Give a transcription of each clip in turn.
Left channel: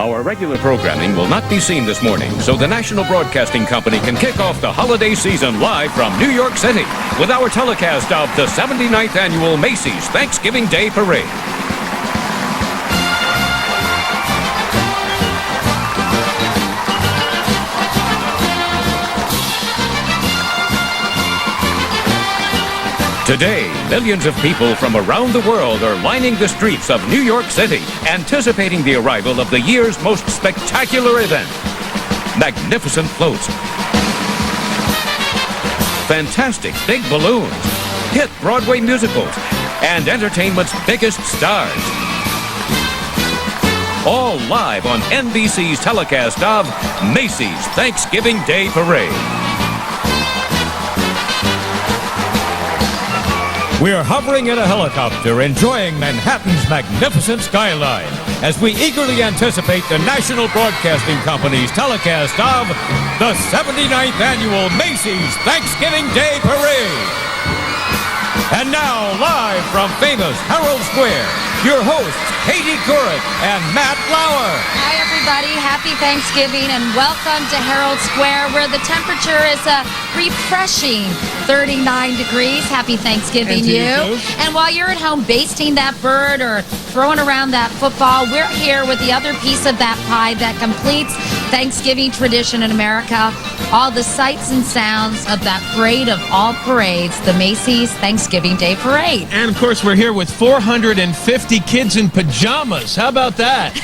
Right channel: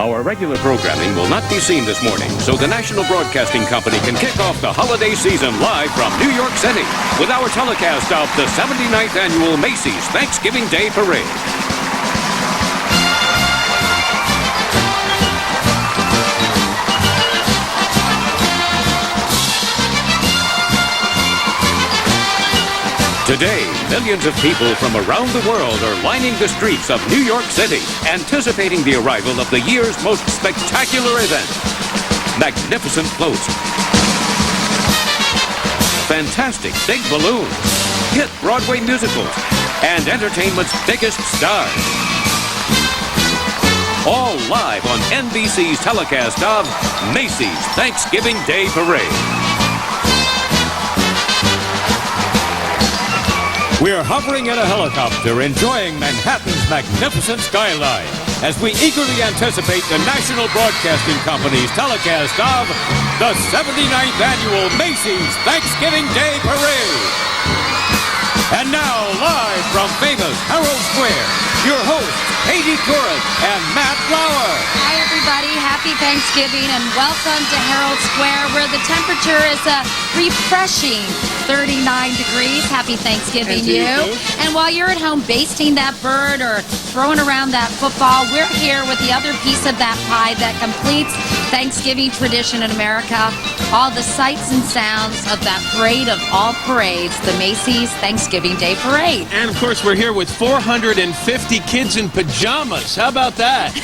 Our regular programming will not be seen this morning, so the National Broadcasting Company can kick off the holiday season live from New York City with our telecast of the 79th Annual Macy's Thanksgiving Day Parade. Today, millions of people from around the world are lining the streets of New York City, anticipating the arrival of the year's most spectacular event. Magnificent floats, fantastic big balloons, hit Broadway musicals, and entertainment's biggest stars. All live on NBC's telecast of Macy's Thanksgiving Day Parade. We're hovering in a helicopter, enjoying Manhattan's magnificent skyline as we eagerly anticipate the National Broadcasting Company's telecast of the 79th Annual Macy's Thanksgiving Day Parade. And now, live from famous Herald Square, your hosts, Katie Couric and Matt Lauer. Hi, everybody. Happy Thanksgiving and welcome to Herald Square, where the temperature is a refreshing 39 degrees. Happy Thanksgiving, you. And while you're at home basting that bird or throwing around that football, we're here with the other piece of that pie that completes Thanksgiving tradition in America. All the sights and sounds of that parade of all parades, the Macy's Thanksgiving Day Parade. And, of course, we're here with 450 kids in pajamas. How about that?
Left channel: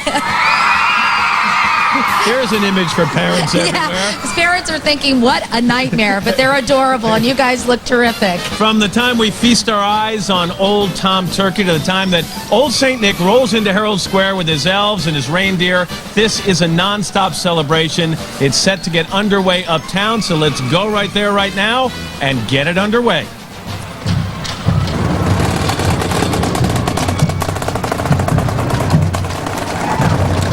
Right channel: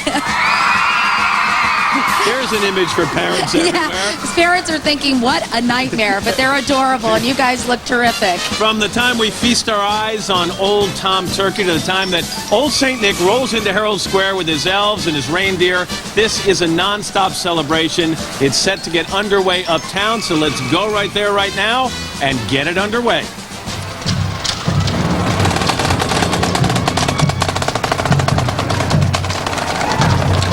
Here's an image for parents everywhere. Yeah, parents are thinking, what a nightmare, but they're adorable, and you guys look terrific. From the time we feast our eyes on old Tom Turkey to the time that old St. Nick rolls into Herald Square with his elves and his reindeer, this is a non-stop celebration. It's set to get underway uptown, so let's go right there right now and get it underway.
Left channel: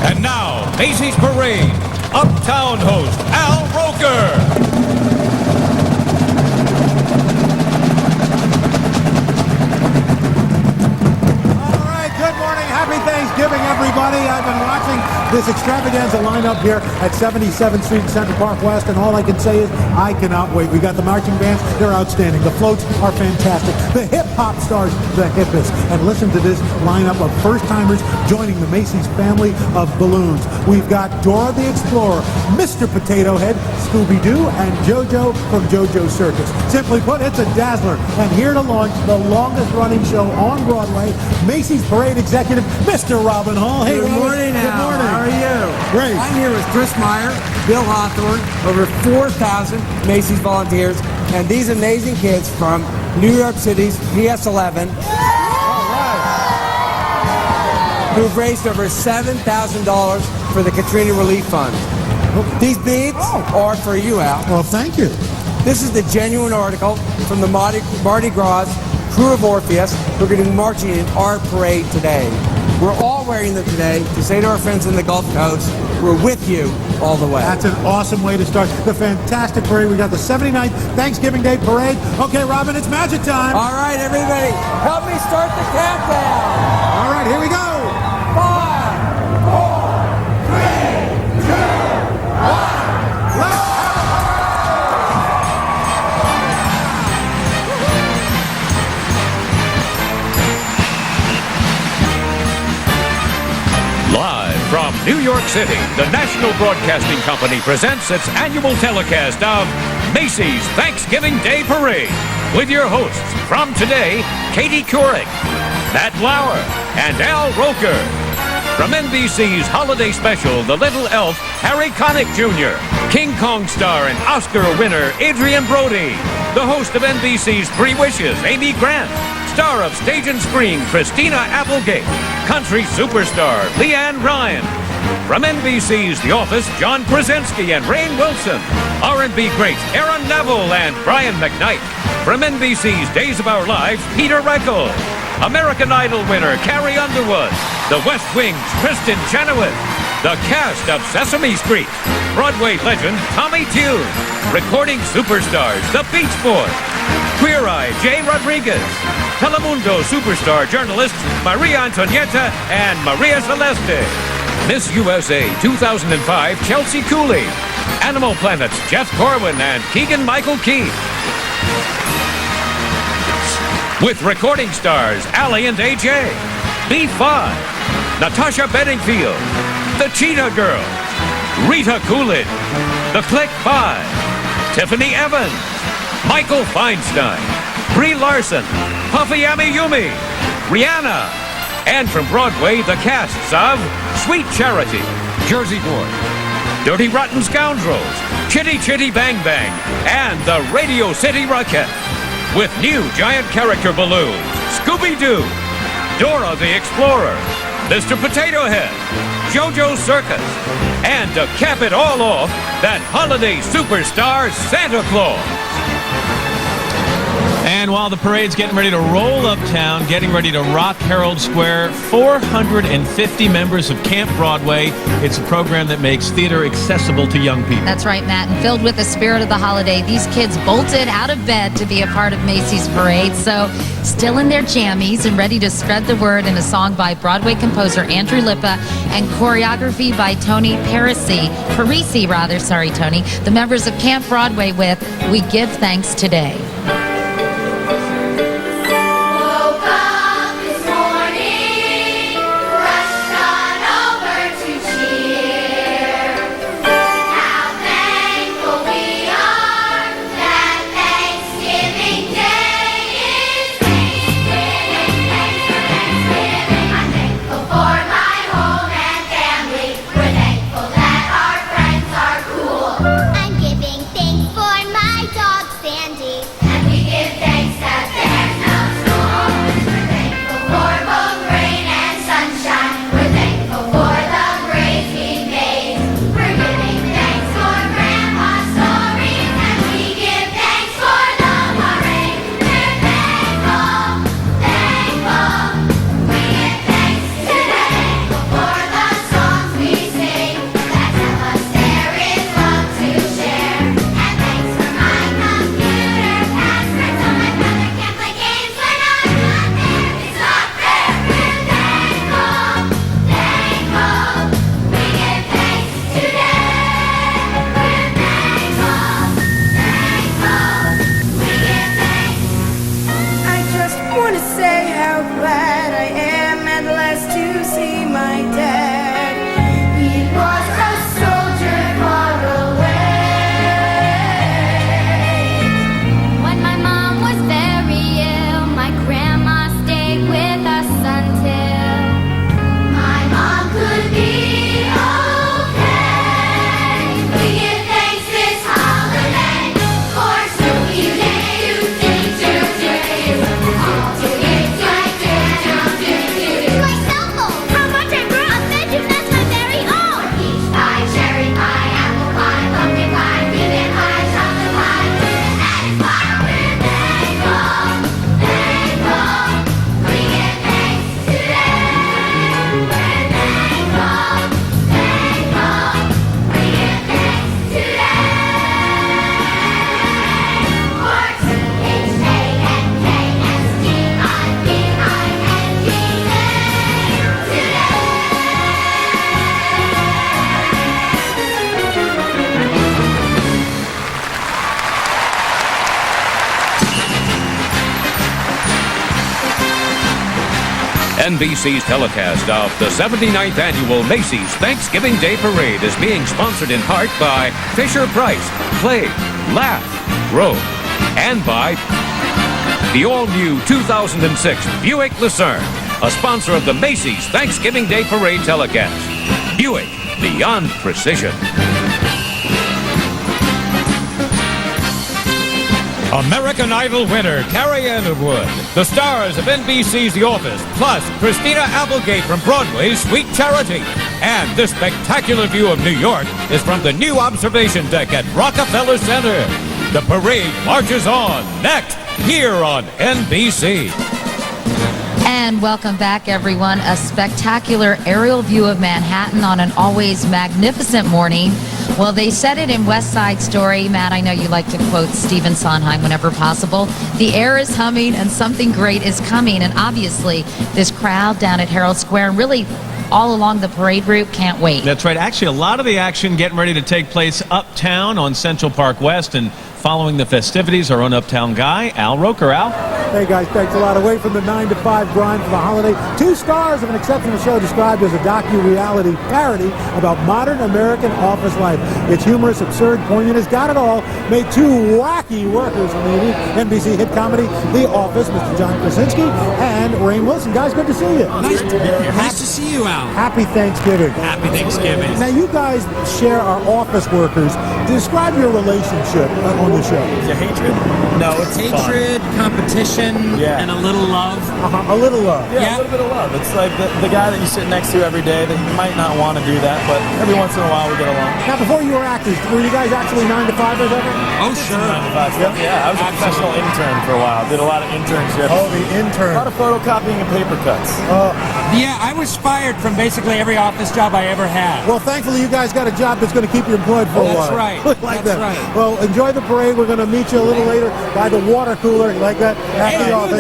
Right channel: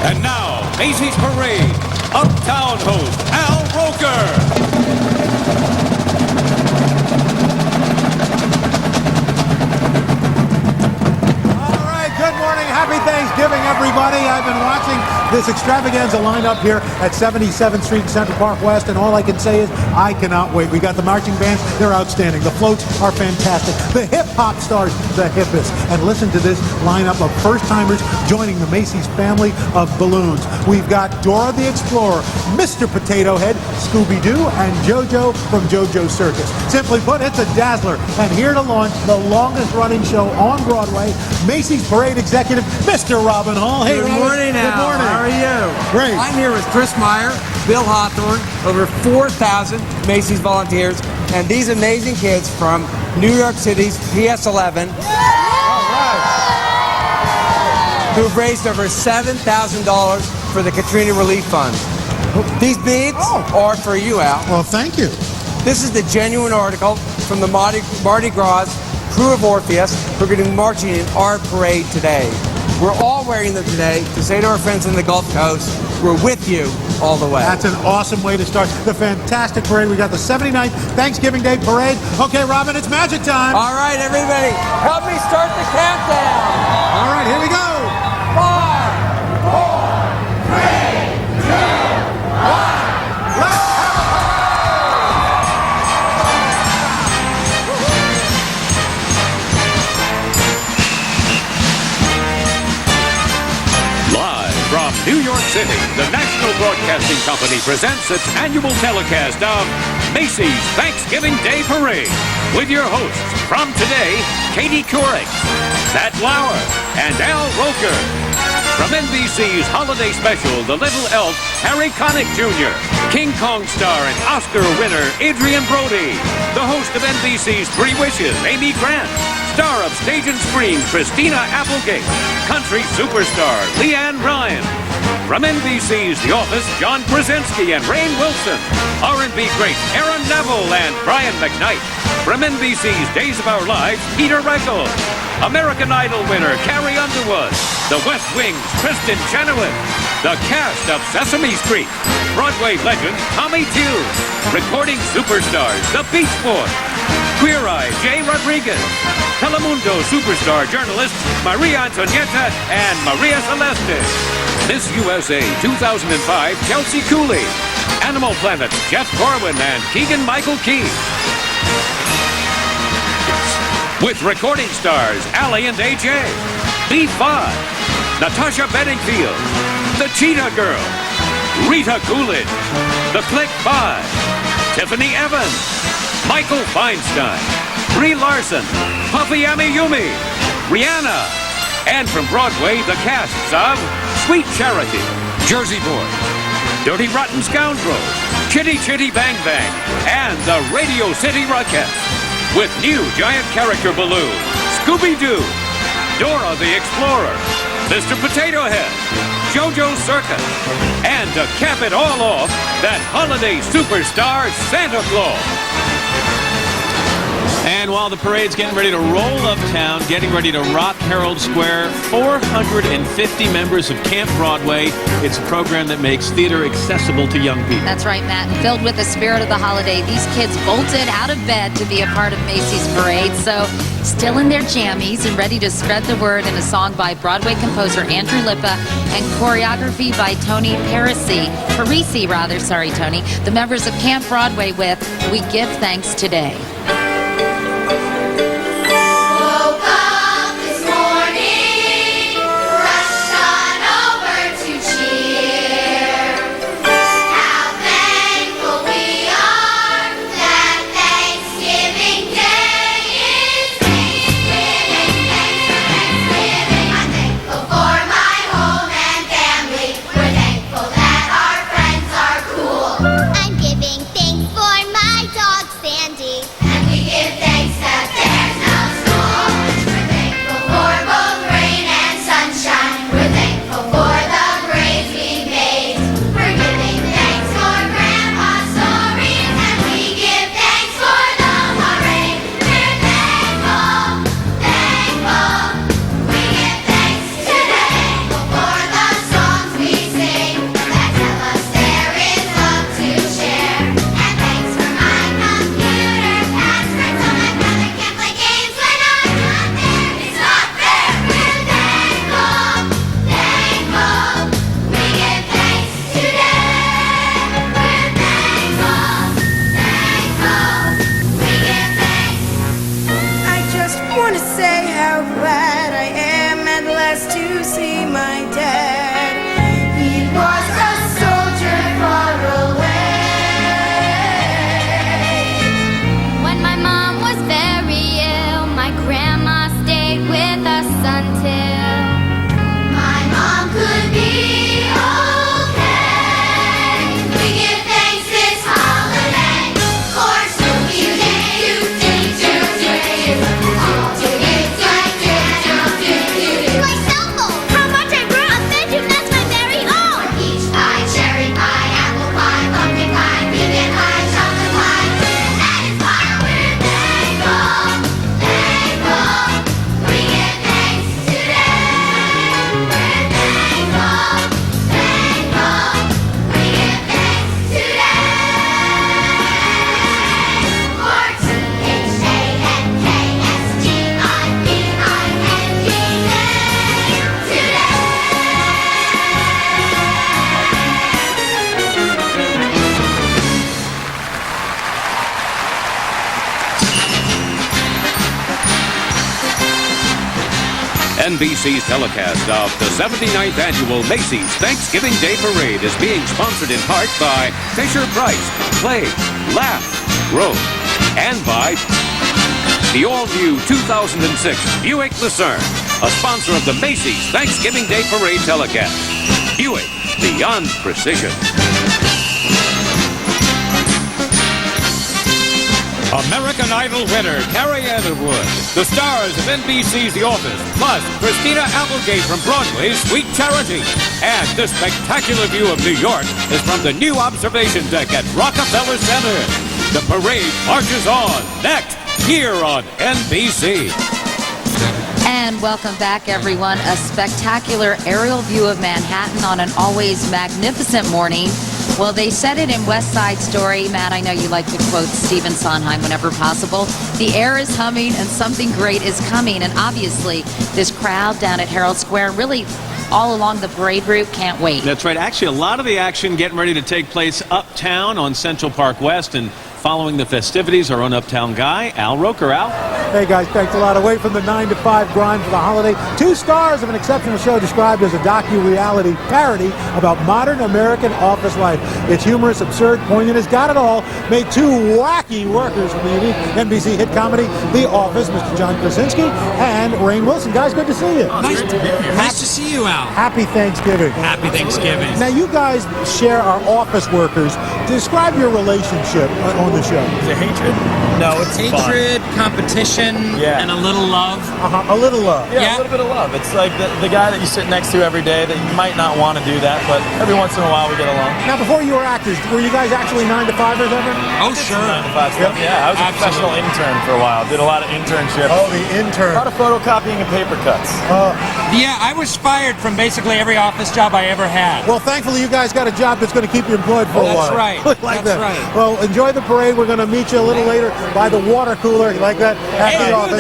And now, Macy's Parade, Uptown host Al Roker. Good morning. Happy Thanksgiving, everybody. I've been watching this extravaganza lineup here at 77th Street and Central Park West, and all I can say is I cannot wait. We got the marching bands. They're outstanding. The floats are fantastic. The hip-hop stars, the hippest. And listen to this lineup of first-timers joining the Macy's family of balloons. We've got Dora the Explorer, Mr. Potato Head, Scooby-Doo, and JoJo from JoJo's Circus. Simply put, it's a dazzler. And here to launch the longest-running show on Broadway, Macy's Parade Executive, Mr. Robin Hall. Hey, Good morning, Al. Good morning. How are you? Great. I'm here with Chris Meyer, Bill Hawthorne, over 4,000 Macy's volunteers, and these amazing kids from New York City's PS11. Who've raised over $7,000 for the Katrina Relief Fund. These beads are for you, Al. Well, thank you. This is the genuine article from the Mardi Gras crew of Orpheus who are going to be marching in our parade today. We're all wearing them today to say to our friends in the Gulf Coast, we're with you all the way. That's an awesome way to start the fantastic parade. We got the 79th Thanksgiving Day Parade. Okay, Robin, it's magic time. All right, everybody, help me start the countdown. All right, here we go. 5, 4, 3, 2, 1. Let's have a parade! Live from New York City, the National Broadcasting Company presents its annual telecast of Macy's Thanksgiving Day Parade with your hosts from today, Katie Couric, Matt Lauer, and Al Roker. From NBC's holiday special, The Little Elf, Harry Connick Jr., King Kong star and Oscar winner Adrian Brody, the host of NBC's Three Wishes, Amy Grant, star of Stage and Screen, Christina Applegate, country superstar Leanne Ryan. From NBC's The Office, John Krasinski and Rainn Wilson, R&B greats Aaron Neville and Brian McKnight. From NBC's Days of Our Lives, Peter Reckles, American Idol winner Carrie Underwood, The West Wing's Kristen Chenoweth, the cast of Sesame Street, Broadway legend Tommy Tune, recording superstars The Beach Boys, Queer Eye Jay Rodriguez, Telemundo superstar journalists Maria Antonietta and Maria Celeste. Miss USA 2005 Chelsea Cooley. Animal Planet's Jeff Corwin and Keegan-Michael Key. With recording stars Allie and AJ, B5, Natasha Bedingfield, The Cheetah Girl, Rita Coolidge, The Click 5, Tiffany Evans, Michael Feinstein, Brie Larson, Puffy Amiyumi, Rihanna, and from Broadway, the casts of Sweet Charity, Jersey Boys, Dirty Rotten Scoundrels, Chitty Chitty Bang Bang, and the Radio City Rockettes. With new giant character balloons, Scooby-Doo, Dora the Explorer, Mr. Potato Head, JoJo's Circus, and to cap it all off, that holiday superstar, Santa Claus. And while the parade's getting ready to roll uptown, getting ready to rock Herald Square, 450 members of Camp Broadway. It's a program that makes theater accessible to young people. That's right, Matt. And filled with the spirit of the holiday, these kids bolted out of bed to be a part of Macy's parade. So still in their jammies and ready to spread the word in a song by Broadway composer Andrew Lippa and choreography by Tony Parisi. The members of Camp Broadway with We Give Thanks Today. NBC's telecast of the 79th Annual Macy's Thanksgiving Day Parade is being sponsored in part by Fisher-Price, Play, Laugh, Grow, and by the all-new 2006 Buick Lucerne, a sponsor of the Macy's Thanksgiving Day Parade telecast. Buick, beyond precision. American Idol winner Carrie Underwood, the stars of NBC's The Office, plus Christina Applegate from Broadway's Sweet Charity. And this spectacular view of New York is from the new observation deck at Rockefeller Center. The parade marches on next, here on NBC. And welcome back, everyone. A spectacular aerial view of Manhattan on an always magnificent morning. Well, they said it in West Side Story. Matt, I know you like to quote Stephen Sondheim whenever possible. The air is humming and something great is coming. And obviously, this crowd down at Herald Square, and really all along the parade route. Can't wait. That's right. Actually, a lot of the action getting ready to take place uptown on Central Park West, and following the festivities, our own uptown guy, Al Roker. Al? Hey guys, thanks a lot. Away from the 9 to 5 grind for the holiday, 2 stars of an exceptional show described as a docu-reality parody about modern American office life. It's humorous, absurd, poignant, has got it all. Made 2 wacky workers from the unique NBC hit comedy The Office, Mr. John Krasinski and Rainn Wilson. Guys, good to see you. Nice to be here. Nice to see you, Al. Happy Thanksgiving. Happy Thanksgiving. Now, you guys share our office workers. Describe your relationship on the show. Is it hatred? No, it's hatred, competition, and a little love. A little love. Yeah, a little bit of love. It's like the guy that you sit next to every day that you might not want to do that, but every once in a while we get along. Now, before you were actors, were you guys actually 9 to 5ers ever? Oh, sure. 9 to 5 stuff. Yeah, I was a professional intern for a while. Did a lot of internships. Oh, the intern. A lot of photocopying and paper cuts. Yeah, I was fired from basically every office job I ever had. Well, thankfully, you guys got a job that's going to keep you employed for a while. That's right. Like that's that. right. Well, enjoy the parade. We're going to meet you a little later by the water cooler. You like that? At the office.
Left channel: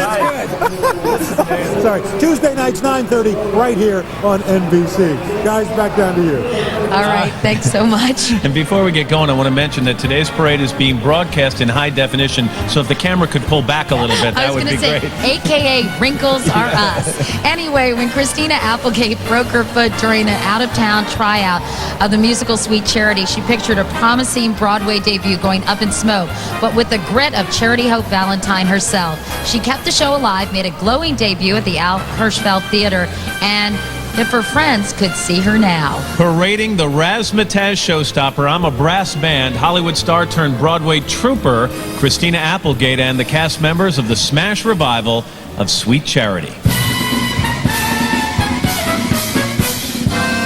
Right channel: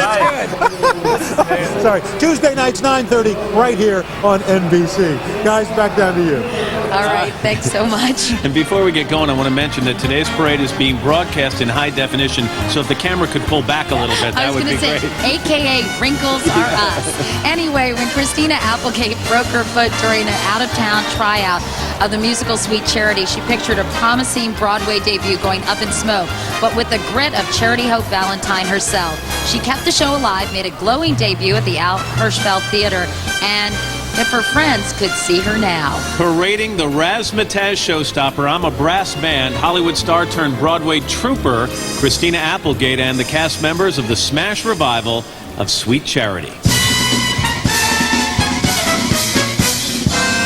That's good. Sorry. Tuesday nights, 9:30, right here on NBC. Guys, back down to you. All right. Thanks so much. And before we get going, I want to mention that today's parade is being broadcast in high definition, so if the camera could pull back a little bit, that would be great. AKA wrinkles are us. Anyway, when Christina Applegate broke her foot during an out-of-town tryout of the musical Sweet Charity, she pictured a promising Broadway debut going up in smoke, but with the grit of Charity Hope Valentine herself. She kept the show alive, made a glowing debut at the Al Hirschfeld Theater, and if her friends could see her now. Parading the razzmatazz showstopper, I'm a Brass Band, Hollywood star turned Broadway trooper, Christina Applegate, and the cast members of the smash revival of Sweet Charity.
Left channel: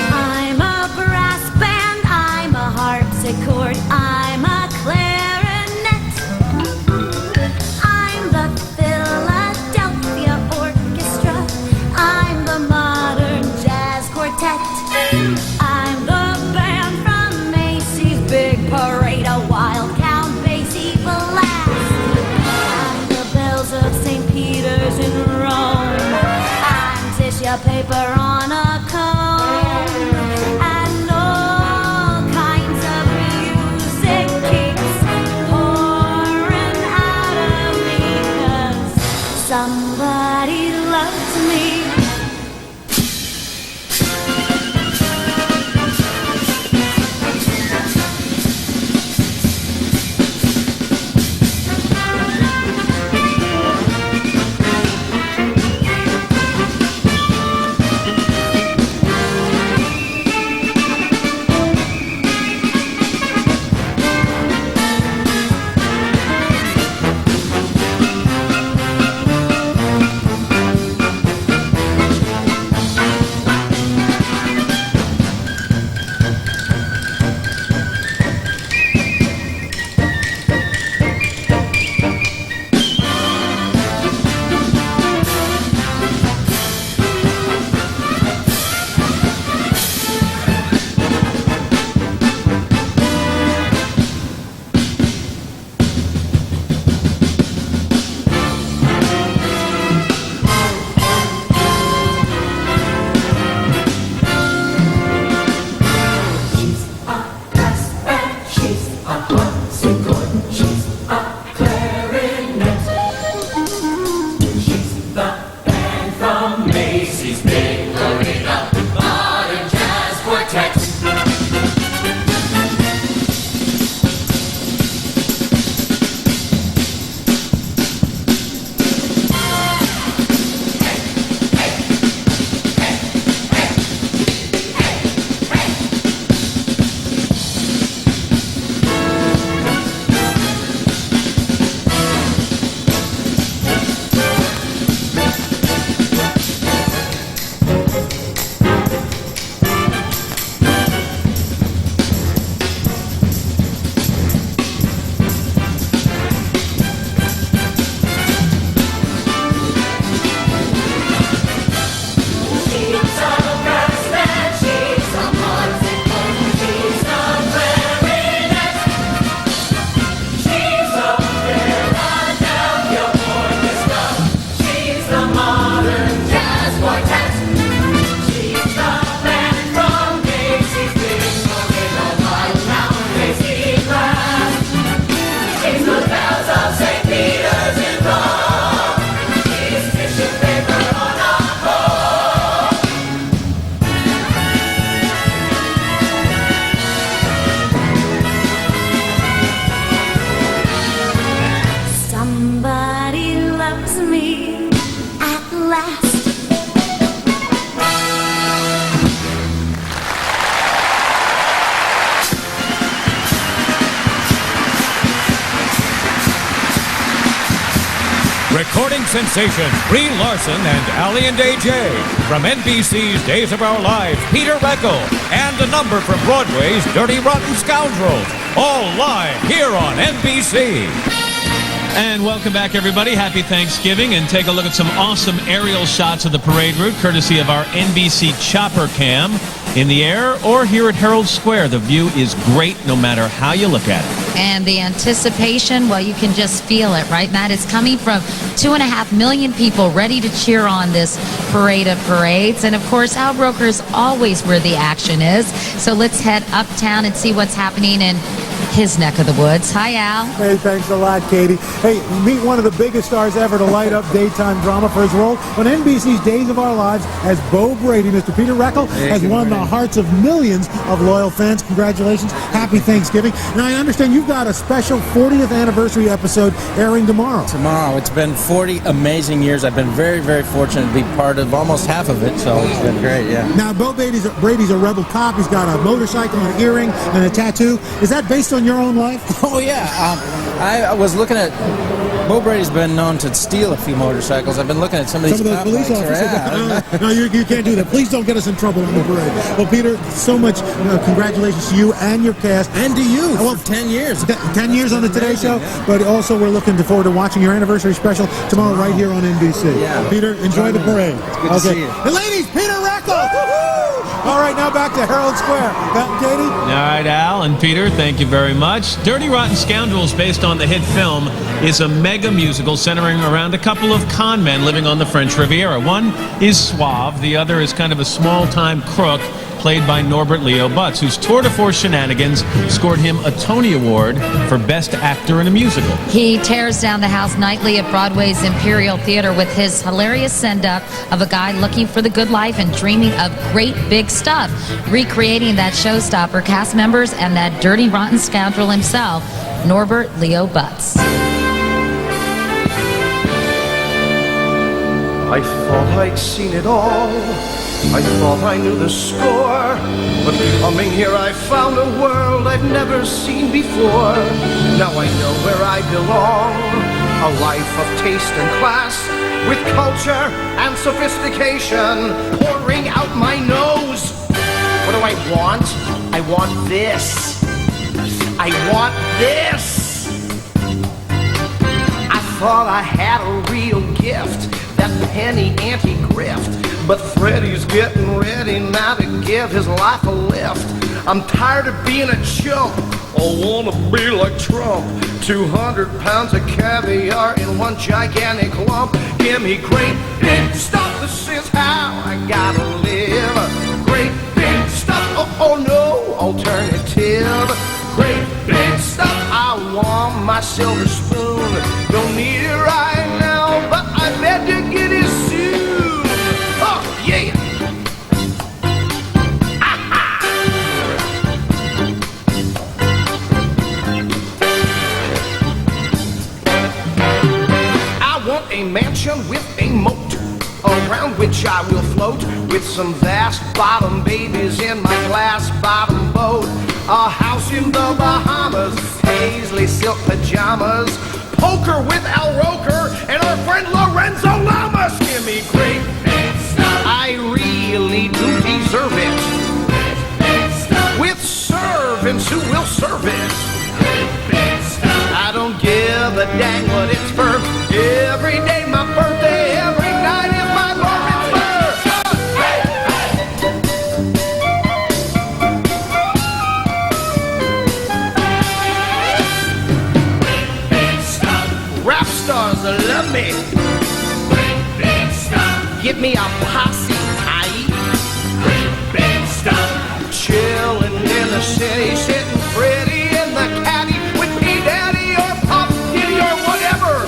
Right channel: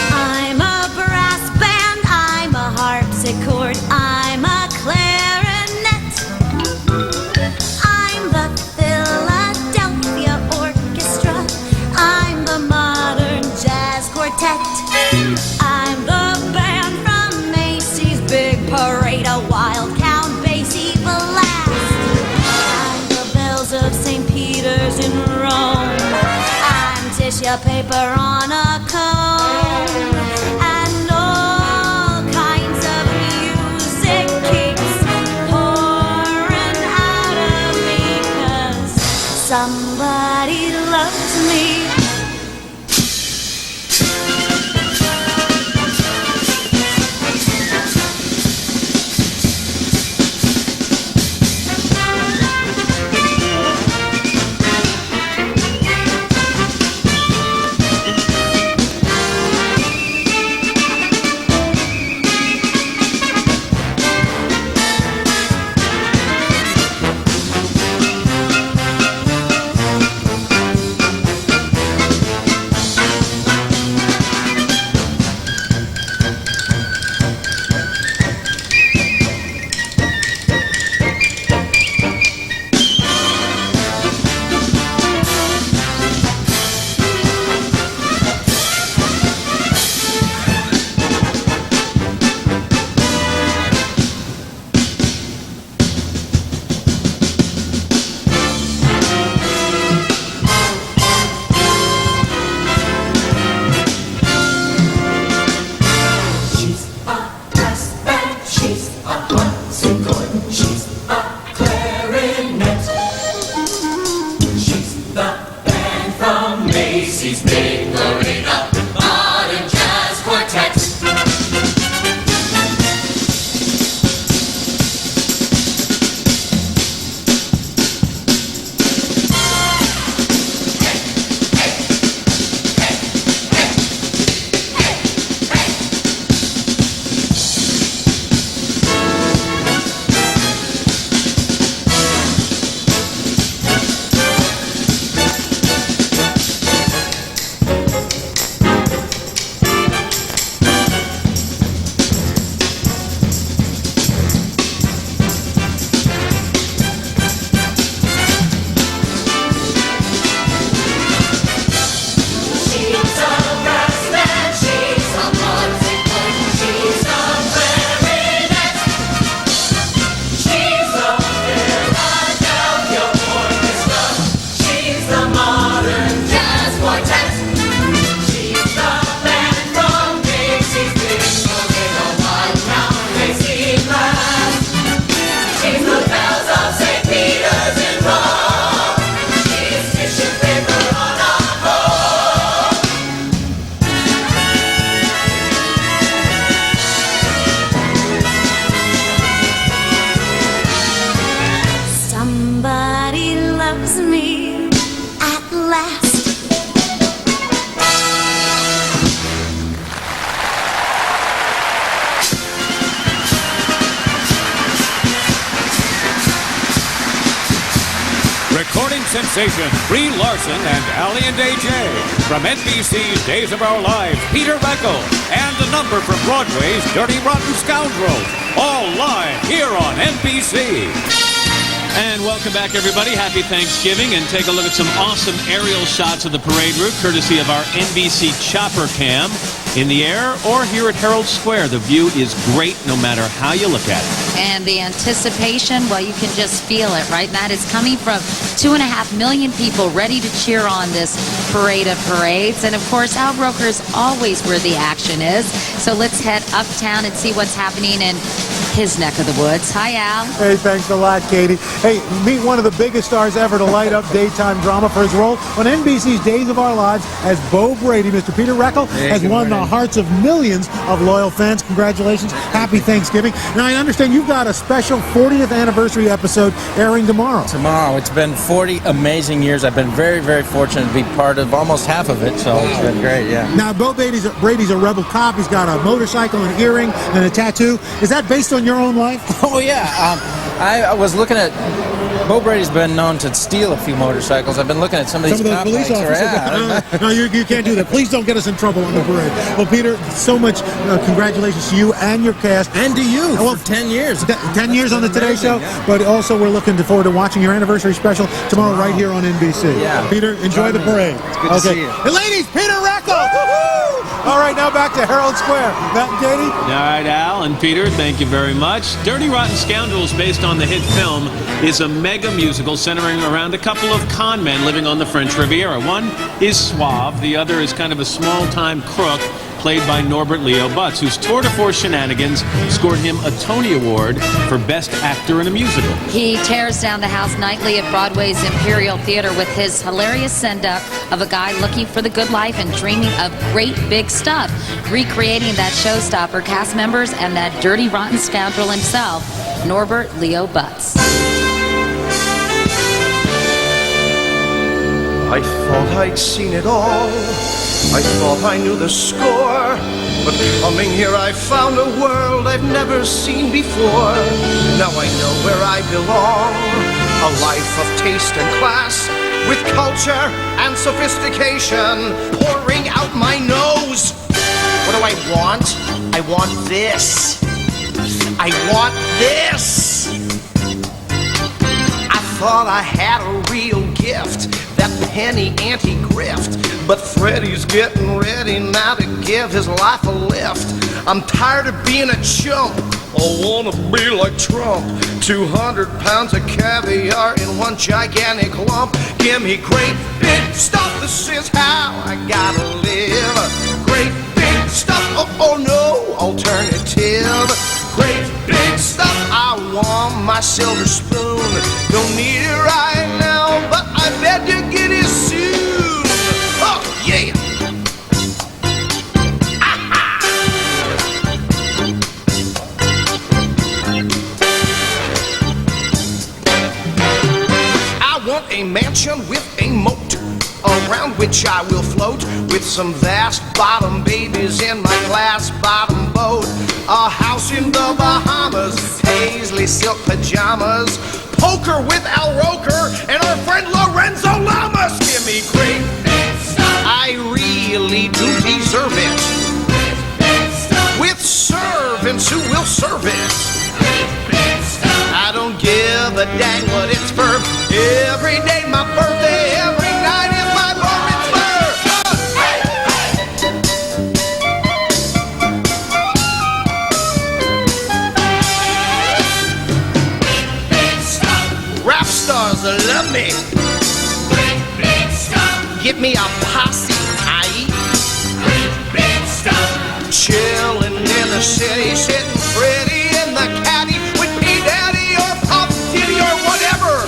I'm a brass band, I'm a harpsichord, I'm a clarinet. I'm the Philadelphia Orchestra, I'm the modern jazz quartet. I'm the band from Macy's Big Parade, a wild Count Basie blast. I'm the bells of St. Peter's in Rome. I'm tissue paper on a cone. And all kinds of music keeps pouring out of me, 'cause somebody loves me. Recording sensation Brie Larson and Allie and AJ. From NBC's Days of Our Lives, Peter Reckel. And a number from Broadway's Dirty Rotten Scoundrels. All live here on NBC. And welcome back, everybody. Happy Thanksgiving. And take a look at some awesome aerial shots of the parade route, courtesy of our NBC Chopper Cam. In the air or here at Herald Square, the view is great no matter how you look at it. And the anticipation, well, you can just feel it, right, Matt? It's coming from 2.5 million people ready to cheer on this parade of parades. And, of course, Al Roker is always where the action is. So let's head uptown and see what's happening in his neck of the woods. Hi, Al. Hey, thanks a lot, Katie. Hey, meet one of the biggest stars ever to light up daytime drama for his role on NBC's Days of Our Lives as Bo Brady. Mr. Peter Reckel has won the hearts of millions of loyal fans. Congratulations. Happy Thanksgiving. Now, I understand you've got a special 40th anniversary episode airing tomorrow. It's been 40 amazing years. I've been very, very fortunate to be part of almost half of it, so it's been great, yeah. Now, Bo Brady's a rebel cop. He's got a motorcycle, an earring, and a tattoo. Is that based on your own life? Oh, yeah. I was looking at... Bo Brady's been known to steal a few motorcycles. I've been looking at some of these those police officers. No, you can't do that. Please don't get us in trouble on the parade. Well, Peter, so much congratulations to you and your cast. And to you for 10 years. 10 years on the Today Show. Yeah. But also we're looking forward to watching your anniversary special tomorrow right here on NBC. Yeah. Peter, enjoy the parade. It's good to see you. The ladies, Peter Reckel! All right, now back to Herald Square. Matt and Katie? All right, Al and Peter, thank you very much. Dirty Rotten Scoundrels, based on the hit film, is a mega musical centering around a couple of con men living on the French Riviera. One is suave, the other is kind of a small-time crook, played by Norbert Leo Butz, whose tour de force shenanigans scored him a Tony Award for Best Actor in a Musical. He tears down the house nightly at Broadway's Imperial Theater with his hilarious send-up of a guy looking for the good life and dreaming of great big stuff, recreating that showstopper, cast members, and that dirty rotten scoundrel himself, Norbert Leo Butz. I thought I'd seen it all. I thought I knew the score. But coming here I found a world I've never seen before. Now I know where I belong. A life of taste and class, with culture and sophistication pouring out my nose. What do I want? I want this. I want this. I thought I had a real gift, that penny anti-grift. But Freddie's getting ready now to give his life a lift. I'm tired of being a chump. I wanna be like Trump. 200 pounds of caviar in one gigantic lump. Give me great big stuff. This is how I gotta live. Great big stuff. Oh no, alternative. Great big stuff. I want my silver spoon. Don't need it right now, but I bet you get it soon. Oh yeah. I want a mansion with a moat, around which I will float, with some vast bottom babies in my glass bottom boat. A house in the Bahamas, paisley silk pajamas, poker with Al Roker and our friend Lorenzo Lamas. Give me great big stuff. I really do deserve it. With servants who will serve it. I don't give a dang what it's for. Every day my birthday, every night is my bar mitzvah. Rap stars love me. Give me a posse, chillin' in the city, sitting pretty in the caddy with P Daddy or Pop Diddy or whatever.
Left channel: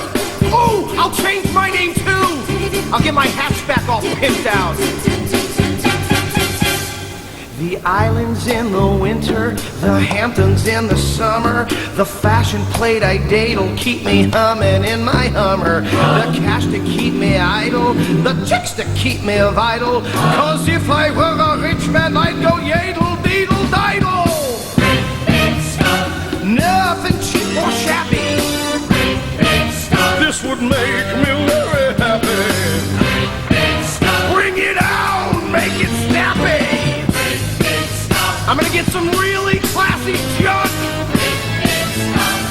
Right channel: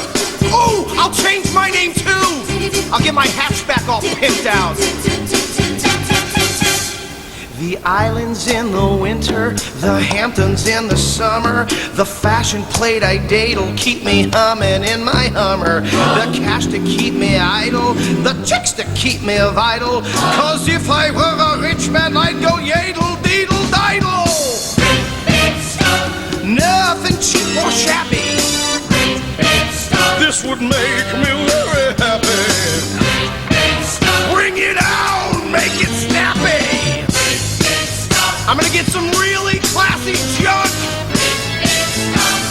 Oh, I'll change my name too. I'll get my hatchback all pimped out. The islands in the winter, the Hamptons in the summer, the fashion plate I date'll keep me humming in my Hummer. The cash to keep me idle, the chicks to keep me vital. Cause if I were a rich man, I'd go yadle, deedle, didle. Nothing cheap or shabby. This would make me I'm gonna get some really classy junk,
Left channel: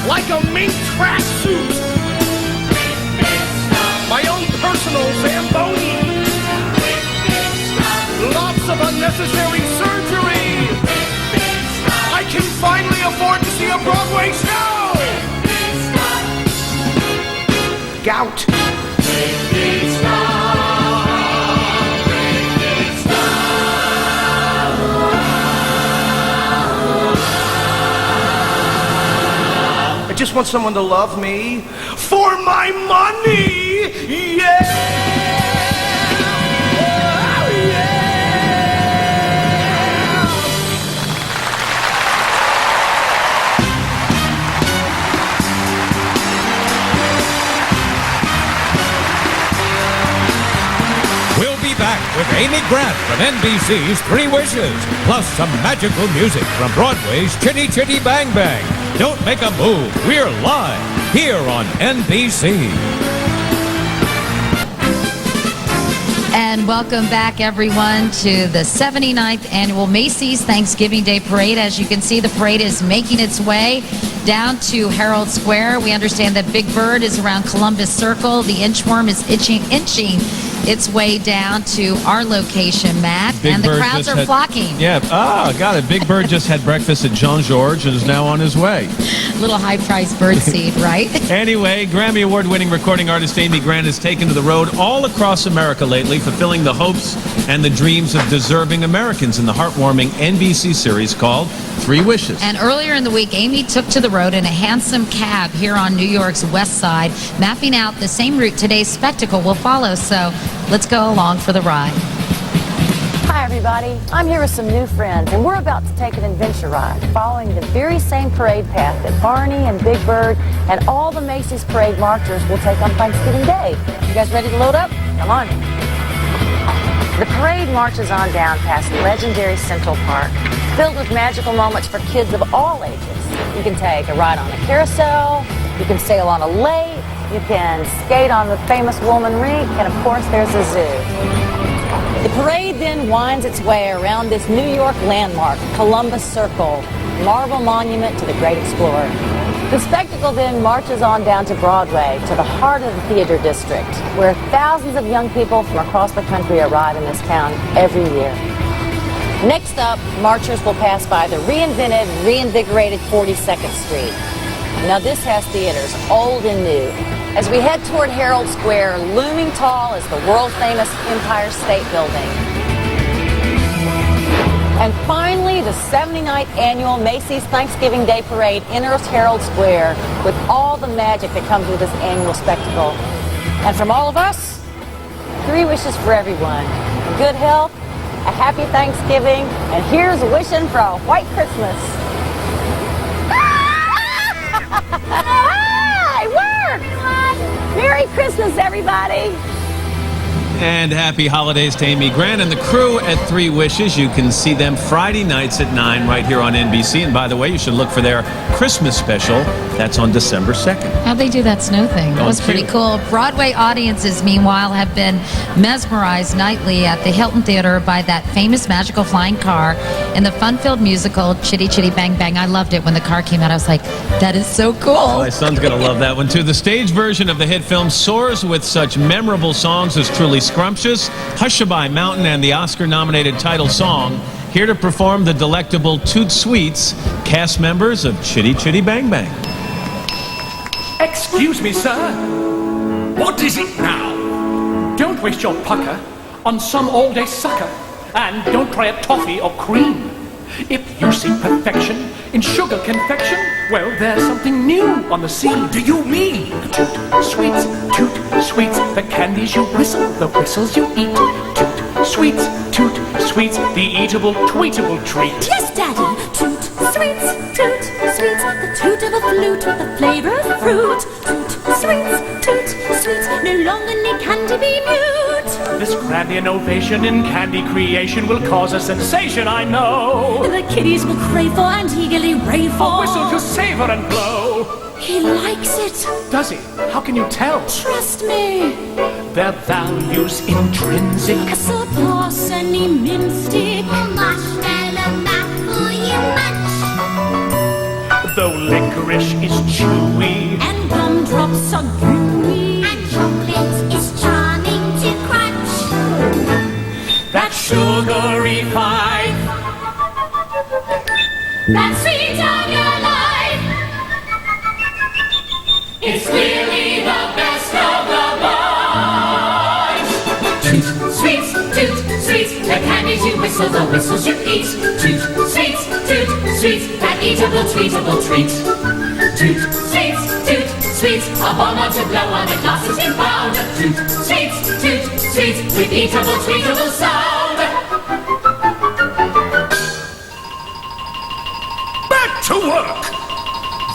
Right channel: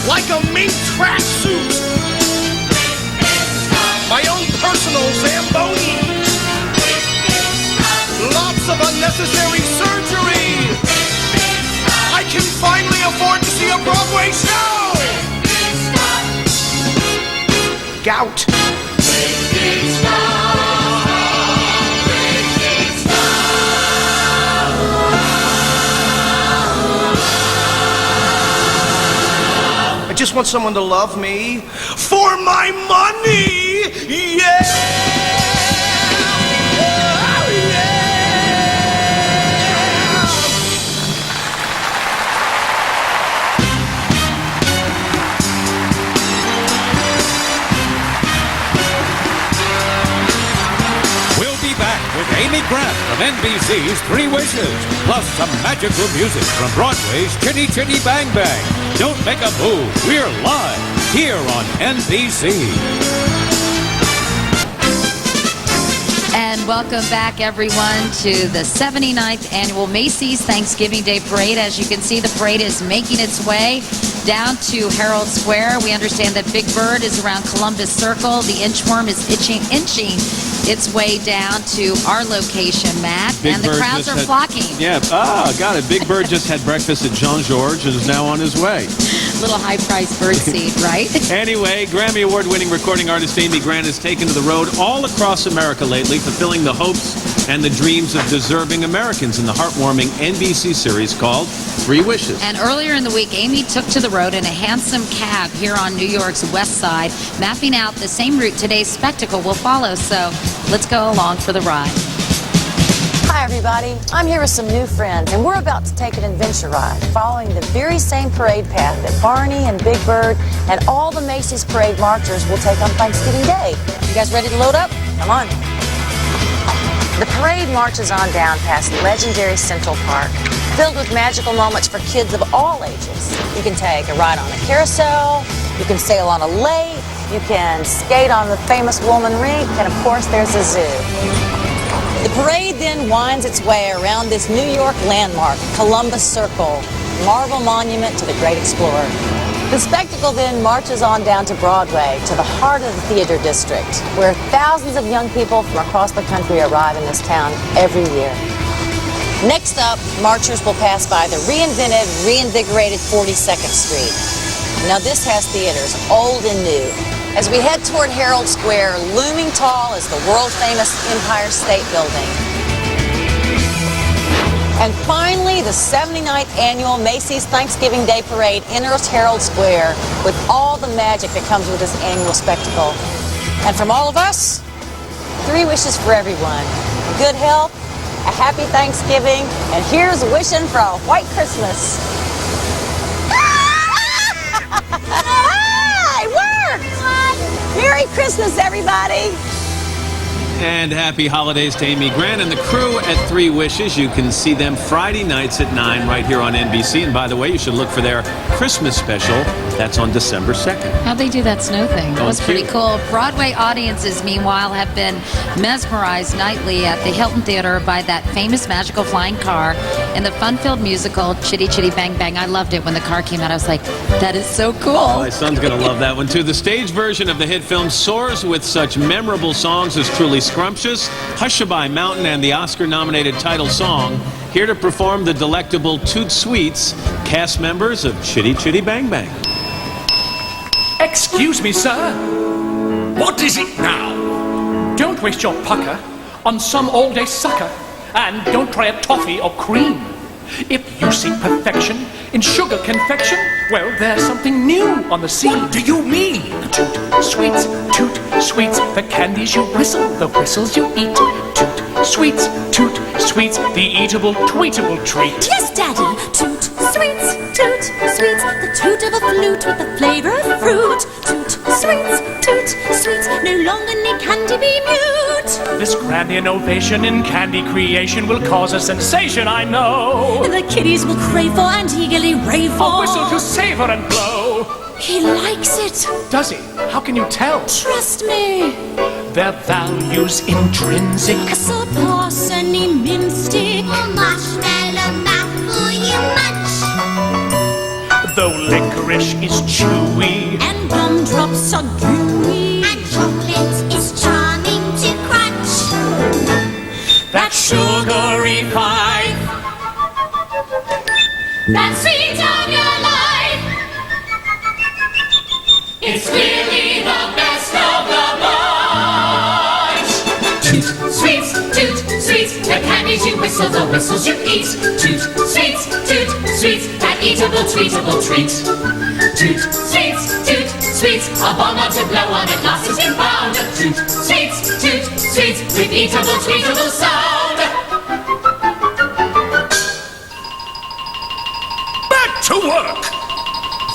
like a mink tracksuit, my own personal Zamboni, lots of unnecessary surgery. I can finally afford to see a Broadway show. Gout. I just want someone to love me for my money. Yeah. Oh, yeah. We'll be back with Amy Grant from NBC's Three Wishes, plus some magical music from Broadway's Chitty Chitty Bang Bang. Don't make a move. We're live here on NBC. And welcome back, everyone, to the 79th Annual Macy's Thanksgiving Day Parade. As you can see, the parade is making its way down to Herald Square. We understand that Big Bird is around Columbus Circle. The inchworm is inching its way down to our location, Matt. And the crowds are flocking. Yeah, got it. Big Bird just had breakfast at Jean-Georges and is now on his way. Little high-priced bird seed, right? Anyway, Grammy Award-winning recording artist Amy Grant has taken to the road all across America lately, fulfilling the hopes and the dreams of deserving Americans in the heartwarming NBC series called Three Wishes. And earlier in the week, Amy took to the road in a handsome cab here on New York's West Side, mapping out the same route today's spectacle will follow. So let's go along for the ride. Hi, everybody. I'm here with some new friends, and we're about to take an adventure ride following the very same parade path that Barney and Big Bird and all the Macy's parade marchers will take on Thanksgiving Day. You guys ready to load up? Come on. The parade marches on down past legendary Central Park, filled with magical moments for kids of all ages. You can take a ride on a carousel, you can sail on a lake, you can skate on the famous Woolman Rink, and of course there's a zoo. The parade then winds its way around this New York landmark, Columbus Circle, marble monument to the great explorer. The spectacle then marches on down to Broadway, to the heart of the theater district, where thousands of young people from across the country arrive in this town every year. Next up, marchers will pass by the reinvigorated 42nd Street. Now this has theaters, old and new. As we head toward Herald Square, looming tall is the world-famous Empire State Building. And finally, the 79th Annual Macy's Thanksgiving Day Parade enters Herald Square with all the magic that comes with this annual spectacle. And from all of us, three wishes for everyone. Good health, a happy Thanksgiving, and here's wishing for a white Christmas. Hi, worked! Merry Christmas, everybody! And happy holidays to Amy Grant and the crew at Three Wishes. You can see them Friday nights at 9 right here on NBC. And by the way, you should look for their Christmas special. That's on December 2nd. How'd they do that snow thing? That was pretty cool. Broadway audiences, meanwhile, have been mesmerized nightly at the Hilton Theater by that famous magical flying car in the fun-filled musical Chitty Chitty Bang Bang. I loved it when the car came out. I was like, that is so cool. Oh, my son's going to love that one, too. The stage version of the hit film soars with such memorable songs as Truly Scrumptious, Hushabye Mountain, and the Oscar-nominated title song. Here to perform the delectable Toot Sweets, cast members of Chitty Chitty Bang Bang. Excuse me, sir. What is it now? Don't waste your pucker on some all-day sucker. And don't try a toffee or cream. If you seek perfection in sugar confection, well, there's something new on the scene. What do you mean? Toot sweets, the candies you whistle, the whistles you eat. Toot sweets, the eatable, tweetable treat. Yes, Daddy. Toot sweets, the toot of a flute with the flavor of fruit. Toot sweets, no longer need candy be mute. This grand innovation in candy creation will cause a sensation, I know. The kiddies will crave for and eagerly rave for. A whistle to savor and blow. He likes it. Does he? How can you tell? Trust me. Their value's intrinsic. Surpass any mimstick. A marshmallow mouth for though licorice is chewy. And gumdrops are gooey. And chocolate is charming to crunch. That sugary five, That sweet of your life. it's really the best of the bunch. Toot, sweets, the candies you whistle, the whistles you eat. Toot, sweets, that eatable, treatable treat. Toot, sweets, a bonbon to blow on a glass is inbound. Toot, sweets, with eatable, treatable sound. Back to work!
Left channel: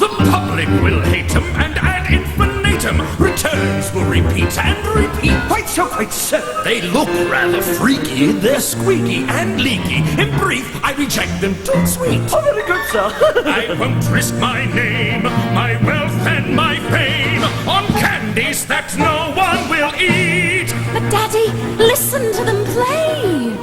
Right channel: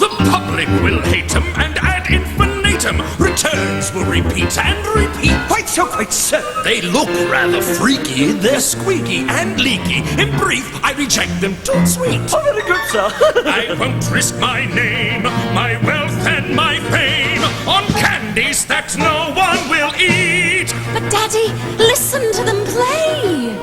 The public will hate them, and ad infinitum returns will repeat and repeat. Quite so, they look rather freaky. They're squeaky and leaky. In brief, I reject them too sweet. Oh, very good, sir. I won't risk my name, my wealth and my fame on candies that no one will eat. But Daddy, listen to them play.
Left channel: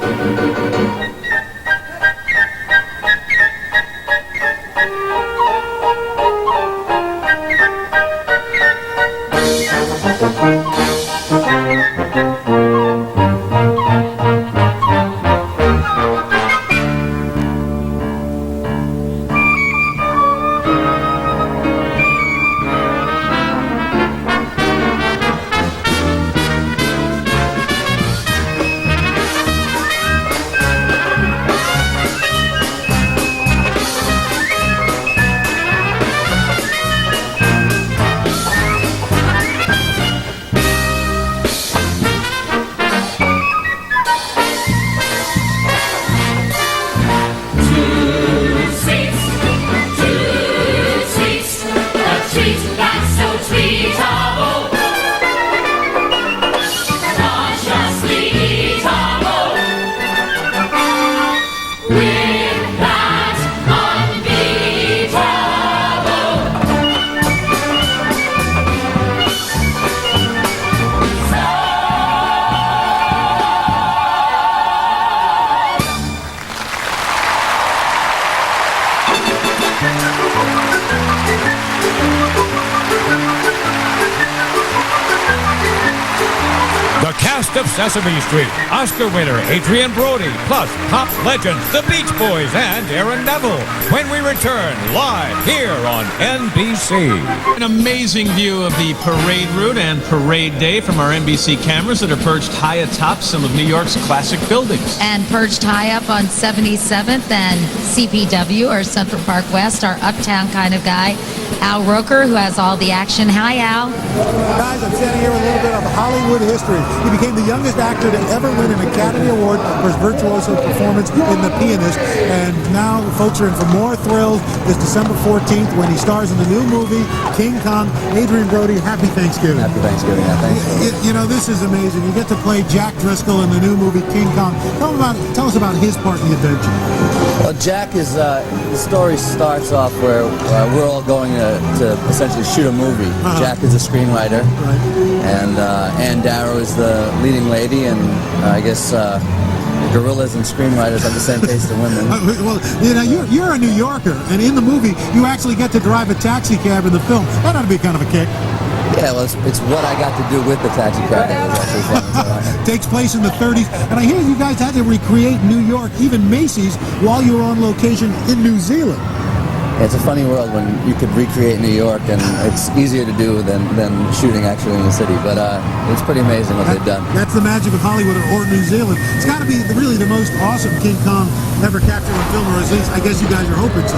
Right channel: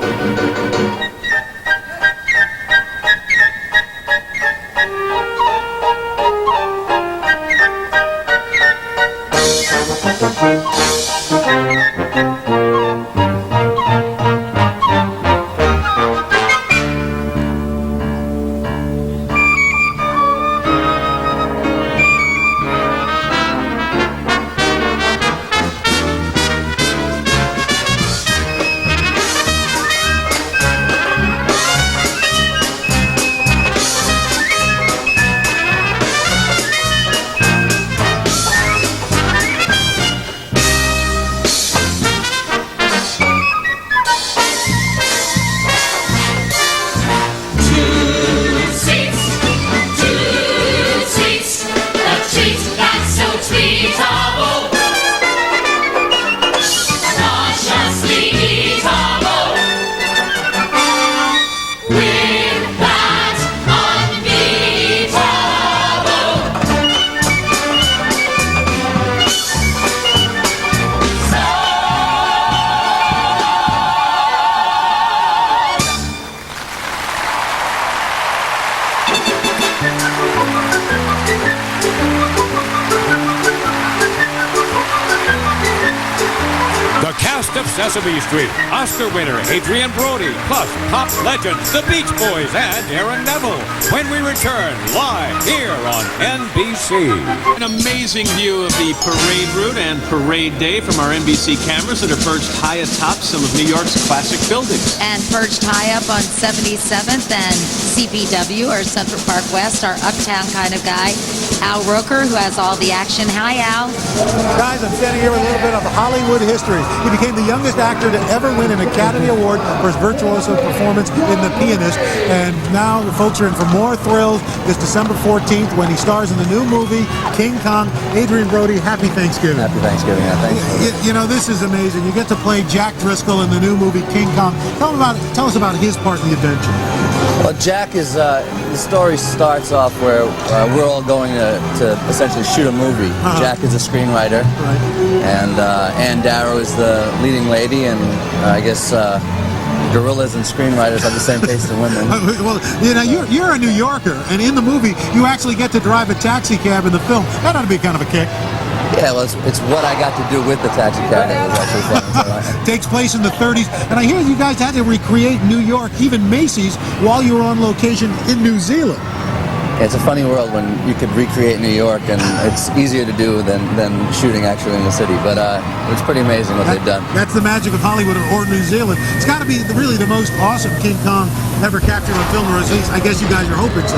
The cast of Sesame Street, Oscar winner Adrian Brody, plus pop legends the Beach Boys and Aaron Neville, when we return live here on NBC. An amazing view of the parade route and parade day from our NBC cameras that are perched high atop some of New York's classic buildings. And perched high up on 77th and CPW, or Central Park West, our uptown kind of guy, Al Roker, who has all the action. Hi, Al. Guys, I'm standing here with a little bit of Hollywood history. He became the youngest actor to ever win an Academy Award for his virtuoso performance in The Pianist. And now the folks are in for more thrills this December 14th when he stars in the new movie, King Kong. Adrian Brody, happy Thanksgiving. Happy Thanksgiving. Yeah, thanks. You know, this is amazing. You get to play Jack Driscoll in the new movie, King Kong. Tell us about his part in the adventure. Well, Jack is, the story starts off where we're all going to essentially shoot a movie. Jack is a screenwriter, right, and Ann Darrow is the leading lady, and I guess gorillas and screenwriters have the same taste in women. Well, you know, you're a New Yorker, and in the movie, you actually get to drive a taxi cab in the film. That ought to be kind of a kick. Yeah, well, it's what I got to do with the taxi cab that was actually fun. Takes place in the 30s, and I hear you guys had to recreate New York, even Macy's, while you were on location in New Zealand. Yeah, it's a funny world when you could recreate New York, and it's easier to do than shooting actually in the city. But it's pretty amazing what they've done. That's the magic of Hollywood or New Zealand. It's got to be really the most awesome King Kong ever captured on film, or at least I guess you guys are hoping so.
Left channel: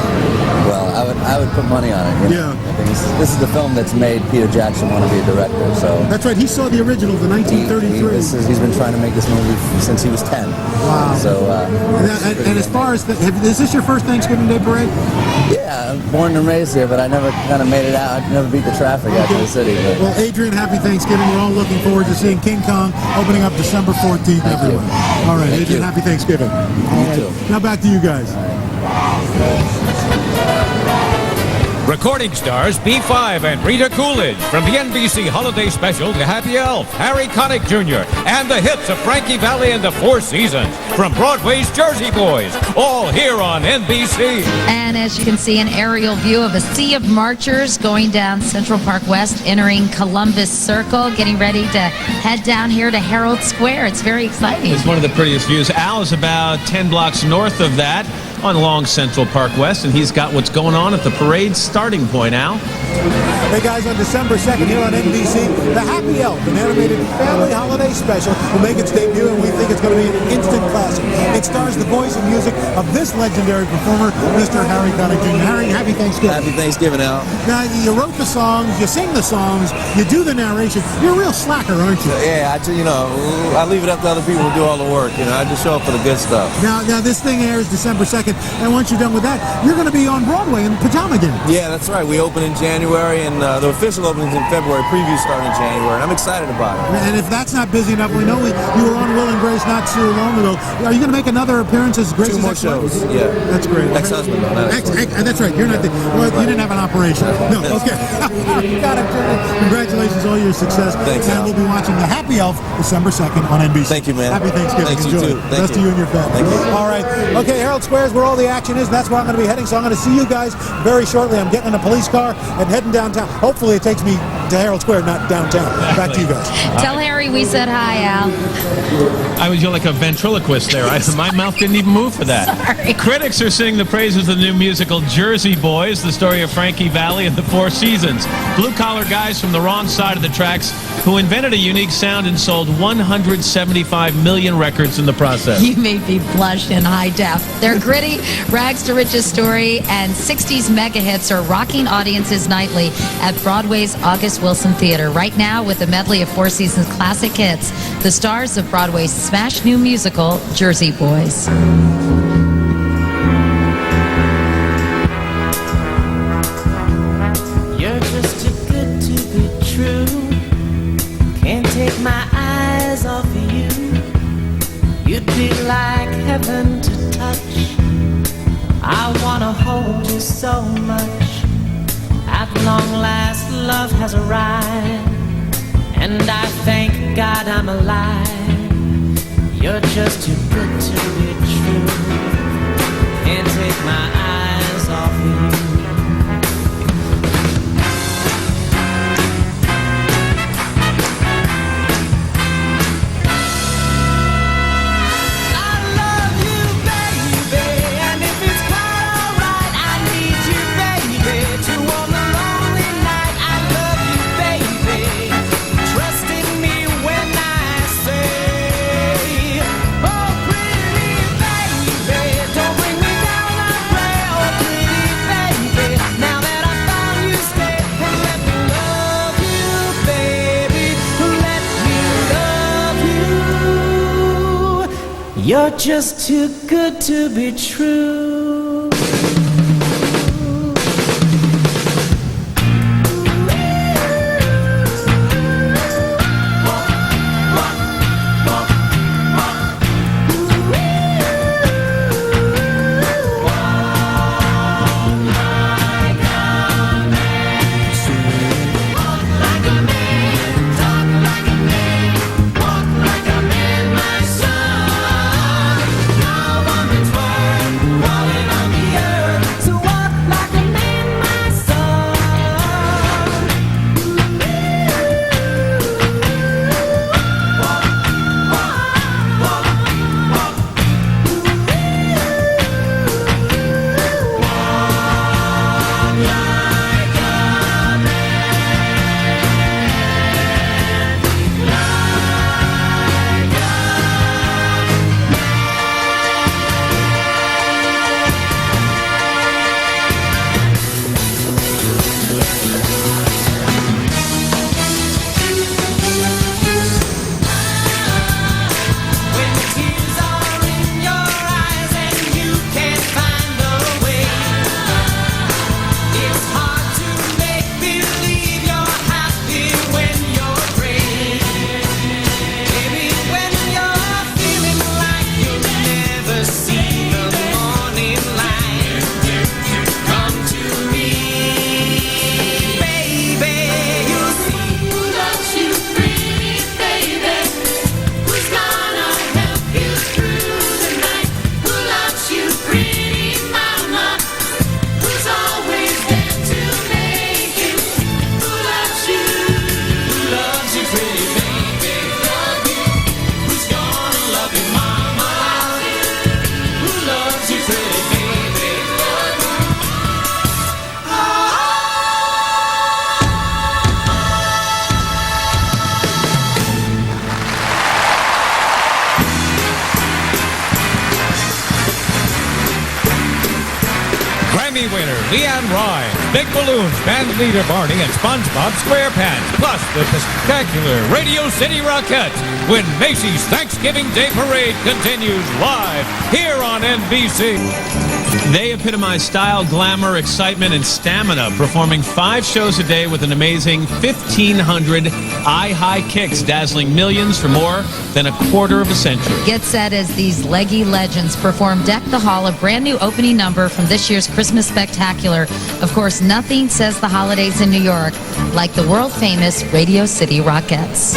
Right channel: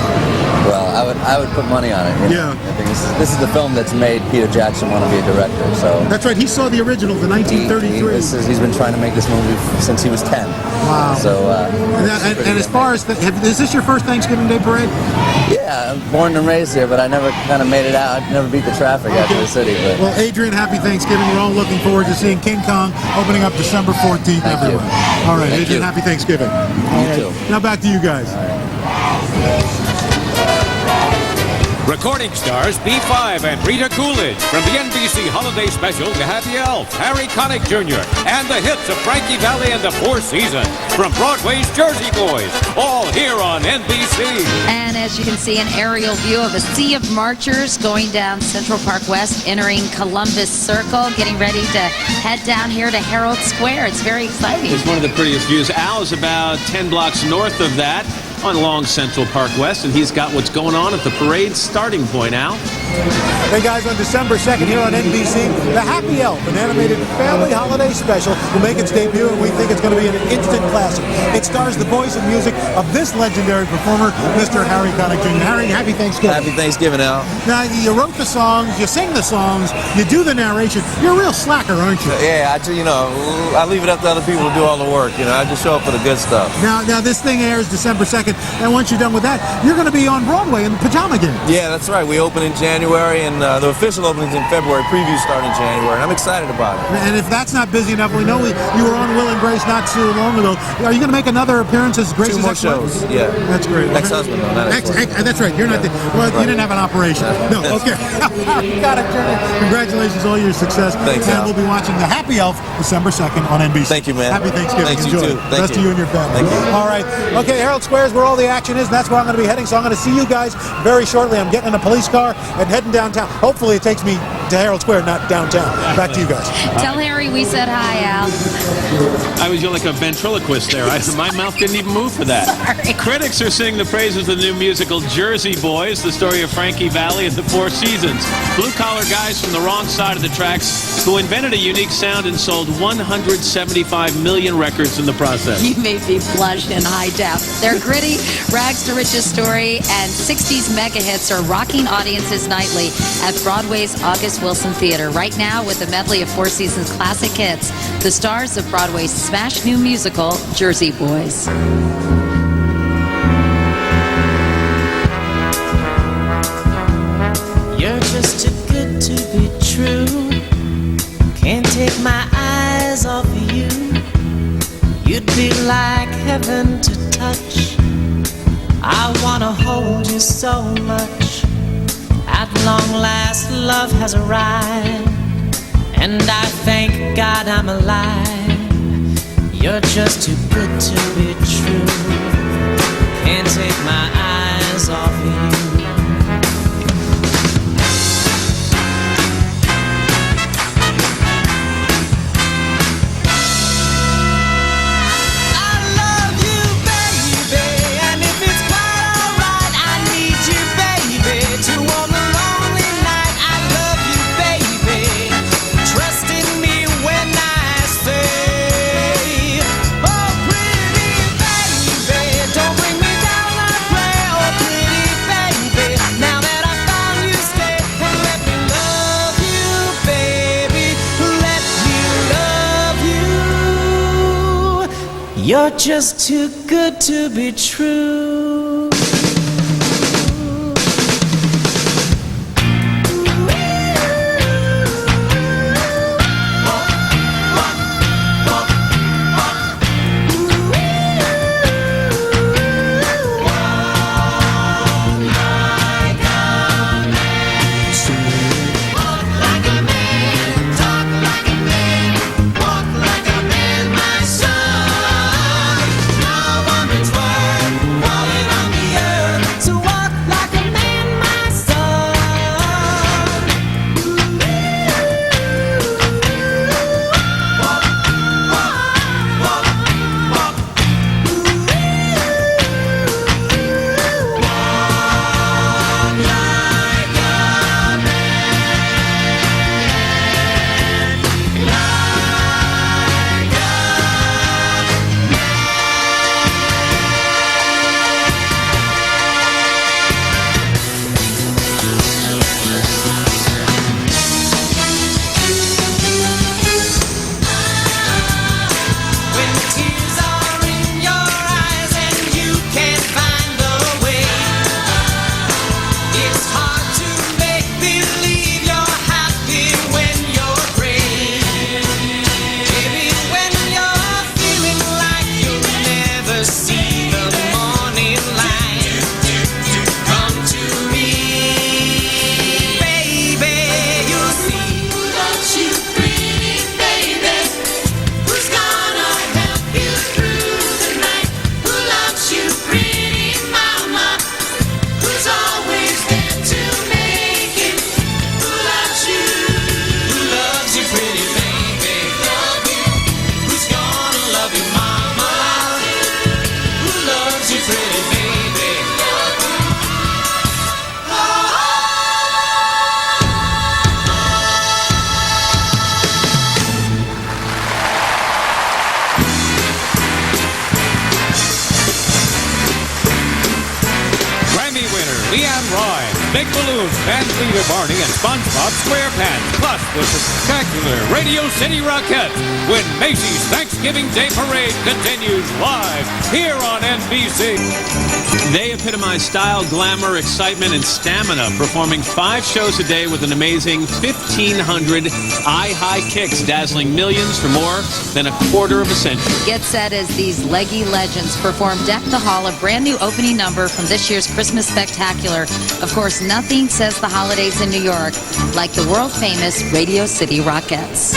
Well, I would put money on it. You know? Yeah. I think this is the film that's made Peter Jackson want to be a director. So that's right. He saw the original, the 1933. He's been trying to make this movie since he was 10. Wow. So and as far as is this your first Thanksgiving Day parade? Yeah, I'm born and raised here, but I never kind of made it out. I never beat the traffic out to the city. But. Well, Adrian, happy Thanksgiving. We're all looking forward to seeing King Kong opening up December 14th everywhere. All right, Adrian, happy Thanksgiving. You too. Now back to you guys. Recording stars B5 and Rita Coolidge from the NBC Holiday Special The Happy Elf, Harry Connick Jr., and the hits of Frankie Valli and the Four Seasons from Broadway's Jersey Boys, all here on NBC. And as you can see, an aerial view of a sea of marchers going down Central Park West, entering Columbus Circle, getting ready to head down here to Herald Square. It's very exciting. It's one of the prettiest views. Al is about 10 blocks north of that on Long Central Park West, and he's got what's going on at the parade starting point, Al. Hey guys, on December 2nd here on NBC, The Happy Elf, an animated family holiday special, will make its debut, and we think it's going to be an instant classic. It stars the voice and music of this legendary performer, Mr. Harry Connick Jr. Harry, happy Thanksgiving. Happy Thanksgiving, Al. Now, you wrote the songs, you sing the songs, you do the narration. You're a real slacker, aren't you? Yeah, I leave it up to other people to do all the work. I just show up for the good stuff. Now this thing airs December 2nd, and once you're done with that, you're going to be on Broadway in Pajama Gang. Yeah, that's right. We open in January, and the official opening's in February. Previews start in January, and I'm excited about it. And if that's not busy enough, we know you were on Will and Grace not too long ago. Are you going to make another appearance as Grace's 2 more ex-wife? shows, yeah. That's great. Ex-husband, though, not ex-wife. That's right. You're not Right. you didn't have an operation. No, okay. Harry Connick Jr., congratulations on all your success. Thanks, And Al. we'll be watching The Happy Elf December 2nd on NBC. Thank you, man. Happy Thanksgiving. Thanks, Enjoy. you too. Thank Best you. to you and your family. Thank you. All right. Okay, Herald Square is where all the action is, and that's where I'm going to be heading. So I'm going to see you guys very shortly. I'm getting in a police car and heading downtown. Hopefully it takes me to Herald Square, not downtown. Back to you guys. Tell Harry we said hi, Al. You're like a ventriloquist there. My mouth didn't even move for that. Sorry. Critics are singing the praises of the new musical Jersey Boys, the story of Frankie Valli and the Four Seasons. Blue-collar guys from the wrong side of the tracks who invented a unique sound and sold 175 million records in the process. You made me blush in high def. Their gritty, rags-to-riches story and 60s mega hits are rocking audiences nightly at Broadway's August Wilson Theater. Right now, with a medley of Four Seasons classic hits, the stars of Broadway's smash new musical, Jersey Boys. You're just too good to be true. Can't take my eyes off of you. You'd be like heaven to touch. I wanna hold you so much. At long last, love has arrived, and I thank God I'm alive. You're just too good to be true. Can't take my eyes off you. You're just too good to be true. Walk like a man, Grammy winner Leanne Rhymes, Big Balloons band leader Barney, and SpongeBob SquarePants, plus the spectacular Radio City Rockettes, when Macy's Thanksgiving Day Parade continues live here on NBC. They epitomize style, glamour, excitement, and stamina, performing 5 shows a day with an amazing 1,500 eye-high kicks, dazzling millions for more than a quarter of a century. Get set as these leggy legends perform Deck the Hall, a brand new opening number from this year's Christmas Spectacular. Of course, nothing says the holidays in New York like the world-famous Radio City Rockettes.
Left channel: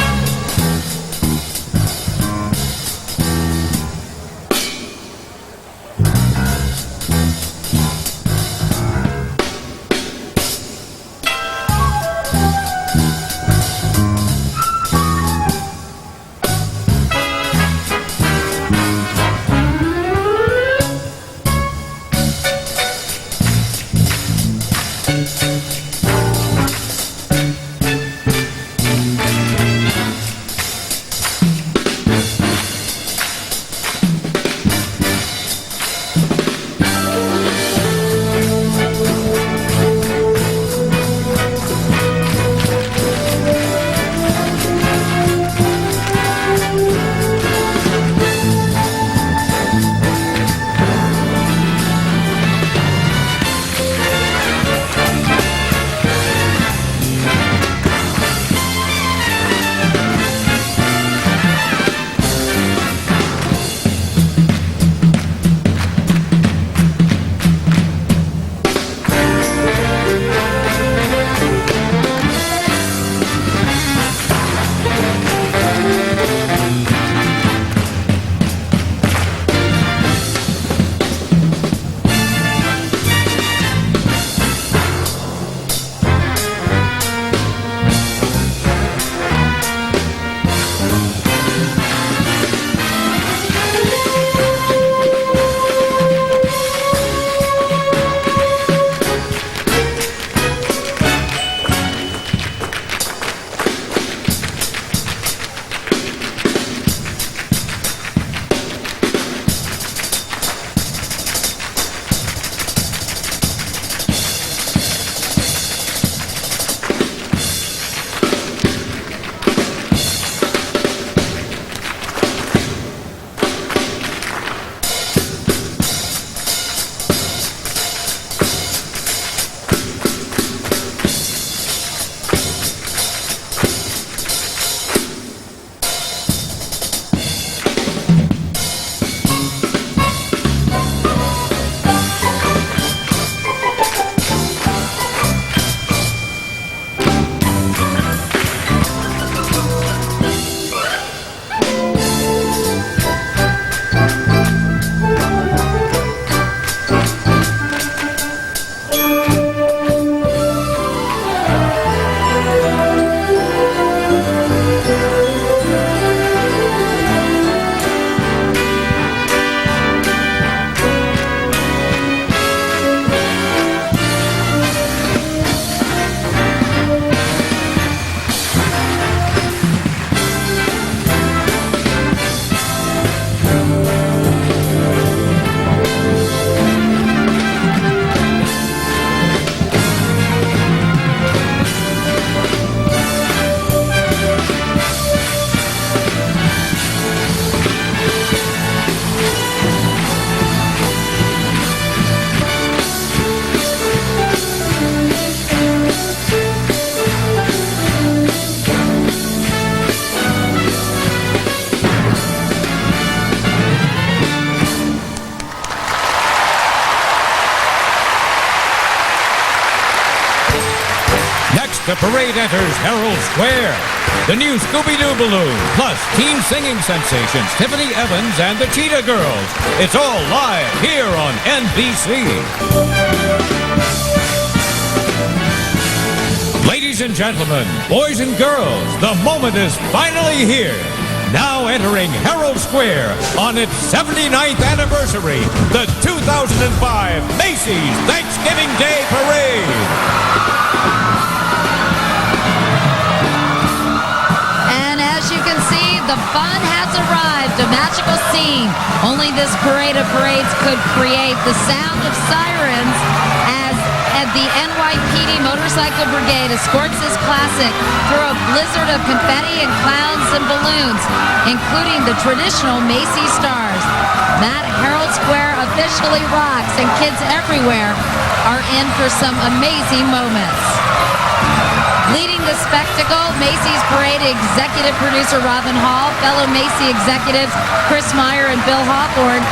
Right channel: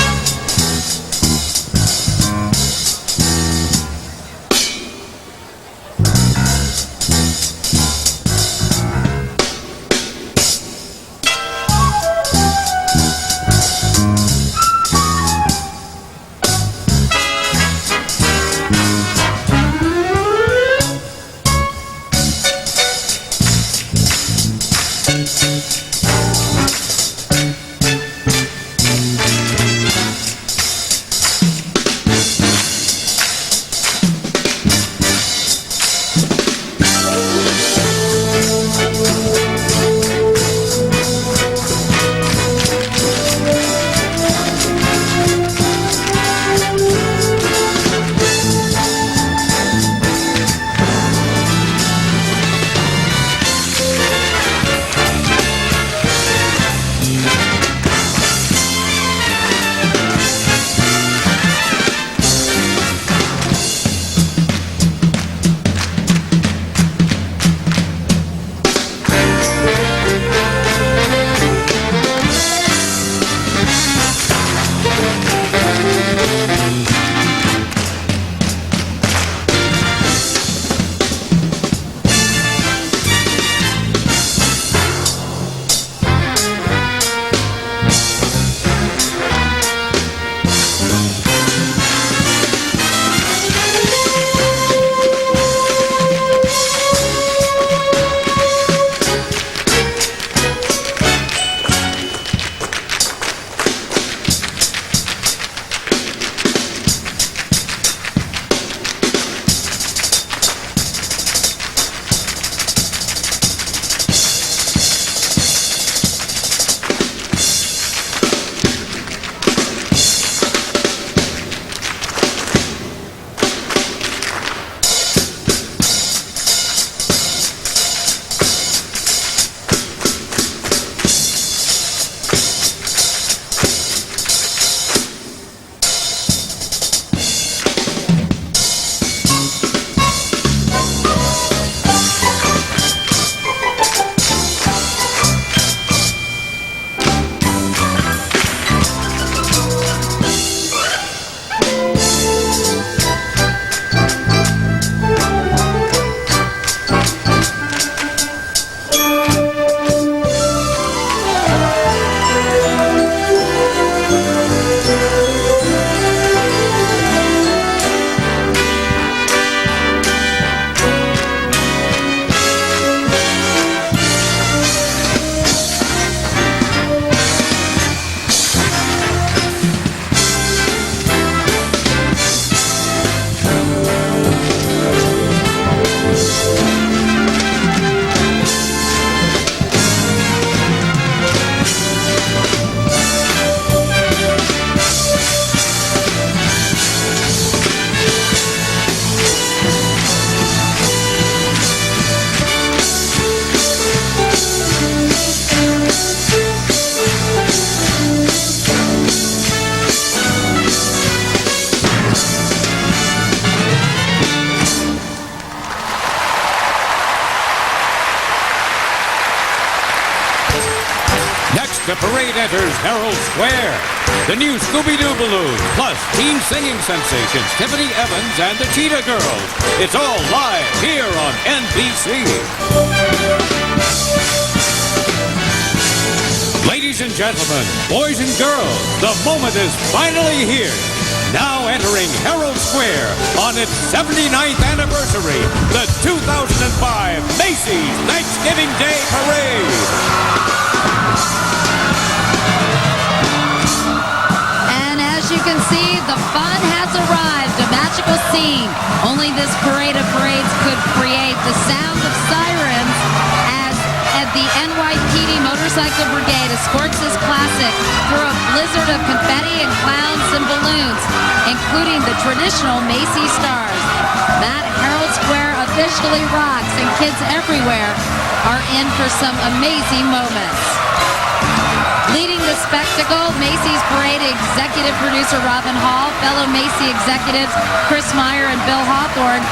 The parade enters Herald Square. The new Scooby-Doo balloon, plus teen singing sensations Tiffany Evans and the Cheetah Girls. It's all live here on NBC. Ladies and gentlemen, boys and girls, the moment is finally here. Now entering Herald Square on its 79th anniversary, the 2005 Macy's Thanksgiving Day Parade. As you can see, the fun has arrived, a magical scene. Only this parade of parades could create. The sound of sirens And the NYPD Motorcycle Brigade escorts this classic through a blizzard of confetti and clowns and balloons, including the traditional Macy stars. That Herald Square officially rocks, and kids everywhere are in for some amazing moments. Leading the spectacle, Macy's Parade executive producer Robin Hall, fellow Macy executives Chris Meyer and Bill Hawthorne,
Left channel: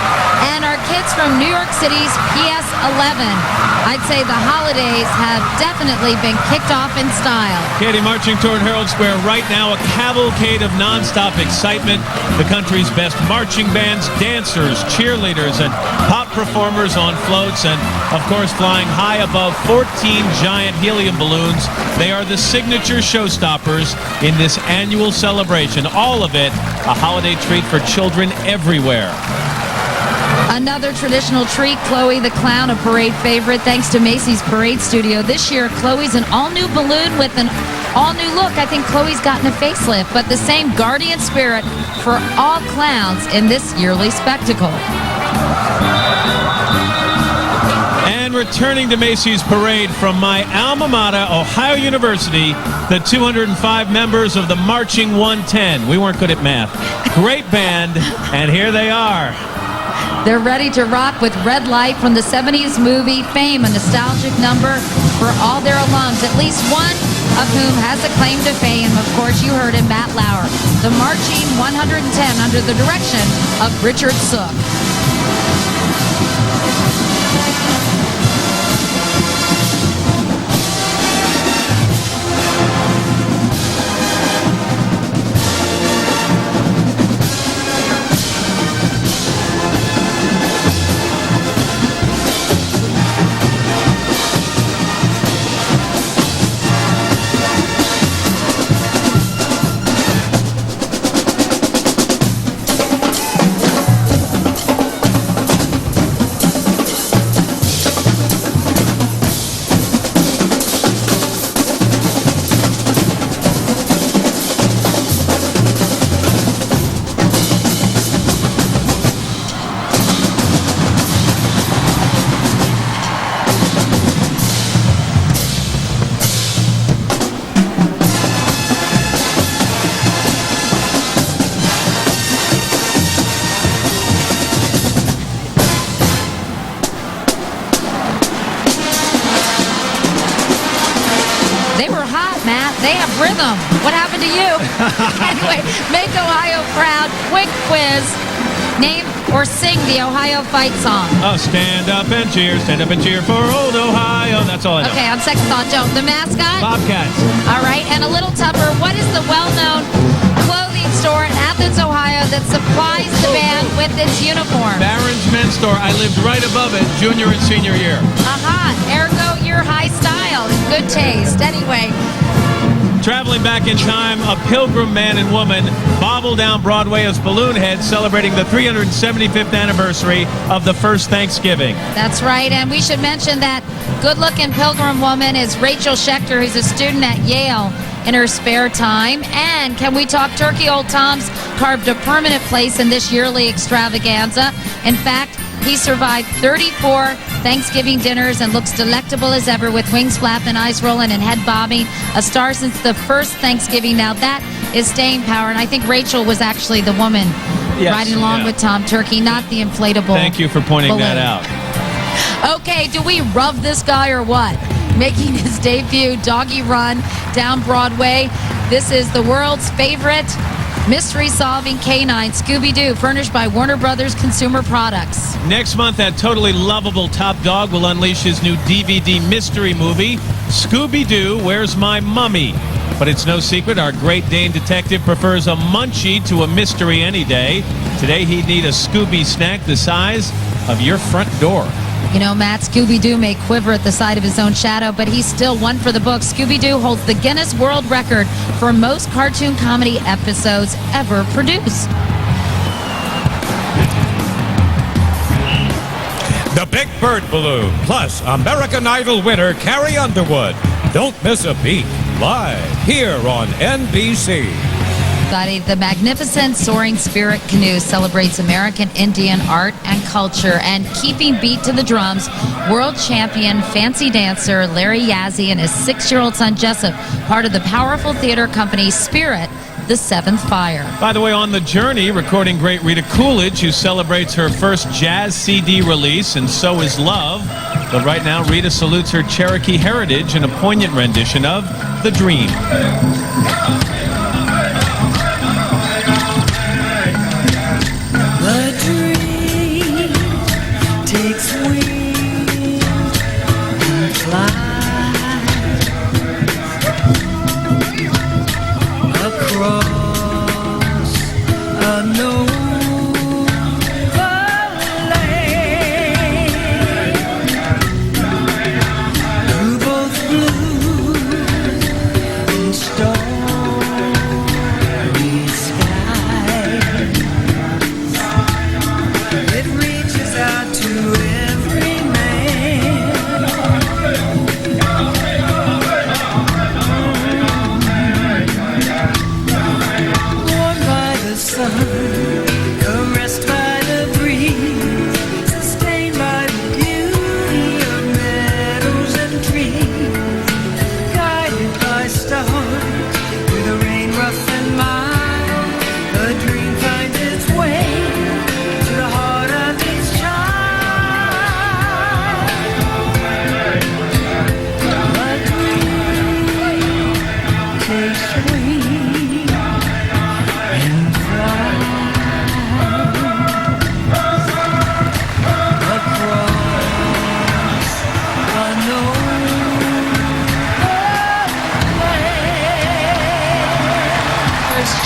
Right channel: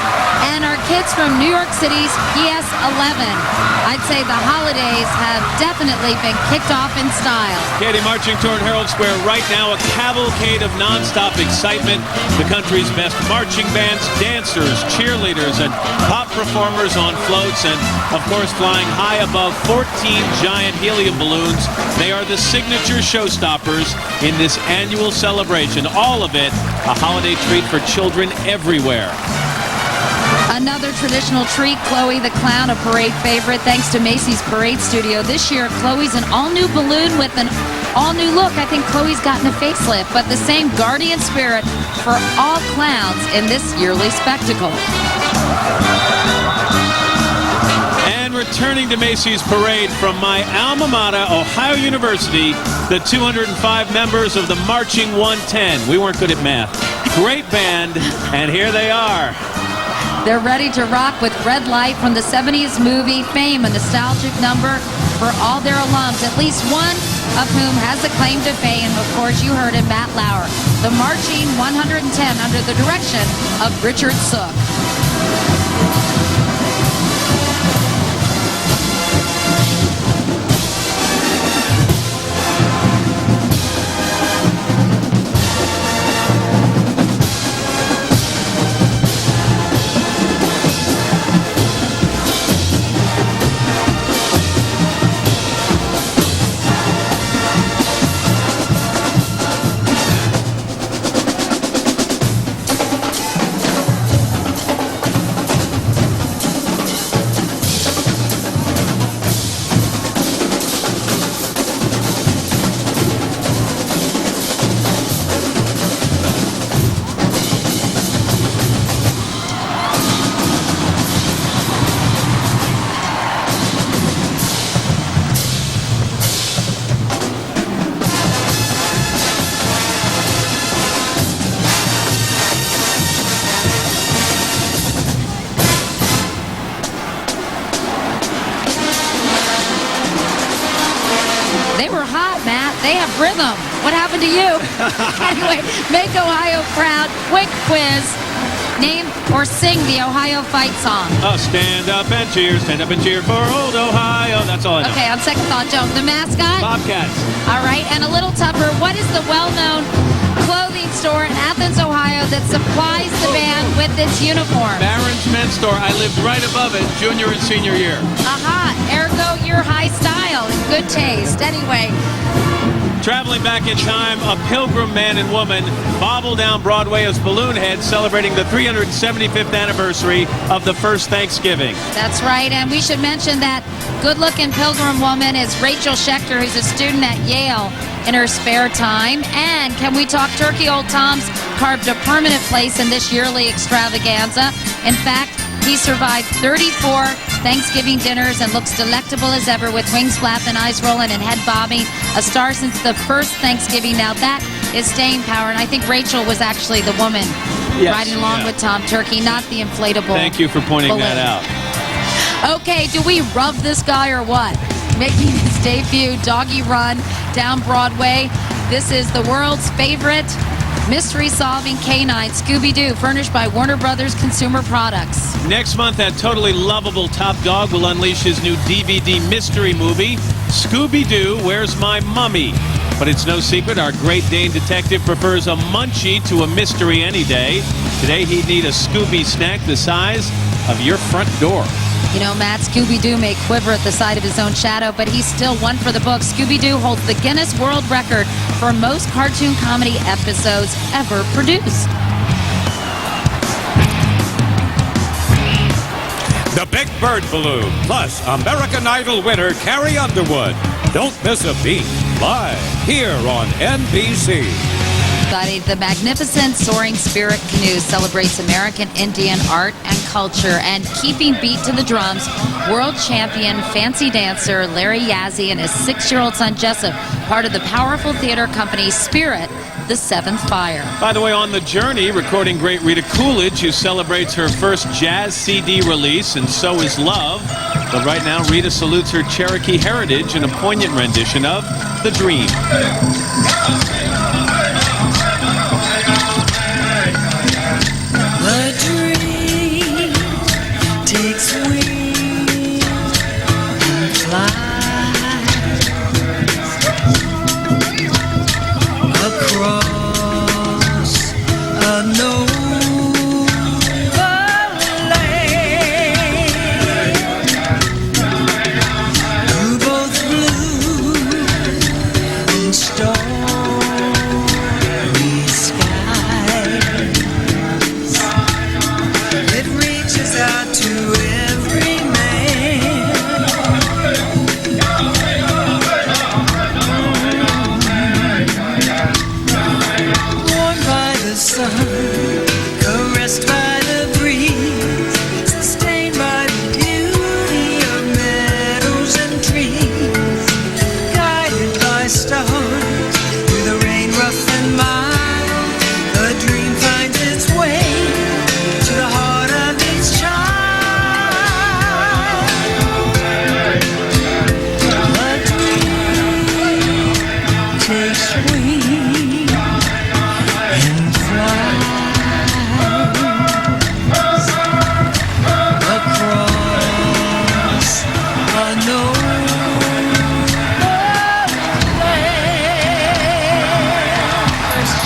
and our kids from New York City's PS 11. I'd say the holidays have definitely been kicked off in style. Katie, marching toward Herald Square right now, a cavalcade of nonstop excitement. The country's best marching bands, dancers, cheerleaders, and pop performers on floats, and of course flying high above 14 giant helium balloons. They are the signature showstoppers in this annual celebration. All of it a holiday treat for children everywhere. Another traditional treat, Chloe the Clown, a parade favorite thanks to Macy's Parade Studio. This year, Chloe's an all-new balloon with an all-new look. I think Chloe's gotten a facelift, but the same guardian spirit for all clowns in this yearly spectacle. And returning to Macy's Parade from my alma mater, Ohio University, the 205 members of the Marching 110. We weren't good at math. Great band, and here they are. They're ready to rock with Red Light from the 70s movie Fame, a nostalgic number for all their alums, at least one of whom has a claim to fame. Of course, you heard him, Matt Lauer. The Marching 110 under the direction of Richard Sook. They were hot, Matt. They have rhythm. What happened to you? Anyway, make Ohio proud. Quick quiz. Name or sing the Ohio fight song. Oh, stand up and cheer for old Ohio. That's all I know. Okay, on second thought, don't. The mascot? Bobcats. All right, and a little tougher. What is the well-known clothing store in Athens, Ohio that supplies the band with its uniform? Barron's Men's Store. I lived right above it, junior and senior year. Aha, ergo your high style and good taste. Anyway. Traveling back in time, a pilgrim man and woman bobble down Broadway as balloon heads celebrating the 375th anniversary of the first Thanksgiving. That's right, and we should mention that good-looking pilgrim woman is Rachel Schechter, who's a student at Yale in her spare time. And can we talk turkey? Old Tom's carved a permanent place in this yearly extravaganza. In fact, he survived 34 Thanksgiving dinners and looks delectable as ever with wings flapping, eyes rolling, and head bobbing. A star since the first Thanksgiving. Now that is staying power, and I think Rachel was actually the woman riding along with Tom Turkey, not the inflatable Thank you for pointing balloon. that out. Okay, do we rub this guy or what? Making his debut, Doggy Run, down Broadway. This is the world's favorite mystery-solving canine, Scooby-Doo, furnished by Warner Brothers Consumer Products. Next month, that totally lovable top dog will unleash his new DVD mystery movie, Scooby-Doo, Where's My Mummy? But it's no secret, our Great Dane detective prefers a munchie to a mystery any day. Today, he'd need a Scooby snack the size of your front door. You know, Matt, Scooby-Doo may quiver at the sight of his own shadow, but he's still one for the books. Scooby-Doo holds the Guinness World Record for most cartoon comedy episodes ever produced. The Big Bird Balloon, plus American Idol winner Carrie Underwood. Don't miss a beat. Live here on NBC. everybody. The magnificent Soaring Spirit Canoe celebrates American Indian art and culture. And keeping beat to the drums, world champion fancy dancer Larry Yazzie and his 6-year-old son Jessup, part of the powerful theater company Spirit, the Seventh Fire. By the way, on the journey, recording great Rita Coolidge, who celebrates her first jazz CD release, and so is Love. But right now, Rita salutes her Cherokee heritage in a poignant rendition of The Dream. The dream takes wings and flies across a nova land through both blue and starry skies. It reaches out to every man. Warmed by the sun, caressed by the breeze, sustained by the beauty of meadows and trees, guided by stars through the rain rough and mild. The dream finds its way to the heart of each child. The dream takes wings and flies across a nova land.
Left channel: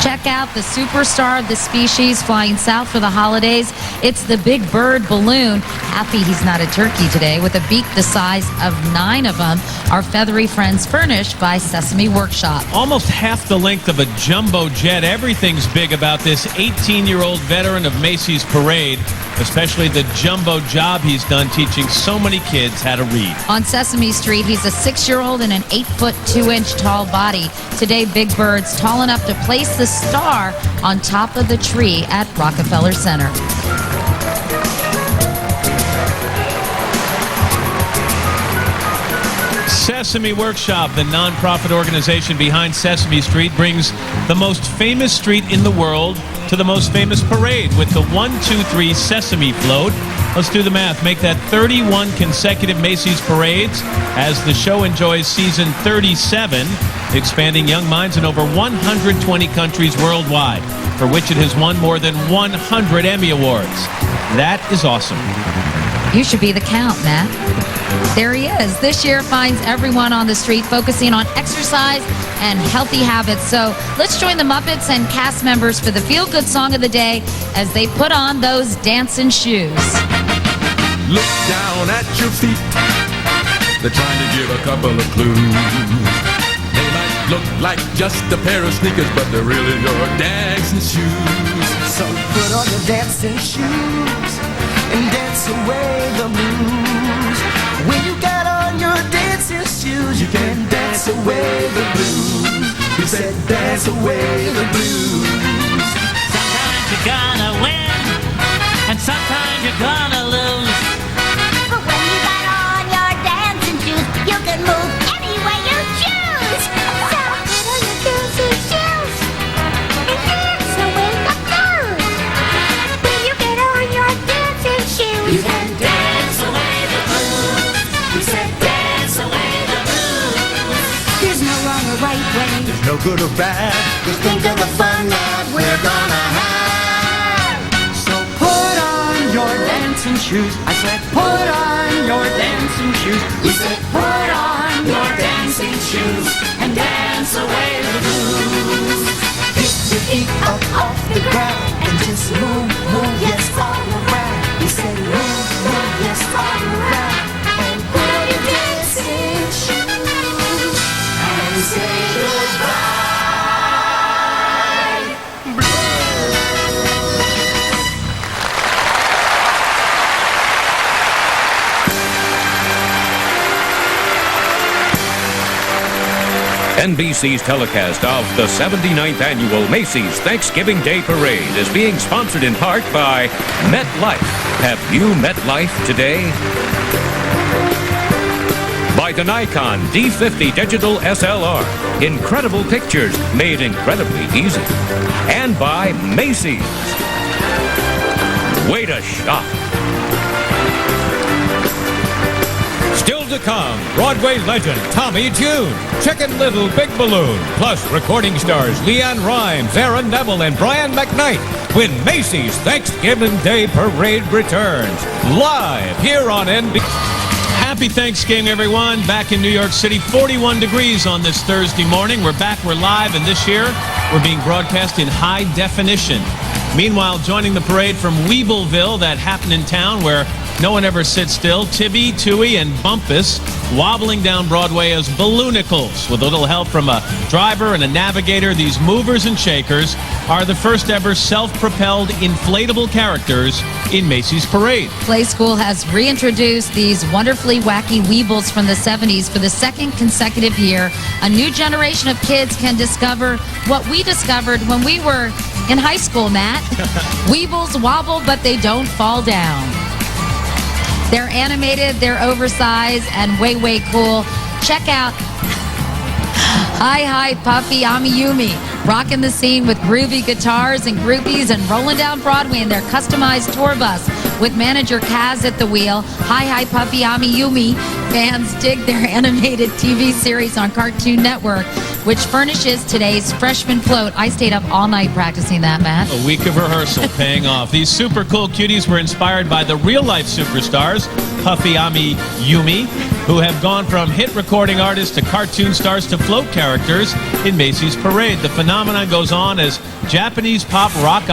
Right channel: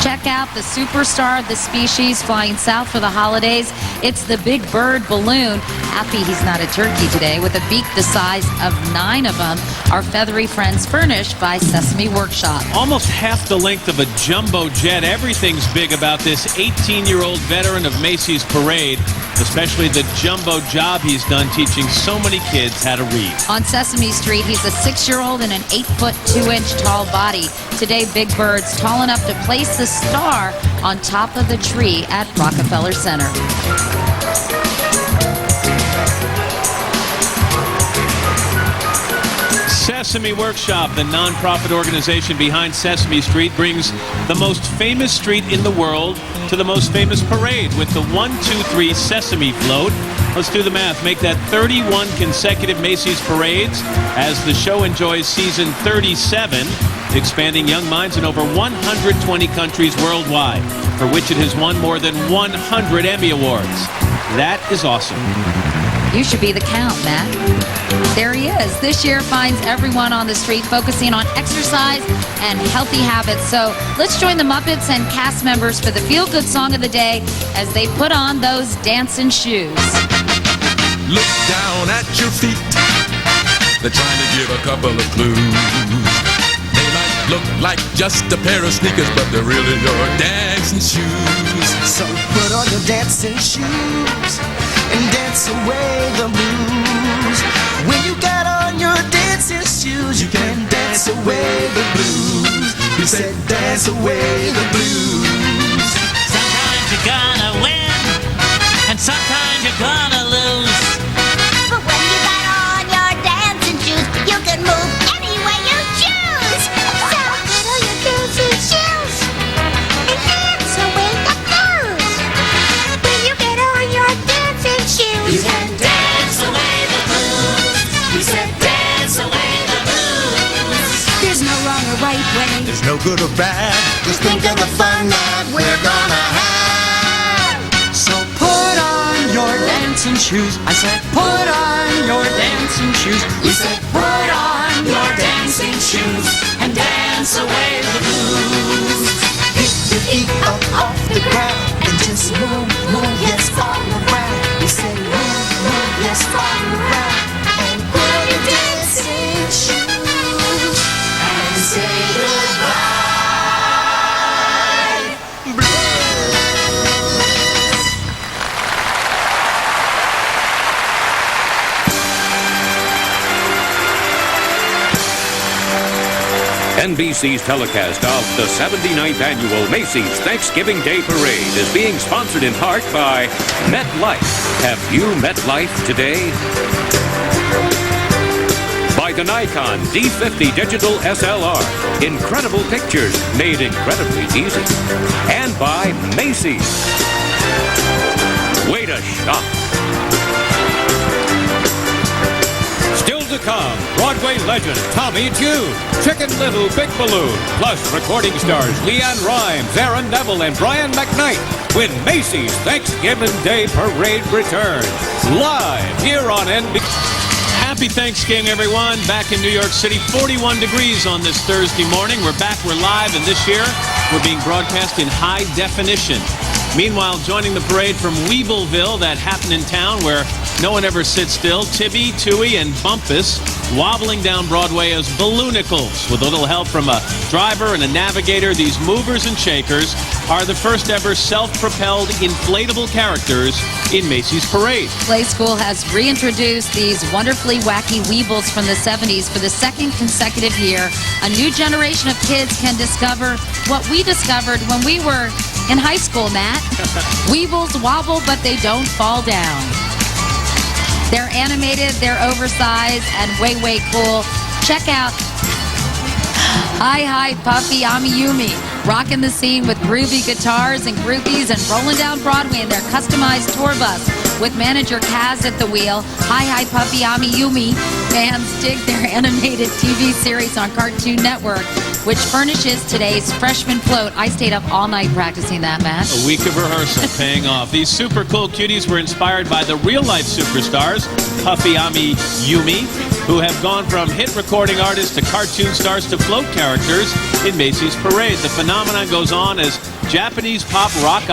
Check out the superstar of the species flying south for the holidays. It's the Big Bird balloon. Happy he's not a turkey today, with a beak the size of 9 of them. Our feathery friends furnished by Sesame Workshop. Almost half the length of a jumbo jet. Everything's big about this 18-year-old veteran of Macy's parade, especially the jumbo job he's done teaching so many kids how to read. On Sesame Street, he's a 6-year-old in an 8-foot 2-inch tall body. Today, Big Bird's tall enough to place the star on top of the tree at Rockefeller Center. Sesame Workshop, the nonprofit organization behind Sesame Street, brings the most famous street in the world to the most famous parade with the 1-2-3 Sesame float. Let's do the math. Make that 31 consecutive Macy's parades as the show enjoys season 37, expanding young minds in over 120 countries worldwide, for which it has won more than 100 Emmy Awards. That is awesome. You should be the count, Matt. There he is. This year finds everyone on the street focusing on exercise and healthy habits. So let's join the Muppets and cast members for the feel-good song of the day as they put on those dancing shoes. Look down at your feet. They're trying to give a couple of clues. They might look like just a pair of sneakers, but they're really your dancing shoes. So put on your dancing shoes and dance away the blues. When you got on your dancing shoes, you can dance away the blues. We said dance away the blues. Sometimes you're gonna win, and sometimes you're gonna lose. But when you got on your dancing shoes, you can move any way you choose. So put on your dancing shoes and dance away the blues. When you get on your dancing shoes, You can dance away the blues. We said dance away the blues. there's no wrong or right way. There's no good or bad. Just think of the fun that we're gonna have. So put on your dancing shoes. I said put on your dancing shoes. We said put on your dancing shoes and dance away the blues. Pick your feet up off the ground and just move, move, yes, all around. We said move, move, yes, all around. And put on your dancing shoes and say goodbye. NBC's telecast of the 79th Annual Macy's Thanksgiving Day Parade is being sponsored in part by MetLife. Have you met life today? By the Nikon D50 Digital SLR. Incredible pictures made incredibly easy. And by Macy's. Way to shop. Still to come, Broadway legend Tommy Tune, Chicken Little Big Balloon, plus recording stars Leanne Rimes, Aaron Neville, and Brian McKnight when Macy's Thanksgiving Day Parade returns. Live here on NBC. Happy Thanksgiving, everyone. Back in New York City, 41 degrees on this Thursday morning. We're back, we're live, and this year we're being broadcast in high definition. Meanwhile, joining the parade from Weebleville, that happened in town where no one ever sits still, Tibby, Tooie, and Bumpus wobbling down Broadway as balloonicles. With a little help from a driver and a navigator, these movers and shakers are the first ever self-propelled inflatable characters in Macy's parade. Play School has reintroduced these wonderfully wacky Weebles from the 70s for the second consecutive year. A new generation of kids can discover what we discovered when we were in high school, Matt. Weebles wobble, but they don't fall down. They're animated, they're oversized, and way, way cool. Check out Hi Hi Puffy Amiyumi, rocking the scene with groovy guitars and groupies and rolling down Broadway in their customized tour bus with manager Kaz at the wheel. Hi Hi Puffy Amiyumi fans dig their animated TV series on Cartoon Network, which furnishes today's freshman float. I stayed up all night practicing that, Matt. A week of rehearsal paying off. These super cool cuties were inspired by the real-life superstars, Puffy Amiyumi, who have gone from hit recording artists to cartoon stars to float characters in Macy's parade. The phenomenon goes on as Japanese pop rock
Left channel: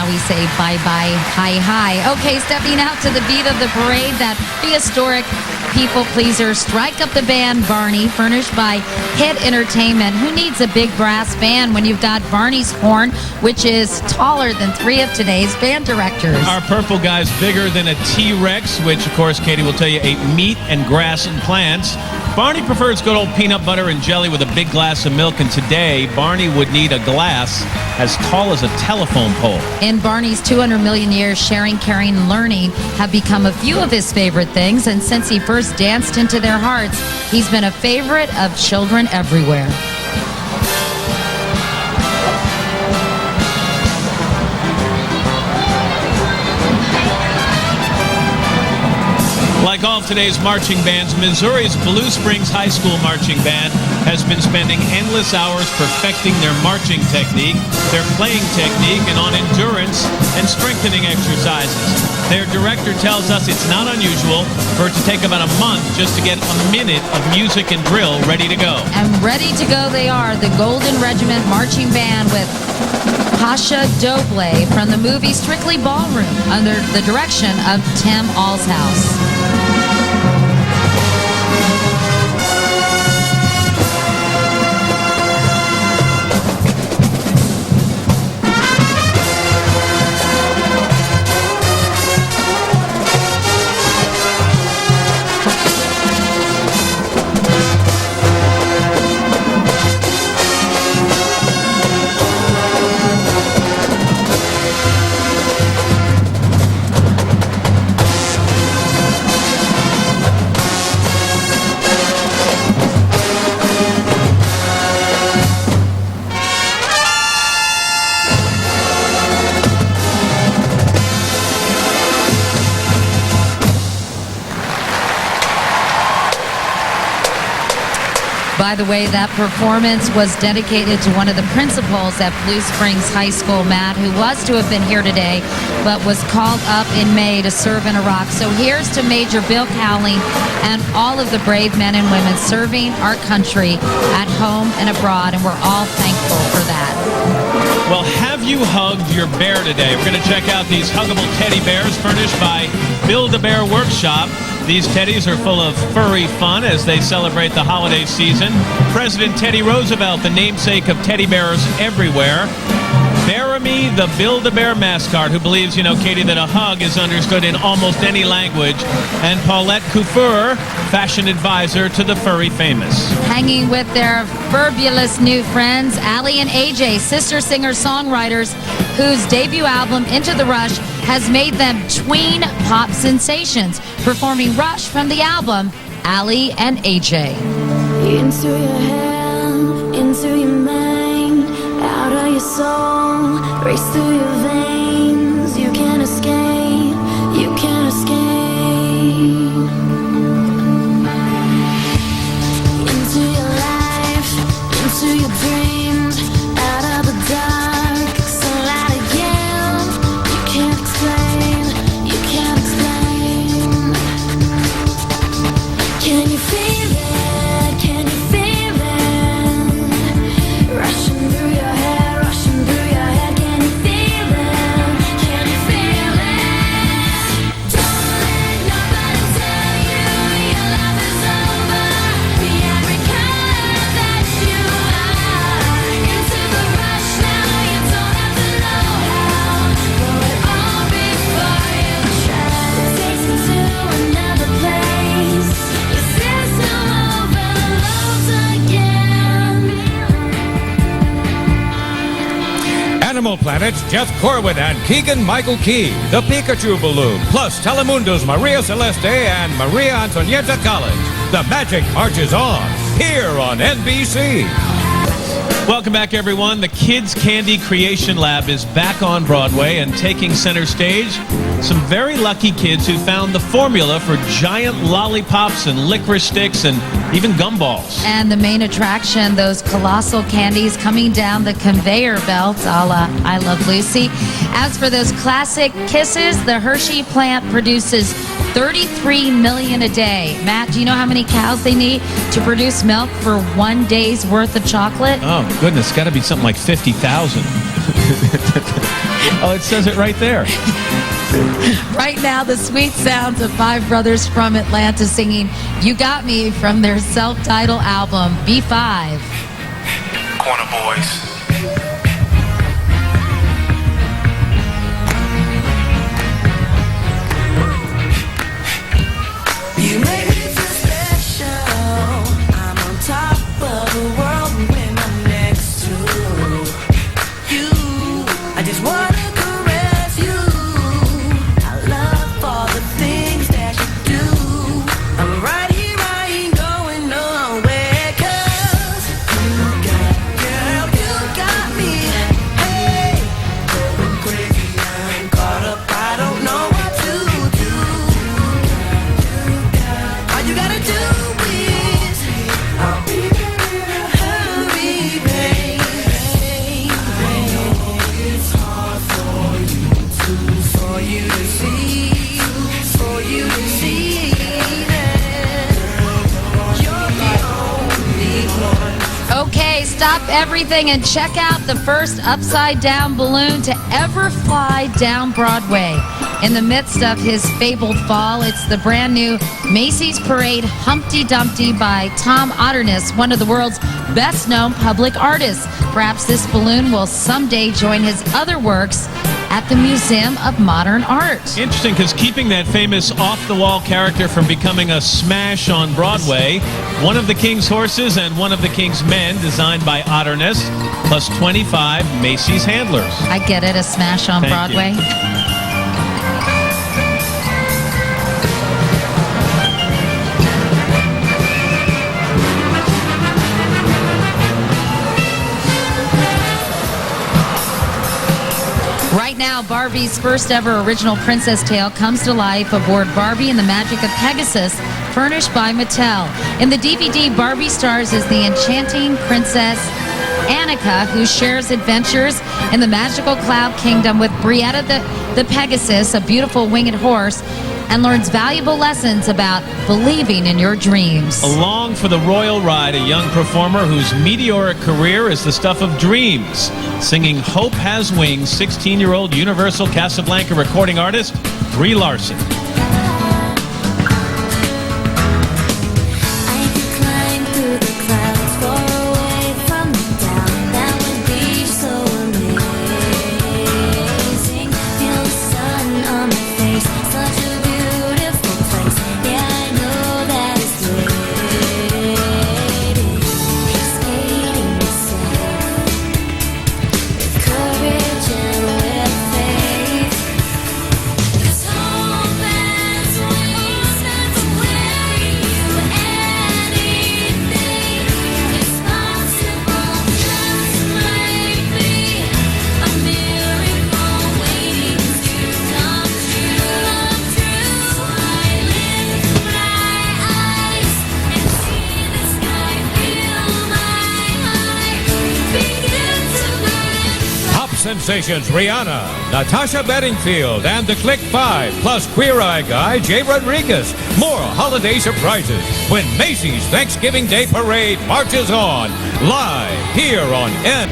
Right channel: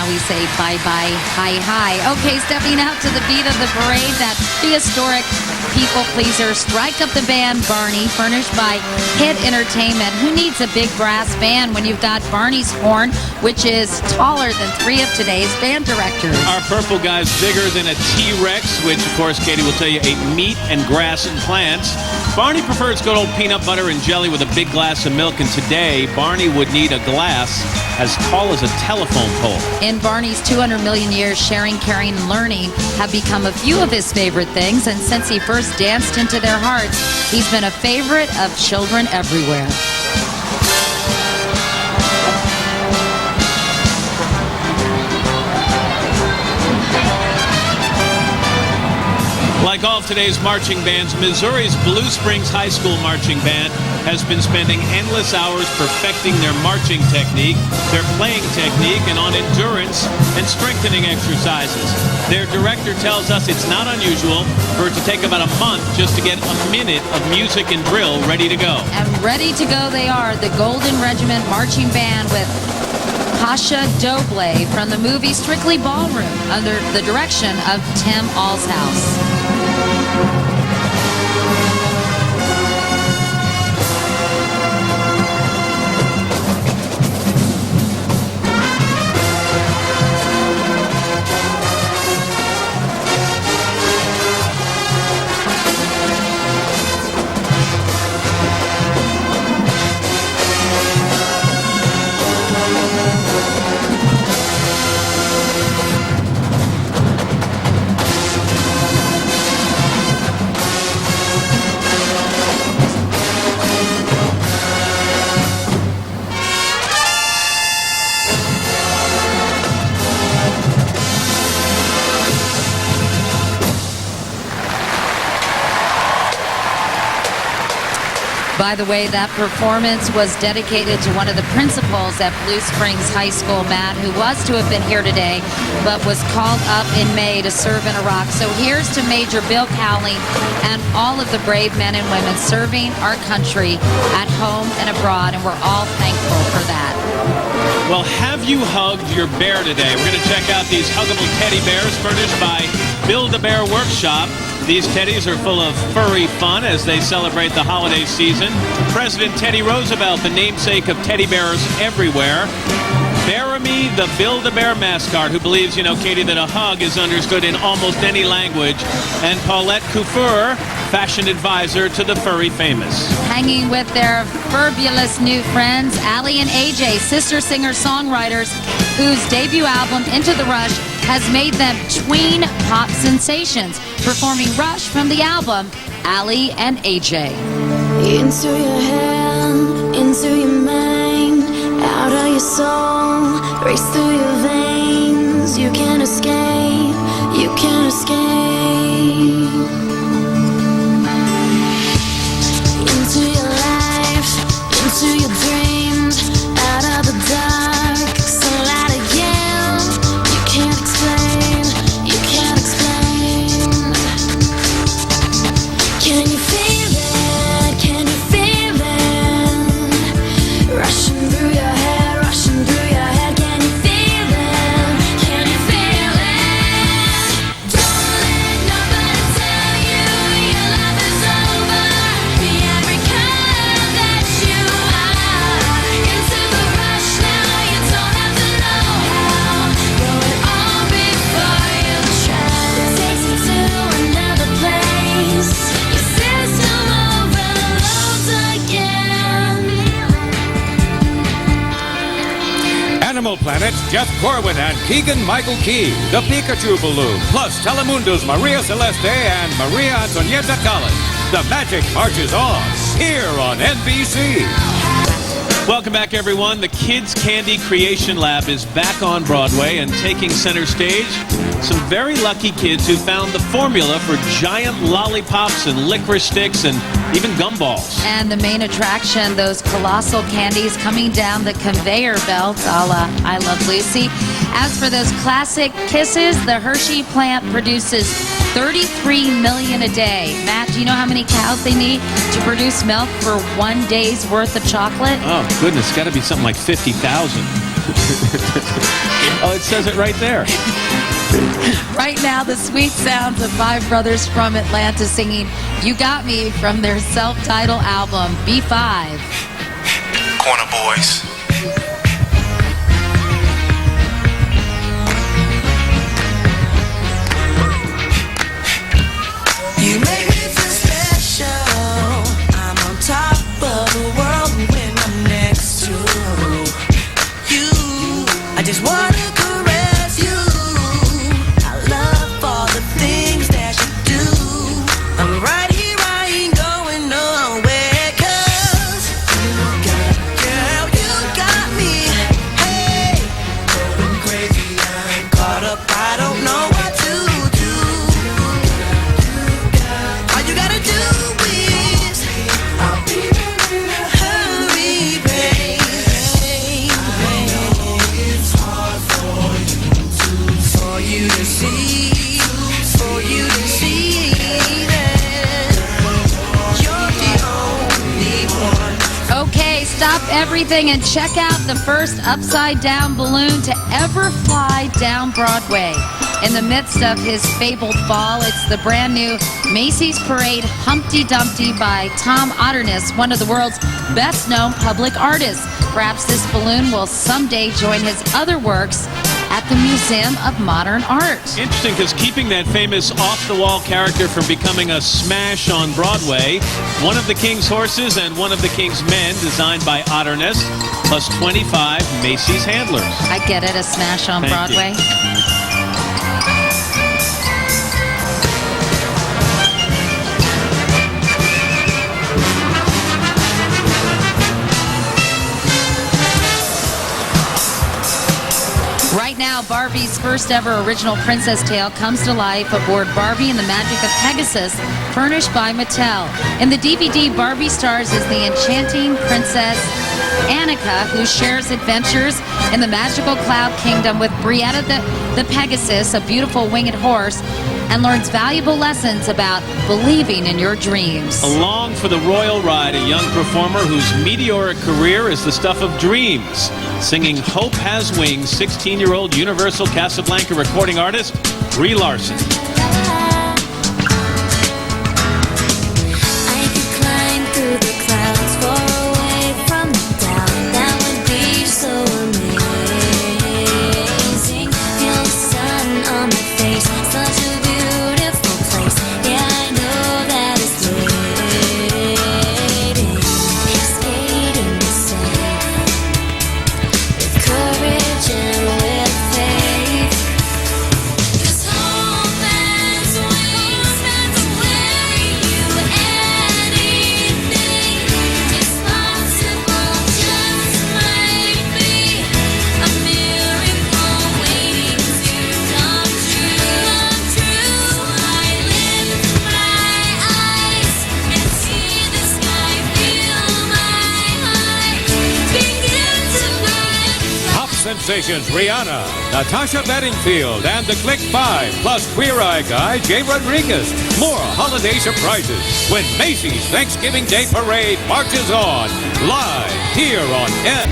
Now we say bye-bye, hi-hi. Okay, stepping out to the beat of the parade, that prehistoric people-pleaser, Strike Up the Band, Barney, furnished by Hit Entertainment. Who needs a big brass band when you've got Barney's horn, which is taller than 3 of today's band directors? Our purple guy's bigger than a T-Rex, which, of course, Katie will tell you, ate meat and grass and plants. Barney prefers good old peanut butter and jelly with a big glass of milk, and today, Barney would need a glass as tall as a telephone pole. In Barney's 200 million years, sharing, caring, and learning have become a few of his favorite things, and since he first danced into their hearts, he's been a favorite of children everywhere. Like all of today's marching bands, Missouri's Blue Springs High School Marching Band has been spending endless hours perfecting their marching technique, their playing technique, and on endurance and strengthening exercises. Their director tells us it's not unusual for it to take about a month just to get a minute of music and drill ready to go. And ready to go they are, the Golden Regiment Marching Band with Pasha Doble from the movie Strictly Ballroom under the direction of Tim Alshouse. By the way, that performance was dedicated to one of the principals at Blue Springs High School, Matt, who was to have been here today, but was called up in May to serve in Iraq. So here's to Major Bill Cowling and all of the brave men and women serving our country at home and abroad, and we're all thankful for that. Well, have you hugged your bear today? We're going to check out these huggable teddy bears furnished by Build-A-Bear Workshop. These teddies are full of furry fun as they celebrate the holiday season. President Teddy Roosevelt, the namesake of teddy bears everywhere. Baramy, the Build-A-Bear mascot, who believes, Katie, that a hug is understood in almost any language. And Paulette Couture, fashion advisor to the furry famous. Hanging with their fabulous new friends, Allie and AJ, sister singer-songwriters, whose debut album, Into the Rush, has made them tween pop sensations. Performing Rush from the album, Allie and AJ. Into your head, into your mind, out of your soul, race through your veins. You can't escape, you can't escape. Into your life, into your dreams, out of the dark, sunlight again. You can't explain, you can't explain. Can you feel it? Can you feel it? Rushing through your head, rushing through your head. Can you feel it? Can you feel it? Don't let nobody tell you your love is over. Be every color that you are. Into the rush now, you don't have to know how. Know it all before you try. It takes you to another place. Your system overloads again. Animal Planet's Jeff Corwin and Keegan-Michael Key, the Pikachu Balloon, plus Telemundo's Maria Celeste and Maria Antonietta Collins. The magic marches on, here on NBC. Welcome back, everyone. The Kids Candy Creation Lab is back on Broadway and taking center stage. Some very lucky kids who found the formula for giant lollipops and licorice sticks and even gumballs. And the main attraction, those colossal candies coming down the conveyor belt, a la I Love Lucy. As for those classic kisses, the Hershey plant produces 33 million a day. Matt, do you know how many cows they need to produce milk for 1 day's worth of chocolate? Oh, goodness. It's got to be something like 50,000. Oh, it says it right there. Right now, the sweet sounds of five brothers from Atlanta singing You Got Me from their self-titled album, B5. Corner Boys. You make me feel special. I'm on top of the world when I'm next to you. I just wanna caress you. I love all the things that you do. I'm right here, I ain't going nowhere. 'Cause girl, you got me. Hey, going crazy, I'm caught up. I don't know what to do. All you gotta do is hurry, baby. It's hard for you to see, for you to see that you're the only one. Okay, stop everything and check out the first upside-down balloon to ever fly down Broadway. In the midst of his fabled fall, it's the brand new Macy's Parade Humpty Dumpty by Tom Otterness, one of the world's best-known public artists. Perhaps this balloon will someday join his other works at the Museum of Modern Art. Interesting, because keeping that famous off-the-wall character from becoming a smash on Broadway, one of the King's horses and one of the King's men, designed by Otterness, plus 25 Macy's handlers. I get it, a smash on Thank Broadway. you. Right now, Barbie's first ever original princess tale comes to life aboard Barbie and the Magic of Pegasus, furnished by Mattel. In the DVD, Barbie stars as the enchanting princess Annika, who shares adventures in the magical cloud kingdom with Brietta the Pegasus, a beautiful winged horse, and learns valuable lessons about believing in your dreams. Along for the royal ride, a young performer whose meteoric career is the stuff of dreams. Singing Hope Has Wings, 16-year-old Universal Casablanca recording artist Brie Larson. Sensations Rihanna, Natasha Bedingfield, and the Click 5, plus Queer Eye guy Jay Rodriguez. More holiday surprises when Macy's Thanksgiving Day Parade marches on, live here on N.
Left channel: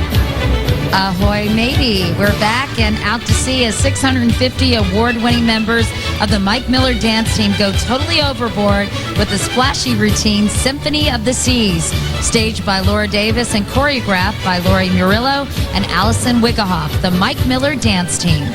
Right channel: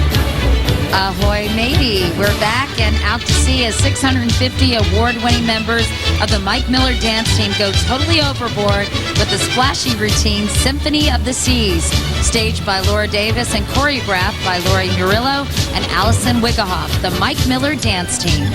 Ahoy, matey. We're back and out to see as 650 award-winning members of the Mike Miller dance team go totally overboard with the splashy routine Symphony of the Seas, staged by Laura Davis and choreographed by Lori Murillo and Allison Wiggehoff, the Mike Miller dance team.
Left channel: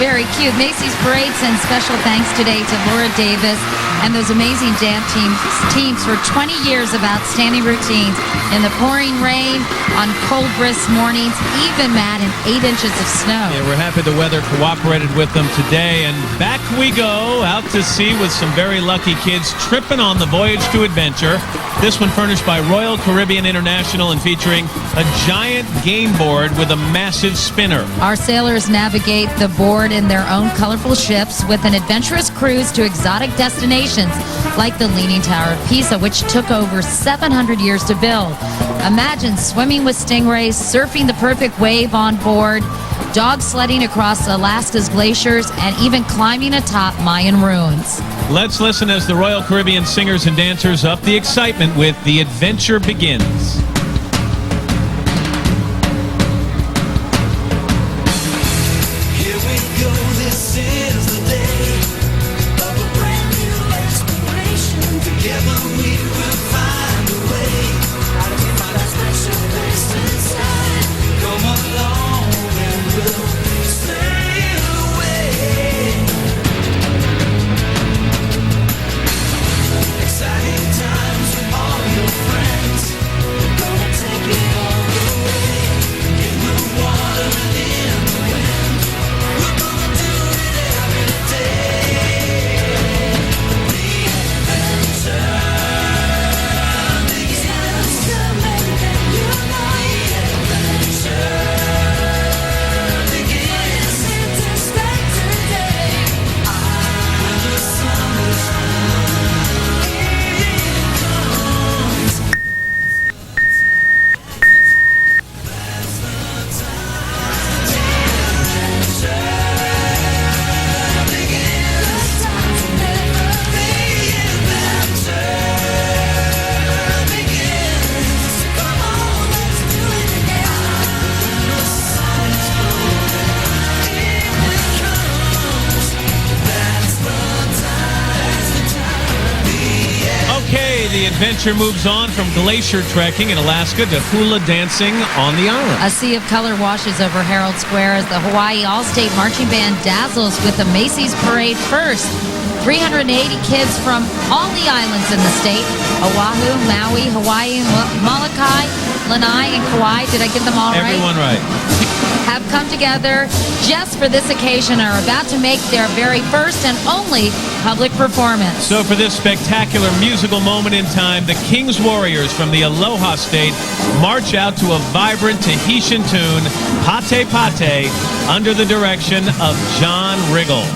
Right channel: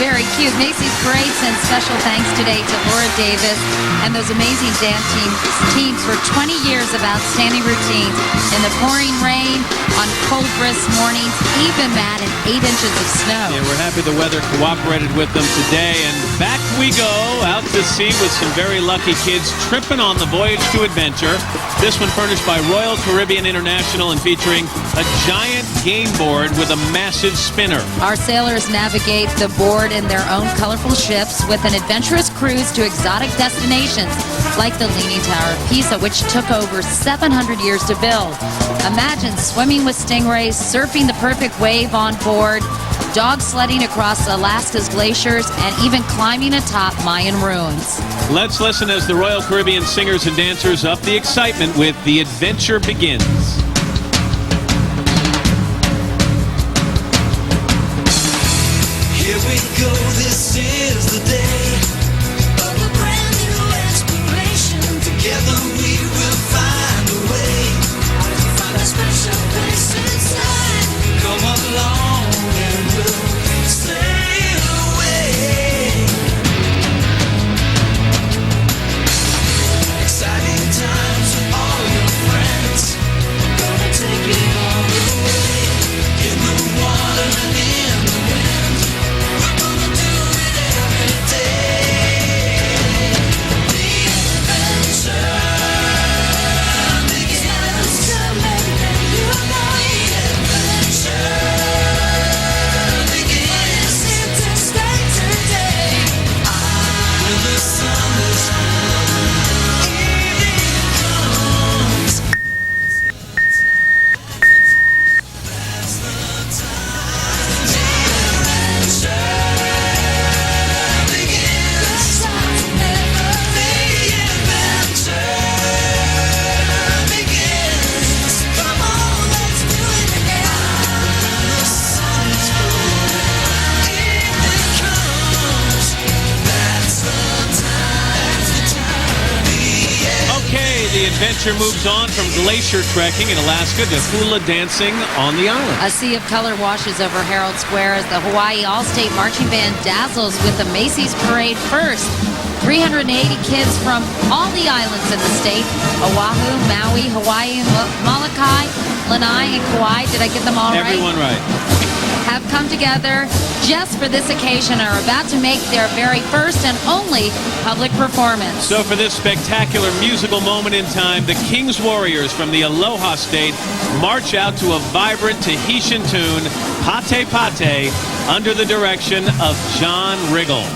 Very cute. Macy's Parade sends special thanks today to Laura Davis and those amazing dance teams for 20 years of outstanding routines in the pouring rain, on cold, brisk mornings, even, Matt, and 8 inches of snow. Yeah, we're happy the weather cooperated with them today. And back we go, out to sea with some very lucky kids tripping on the Voyage to Adventure. This one furnished by Royal Caribbean International and featuring a giant game board with a massive spinner. Our sailors navigate the board in their own colorful ships with an adventurous cruise to exotic destinations like the Leaning Tower of Pisa, which took over 700 years to build. Imagine swimming with stingrays, surfing the perfect wave on board, dog sledding across Alaska's glaciers, and even climbing atop Mayan ruins. Let's listen as the Royal Caribbean singers and dancers up the excitement with The Adventure Begins. Here we go, this is the day of a brand new exploration. Together we will find a way out of that special place inside. Come along and we'll sail away. Exciting times with all your friends. Gonna take it all the way in the water and in the adventure moves on from glacier trekking in Alaska to hula dancing on the island. A sea of color washes over Herald Square as the Hawaii All-State Marching Band dazzles with the Macy's Parade first. 380 kids from all the islands in the state, Oahu, Maui, Hawaii, Molokai, Lanai, and Kauai. Did I get them all right? Everyone right. Have come together just for this occasion and are about to make their very first and only public performance. So for this spectacular musical moment in time, the King's Warriors from the Aloha State march out to a vibrant Tahitian tune, Pate Pate, under the direction of John Riggle.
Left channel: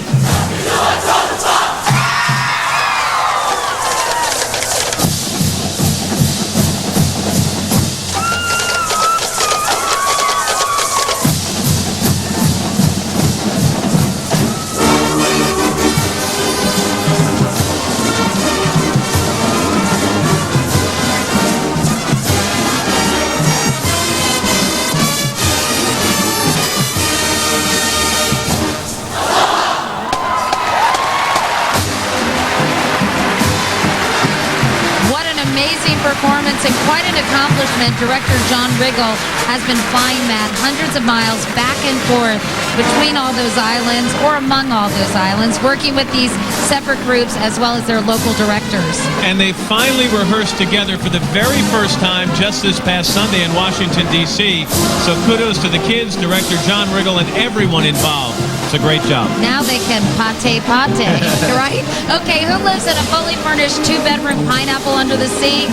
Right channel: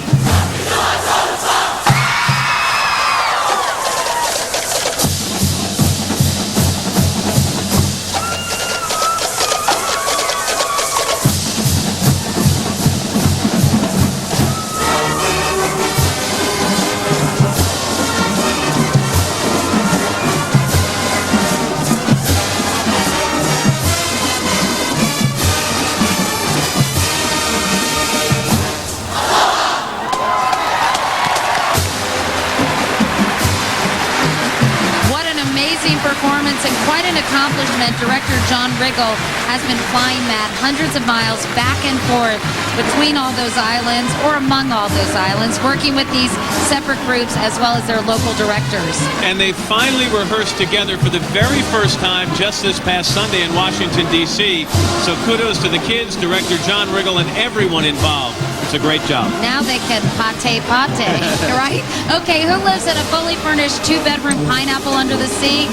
Amazing performance and quite an accomplishment. Director John Riggle has been flying Matt hundreds of miles back and forth between all those islands or among all those islands, working with these separate groups as well as their local directors. And they finally rehearsed together for the very first time just this past Sunday in Washington, D.C. So kudos to the kids, Director John Riggle, and everyone involved. It's a great job. Now they can pate, right? Okay, who lives in a fully furnished two-bedroom pineapple under the sea?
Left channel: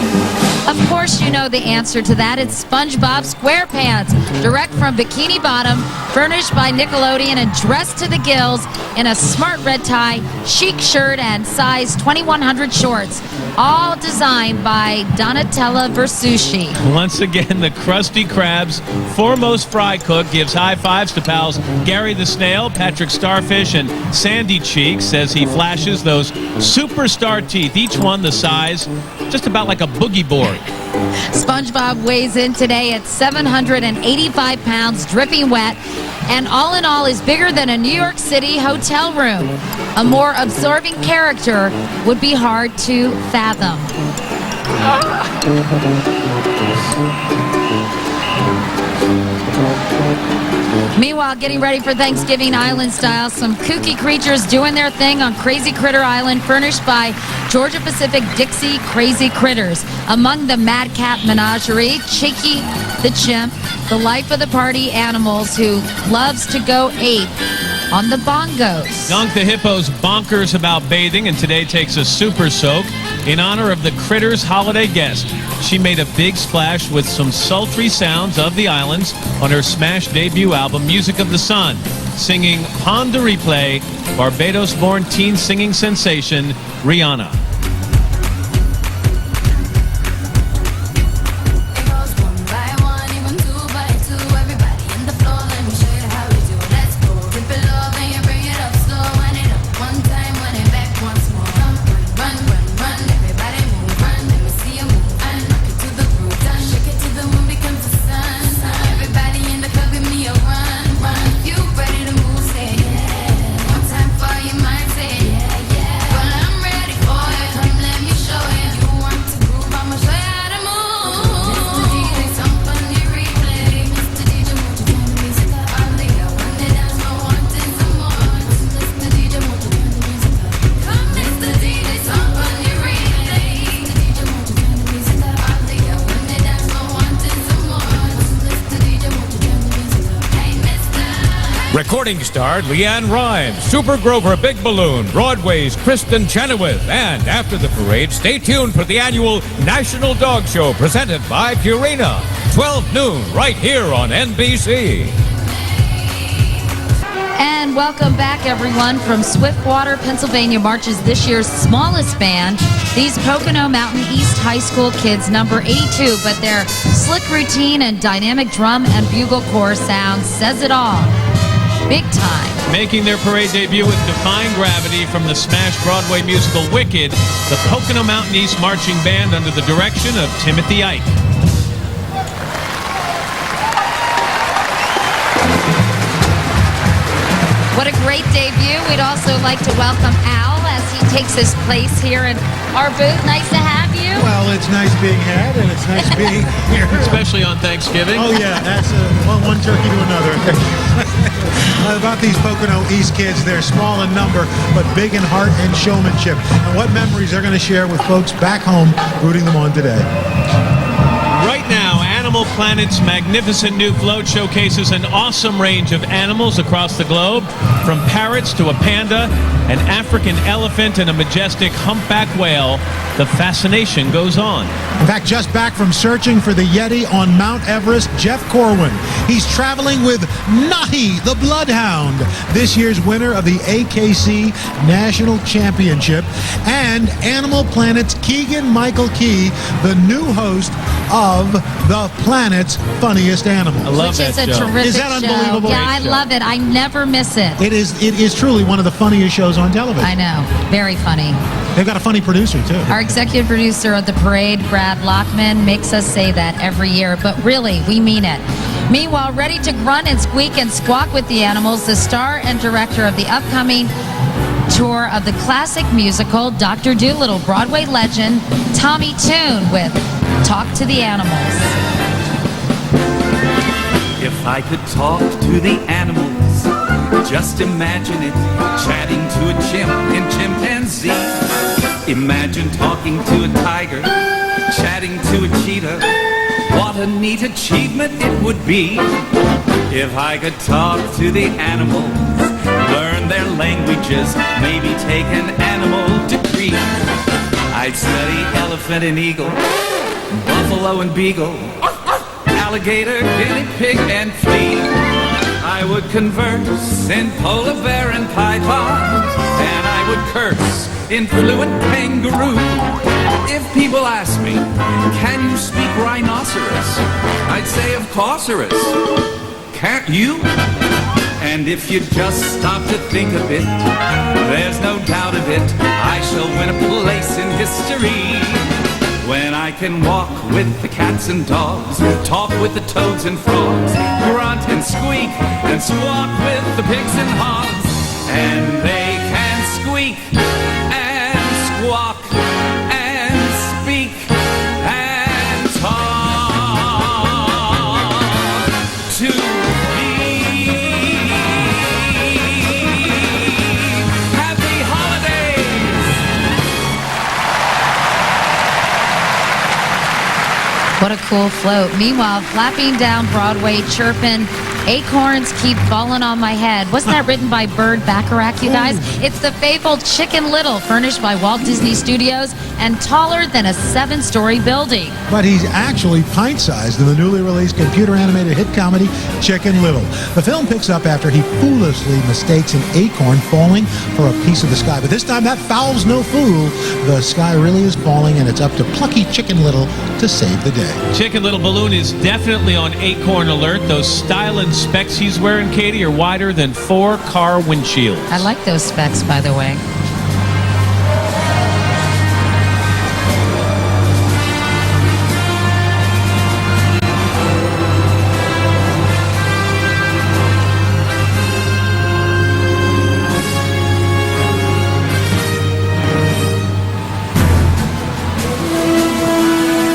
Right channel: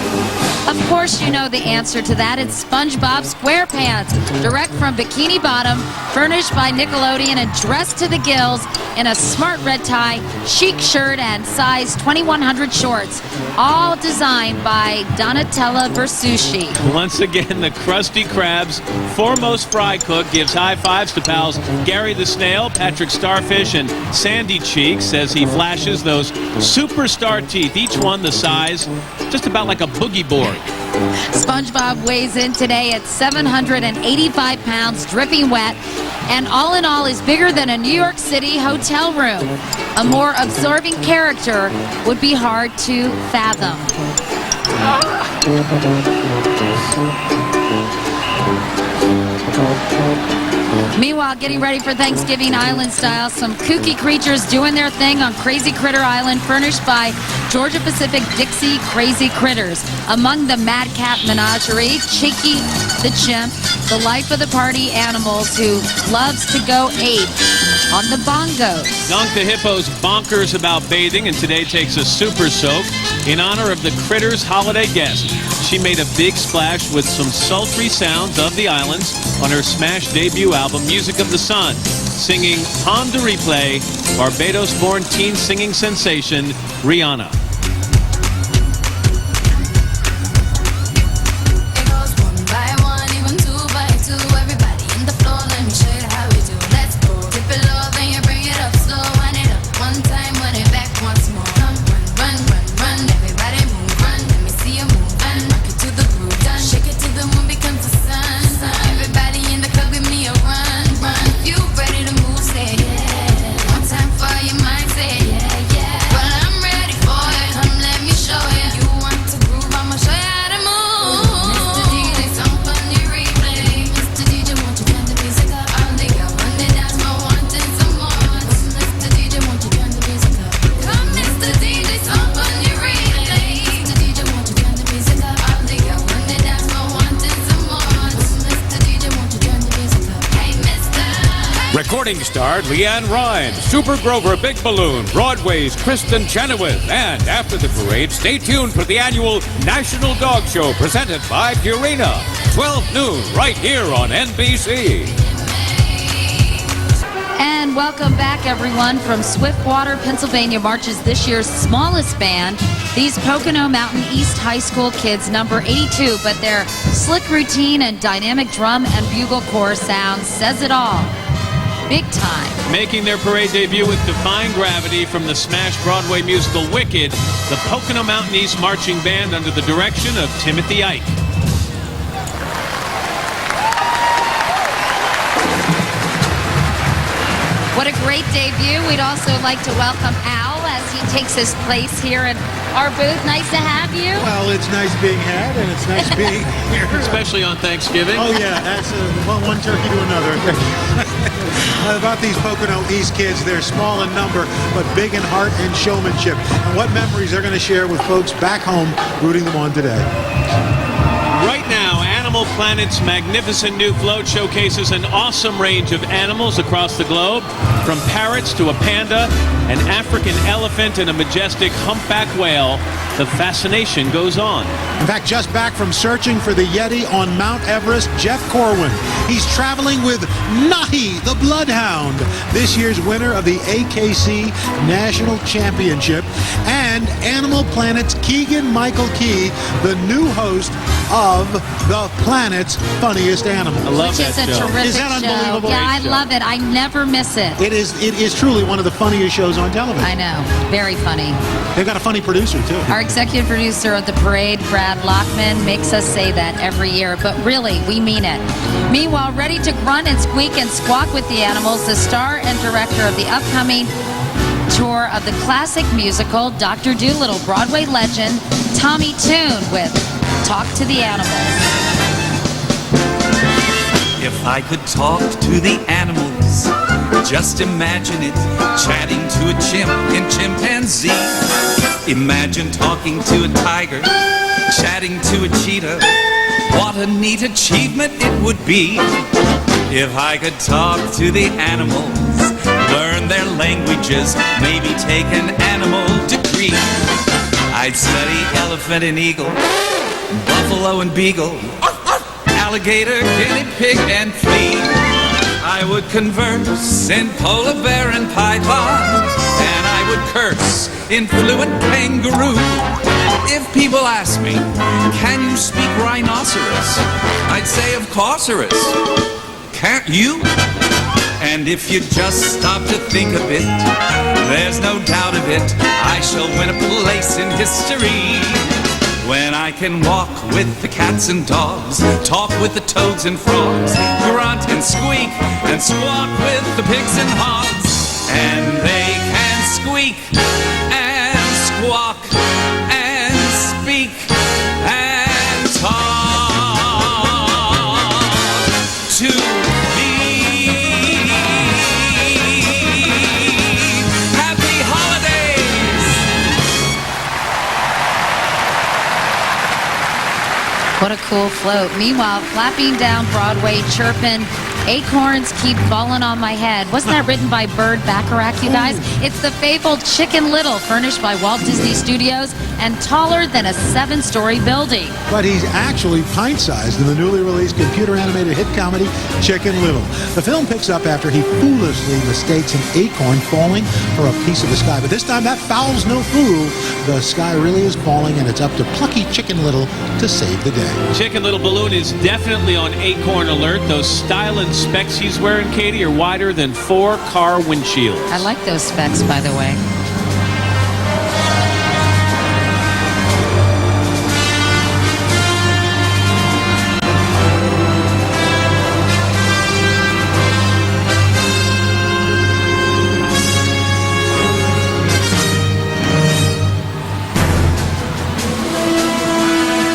Of course you know the answer to that. It's SpongeBob SquarePants, direct from Bikini Bottom, furnished by Nickelodeon and dressed to the gills in a smart red tie, chic shirt, and size 2100 shorts. All designed by Donatella Versucci. Once again, the Krusty Krab's foremost fry cook gives high fives to pals Gary the Snail, Patrick Starfish, and Sandy Cheeks as he flashes those superstar teeth, each one the size just about like a boogie board. SpongeBob weighs in today at 785 pounds, dripping wet, and all in all is bigger than a New York City hotel room. A more absorbing character would be hard to fathom. Meanwhile, getting ready for Thanksgiving Island style, some kooky creatures doing their thing on Crazy Critter Island, furnished by Georgia Pacific Dixie Crazy Critters. Among the Mad Cat Menagerie, Cheeky the Chimp, the life of the party animals who loves to go ape on the bongos. Dunk the Hippo's bonkers about bathing and today takes a super soak in honor of the Critters' holiday guest. She made a big splash with some sultry sounds of the islands on her smash debut album, Music of the Sun, singing Pon de Replay, Barbados-born teen singing sensation Rihanna. Recording starred Leanne Rimes, Super Grover Big Balloon, Broadway's Kristen Chenoweth, and after the parade, stay tuned for the annual National Dog Show presented by Purina. 12 noon right here on NBC. And welcome back, everyone. From Swiftwater, Pennsylvania, marches this year's smallest band. These Pocono Mountain East High School kids number 82, but their slick routine and dynamic drum and bugle corps sound says it all. Big time. Making their parade debut with Defying Gravity from the smash Broadway musical Wicked, the Pocono Mountain East Marching Band under the direction of Timothy Ike. What a great debut. We'd also like to welcome Al as he takes his place here in our booth. Nice to have you. Well, it's nice being had, and it's nice being here. Especially on Thanksgiving. Oh, yeah, that's one turkey to another. About these Pocono East kids, they're small in number, but big in heart and showmanship. And what memories they're going to share with folks back home rooting them on today. Right now, Animal Planet's magnificent new float showcases an awesome range of animals across the globe, from parrots to a panda, an African elephant, and a majestic humpback whale. The fascination goes on. In fact, just back from searching for the Yeti on Mount Everest, Jeff Corwin. He's traveling with Nahi, the Bloodhound, this year's winner of the AKC National Championship, and Animal Planet's Keegan-Michael Key, the new host of The Planet's Funniest Animals. I love that show. Which is a terrific Is that unbelievable? show. Yeah, I love it. I never miss it. It is truly one of the funniest shows on television. I know. Very funny. They've got a funny producer, too. Our executive producer of the parade, Brad Lockman, makes us say that every year, but really, we mean it. Meanwhile, ready to grunt and squeak and squawk with the animals, the star and director of the upcoming tour of the classic musical, Dr. Dolittle, Broadway legend, Tommy Tune with Talk to the Animals. If I could talk to the animals, just imagine it, chatting to a chimp in chimpanzee. Imagine talking to a tiger, chatting to a cheetah. What a neat achievement it would be if I could talk to the animals, learn their languages, maybe take an animal degree. I'd study elephant and eagle, buffalo and beagle, alligator, guinea pig, and flea. I would converse in polar bear and python, and I would curse in fluent kangaroo. If people ask me, can you speak rhinoceros? I'd say, of course-erous. Can't you? And if you just stop to think of it, there's no doubt of it, I shall win a place in history. When I can walk with the cats and dogs, talk with the toads and frogs, grunt and squeak and squawk with the pigs and hogs. And they can squeak and squawk and speak and talk to me. Happy holidays! What a cool float. Meanwhile, flapping down Broadway, chirping, acorns keep falling on my head. Wasn't that written by Bird Bacharach, you guys? It's the fabled Chicken Little, furnished by Walt Disney Studios and taller than a 7-story building. But he's actually pint-sized in the newly released computer-animated hit comedy Chicken Little. The film picks up after he foolishly mistakes an acorn falling for a piece of the sky. But this time, that foul's no fool. The sky really is falling, and it's up to plucky Chicken Little to save the day. Chicken Little Balloon is definitely on acorn alert. Those styling specs he's wearing, Katie, are wider than 4 car windshields. I like those specs, by the way.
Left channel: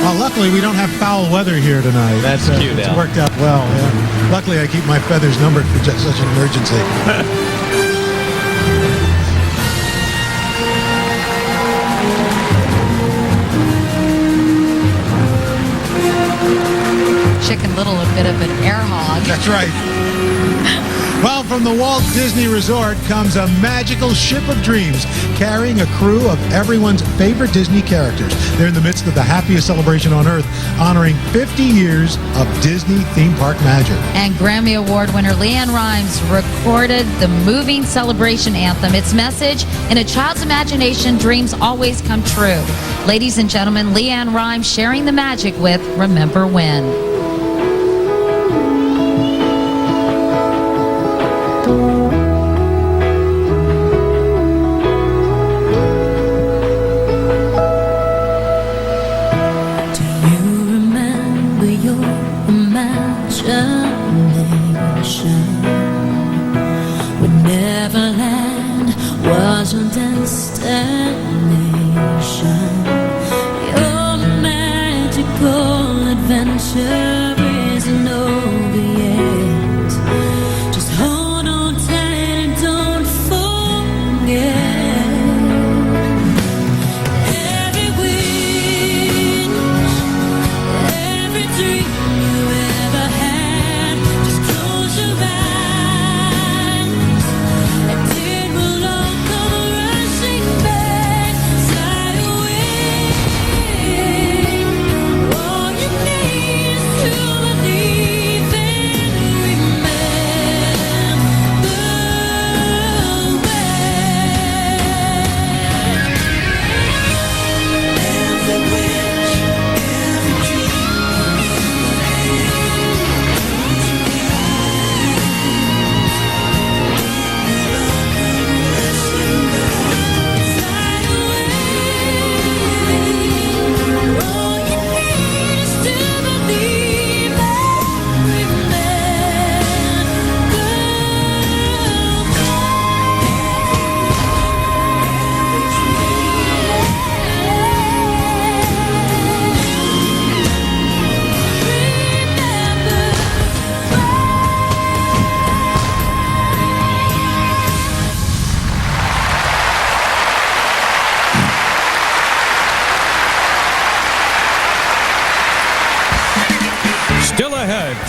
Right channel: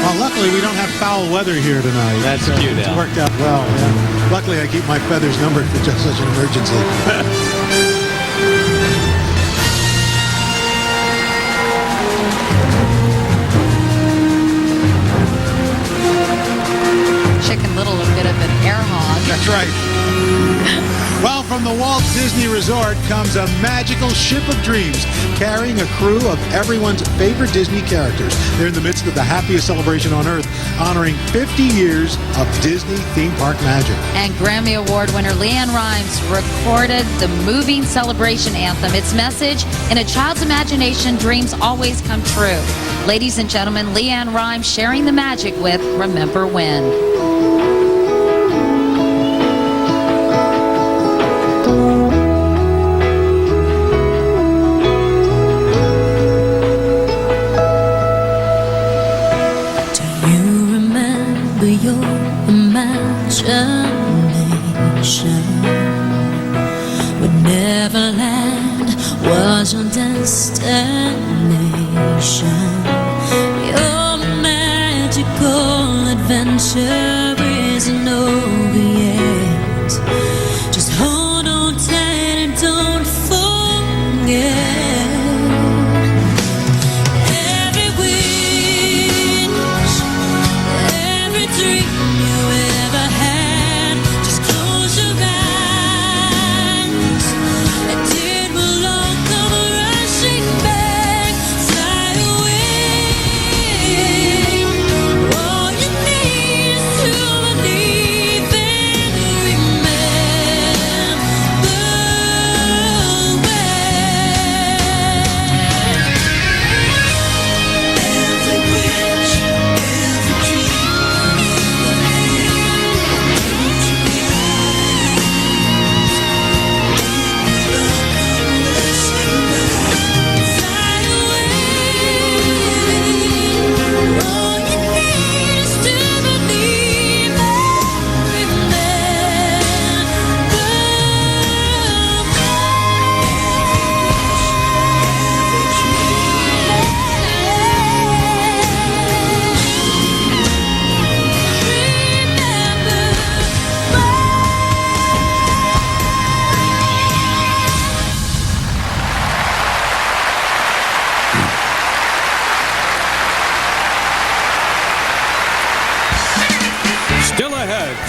Well, luckily, we don't have foul weather here tonight. That's cute, It's Al. worked out well, yeah. Luckily, I keep my feathers numbered for just such an emergency. Chicken Little, a bit of an air hog. That's right. Well, from the Walt Disney Resort comes a magical ship of dreams carrying a crew of everyone's favorite Disney characters. They're in the midst of the happiest celebration on Earth, honoring 50 years of Disney theme park magic. And Grammy Award winner LeAnn Rimes recorded the moving celebration anthem. Its message, in a child's imagination, dreams always come true. Ladies and gentlemen, LeAnn Rimes sharing the magic with Remember When. Neverland was your destination.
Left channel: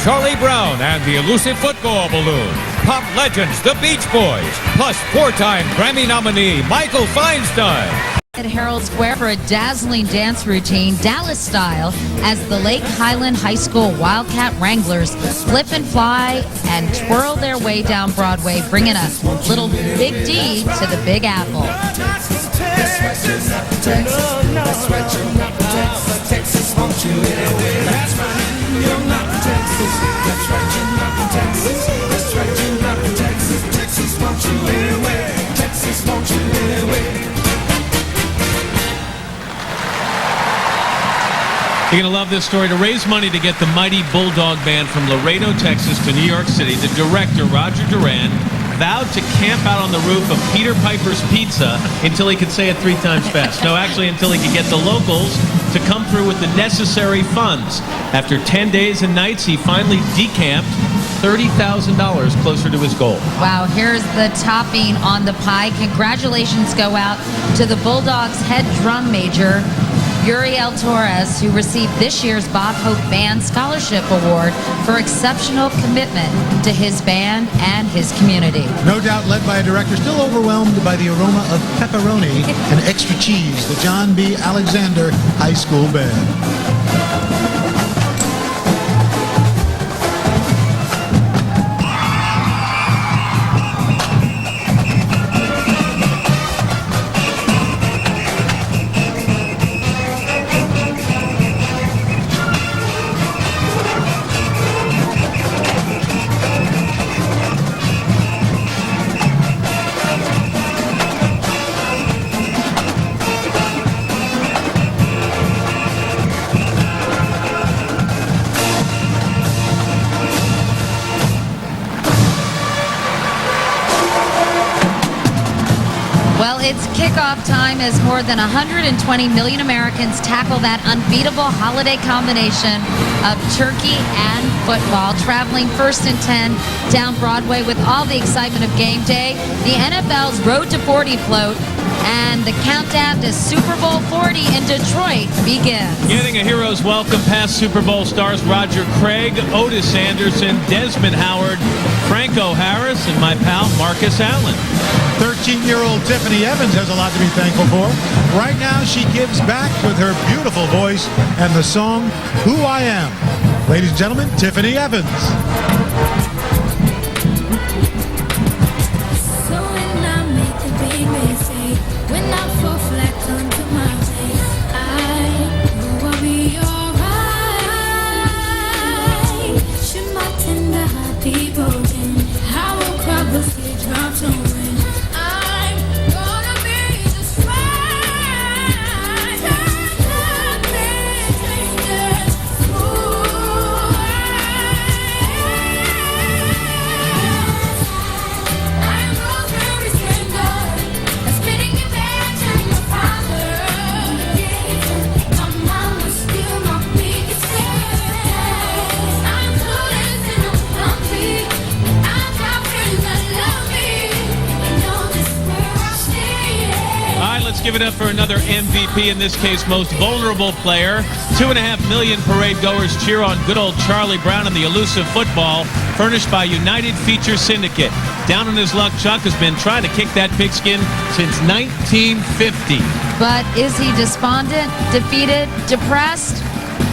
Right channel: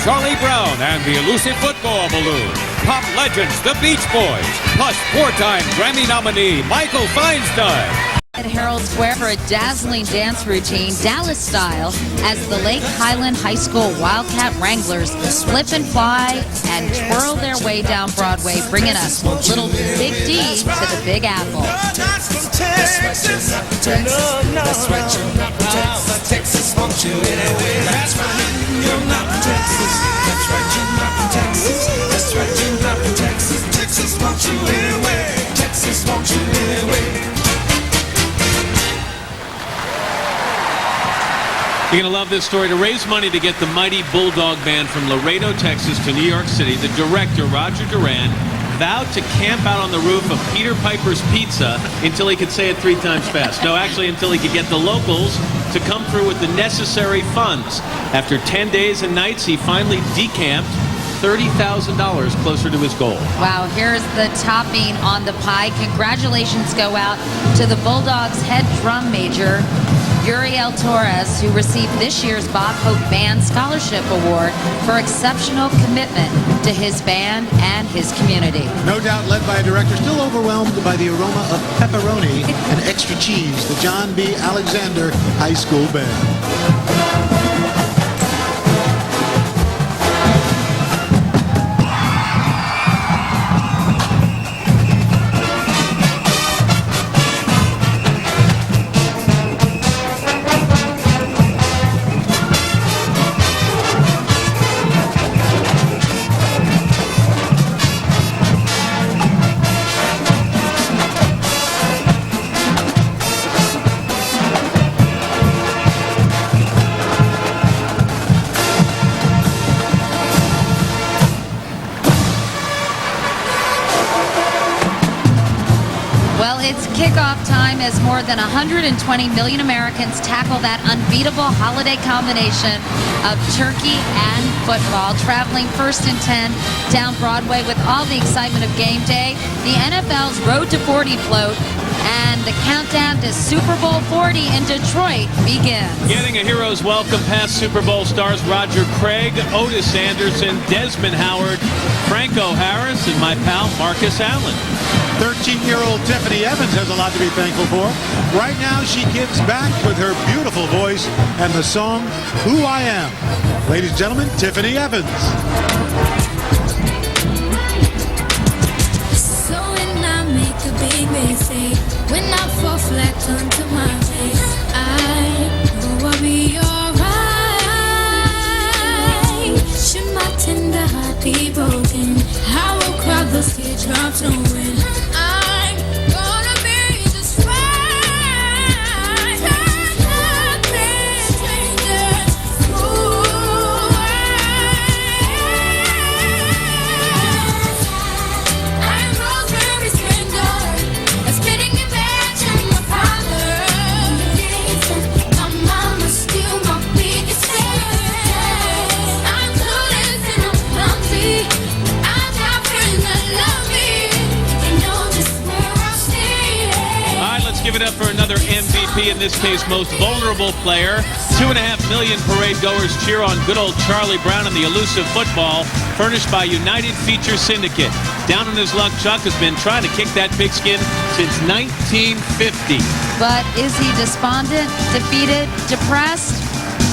Charlie Brown and the Elusive Football Balloon, pop legends the Beach Boys, plus 4-time Grammy nominee Michael Feinstein. At Herald Square for a dazzling dance routine, Dallas style, as the Lake Highland High School Wildcat Wranglers flip and fly and twirl their way down Broadway, bringing a little Big D to the Big Apple. You're going to love this story. To raise money to get the Mighty Bulldog Band from Laredo, Texas to New York City, the director, Roger Duran, vowed to camp out on the roof of Peter Piper's Pizza until he could say it 3 times fast. No, actually, until he could get the locals to come through with the necessary funds. After 10 days and nights, he finally decamped $30,000 closer to his goal. Wow, here's the topping on the pie. Congratulations go out to the Bulldogs head drum major, Uriel Torres, who received this year's Bob Hope Band Scholarship Award for exceptional commitment to his band and his community. No doubt led by a director still overwhelmed by the aroma of pepperoni and extra cheese, the John B. Alexander High School Band. Well, it's kickoff time as more than 120 million Americans tackle that unbeatable holiday combination of turkey and football. Traveling first and 10 down Broadway with all the excitement of game day, the NFL's Road to 40 float, and the countdown to Super Bowl 40 in Detroit begins. Getting a hero's welcome past Super Bowl stars Roger Craig, Otis Anderson, Desmond Howard, Franco Harris, and my pal Marcus Allen. 13-year-old Tiffany Evans has a lot to be thankful for. Right now, she gives back with her beautiful voice and the song, Who I Am. Ladies and gentlemen, Tiffany Evans. So when I make a big mistake, when I fall flat onto my face, I know I'll be alright. Should my tender heart be broken, I will cry those teardrops and win. I'm gonna be just fine. Nothing changes who I am. I'm Rosemary Splendor, a spitting image of my father. My mama still my biggest fan. I'm clueless and I'm clumsy. I've got friends that love me. They know just where I stand. All right, let's give it up for another MVP, in this case, most vulnerable player. 2.5 million parade goers cheer on good old Charlie Brown and the Elusive Football, furnished by United Feature Syndicate. Down on his luck, Chuck has been trying to kick that pigskin since 1950. But is he despondent, defeated, depressed?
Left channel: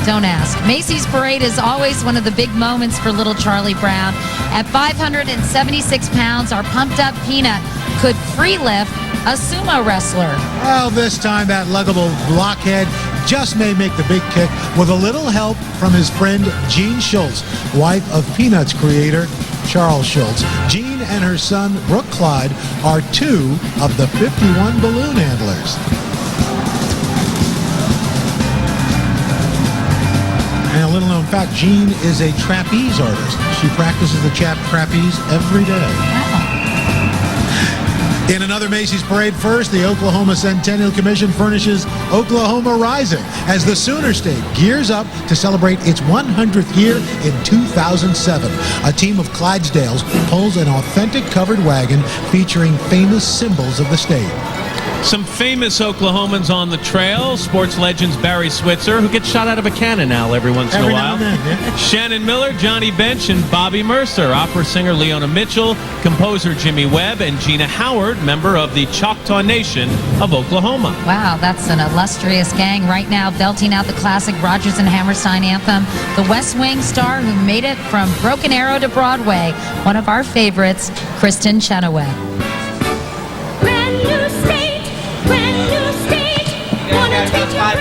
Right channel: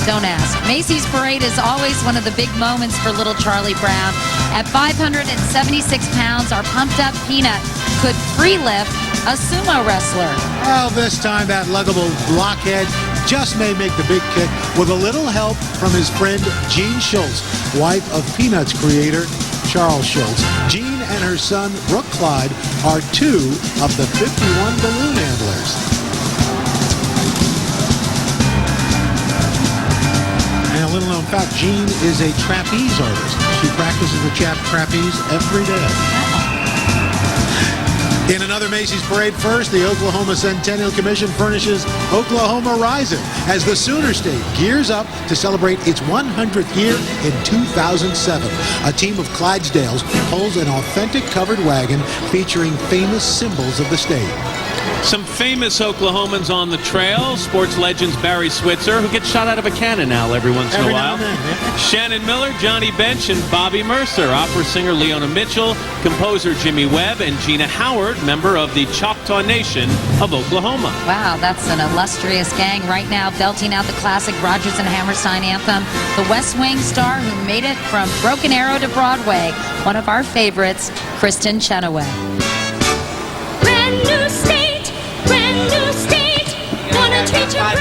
Don't ask. Macy's Parade is always one of the big moments for little Charlie Brown. At 576 pounds, our pumped-up Peanut could free lift a sumo wrestler. Well, this time that luggable blockhead just may make the big kick with a little help from his friend Jean Schultz, wife of Peanuts creator Charles Schultz. Jean and her son Brooke Clyde are 2 of the 51 balloon handlers. And a little known fact, Jean is a trapeze artist. She practices the trapeze every day. In another Macy's Parade first, the Oklahoma Centennial Commission furnishes Oklahoma Rising as the Sooner State gears up to celebrate its 100th year in 2007. A team of Clydesdales pulls an authentic covered wagon featuring famous symbols of the state. Some famous Oklahomans on the trail. Sports legends Barry Switzer, who gets shot out of a cannon now every once in a Every while. now and then, yeah. Shannon Miller, Johnny Bench, and Bobby Mercer. Opera singer Leona Mitchell, composer Jimmy Webb, and Gina Howard, member of the Choctaw Nation of Oklahoma. Wow, that's an illustrious gang right now, belting out the classic Rodgers and Hammerstein anthem. The West Wing star who made it from Broken Arrow to Broadway. One of our favorites, Kristen Chenoweth. Brand new state, gonna treat you right.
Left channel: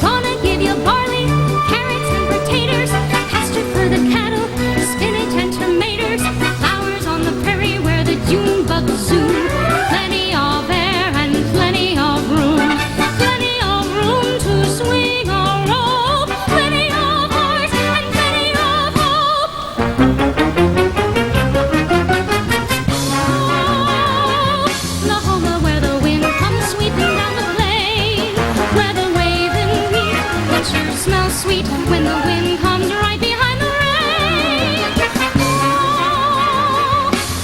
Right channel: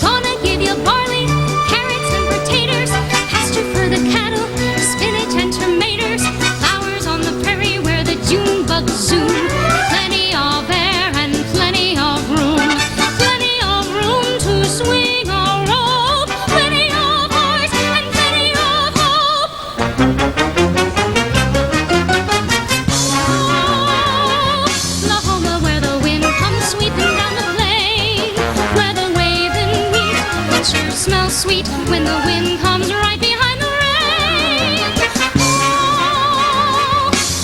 Gonna give you barley, carrots and potatoes, pasture for the cattle, spinach and tomatoes, flowers on the prairie where the June bugs zoom. Plenty of air and plenty of room to swing a rope, plenty of horse and plenty of hope. Oklahoma, where the wind comes sweeping down the plain, where the waving wheat can sure smell sweet when the wind comes right behind the rain.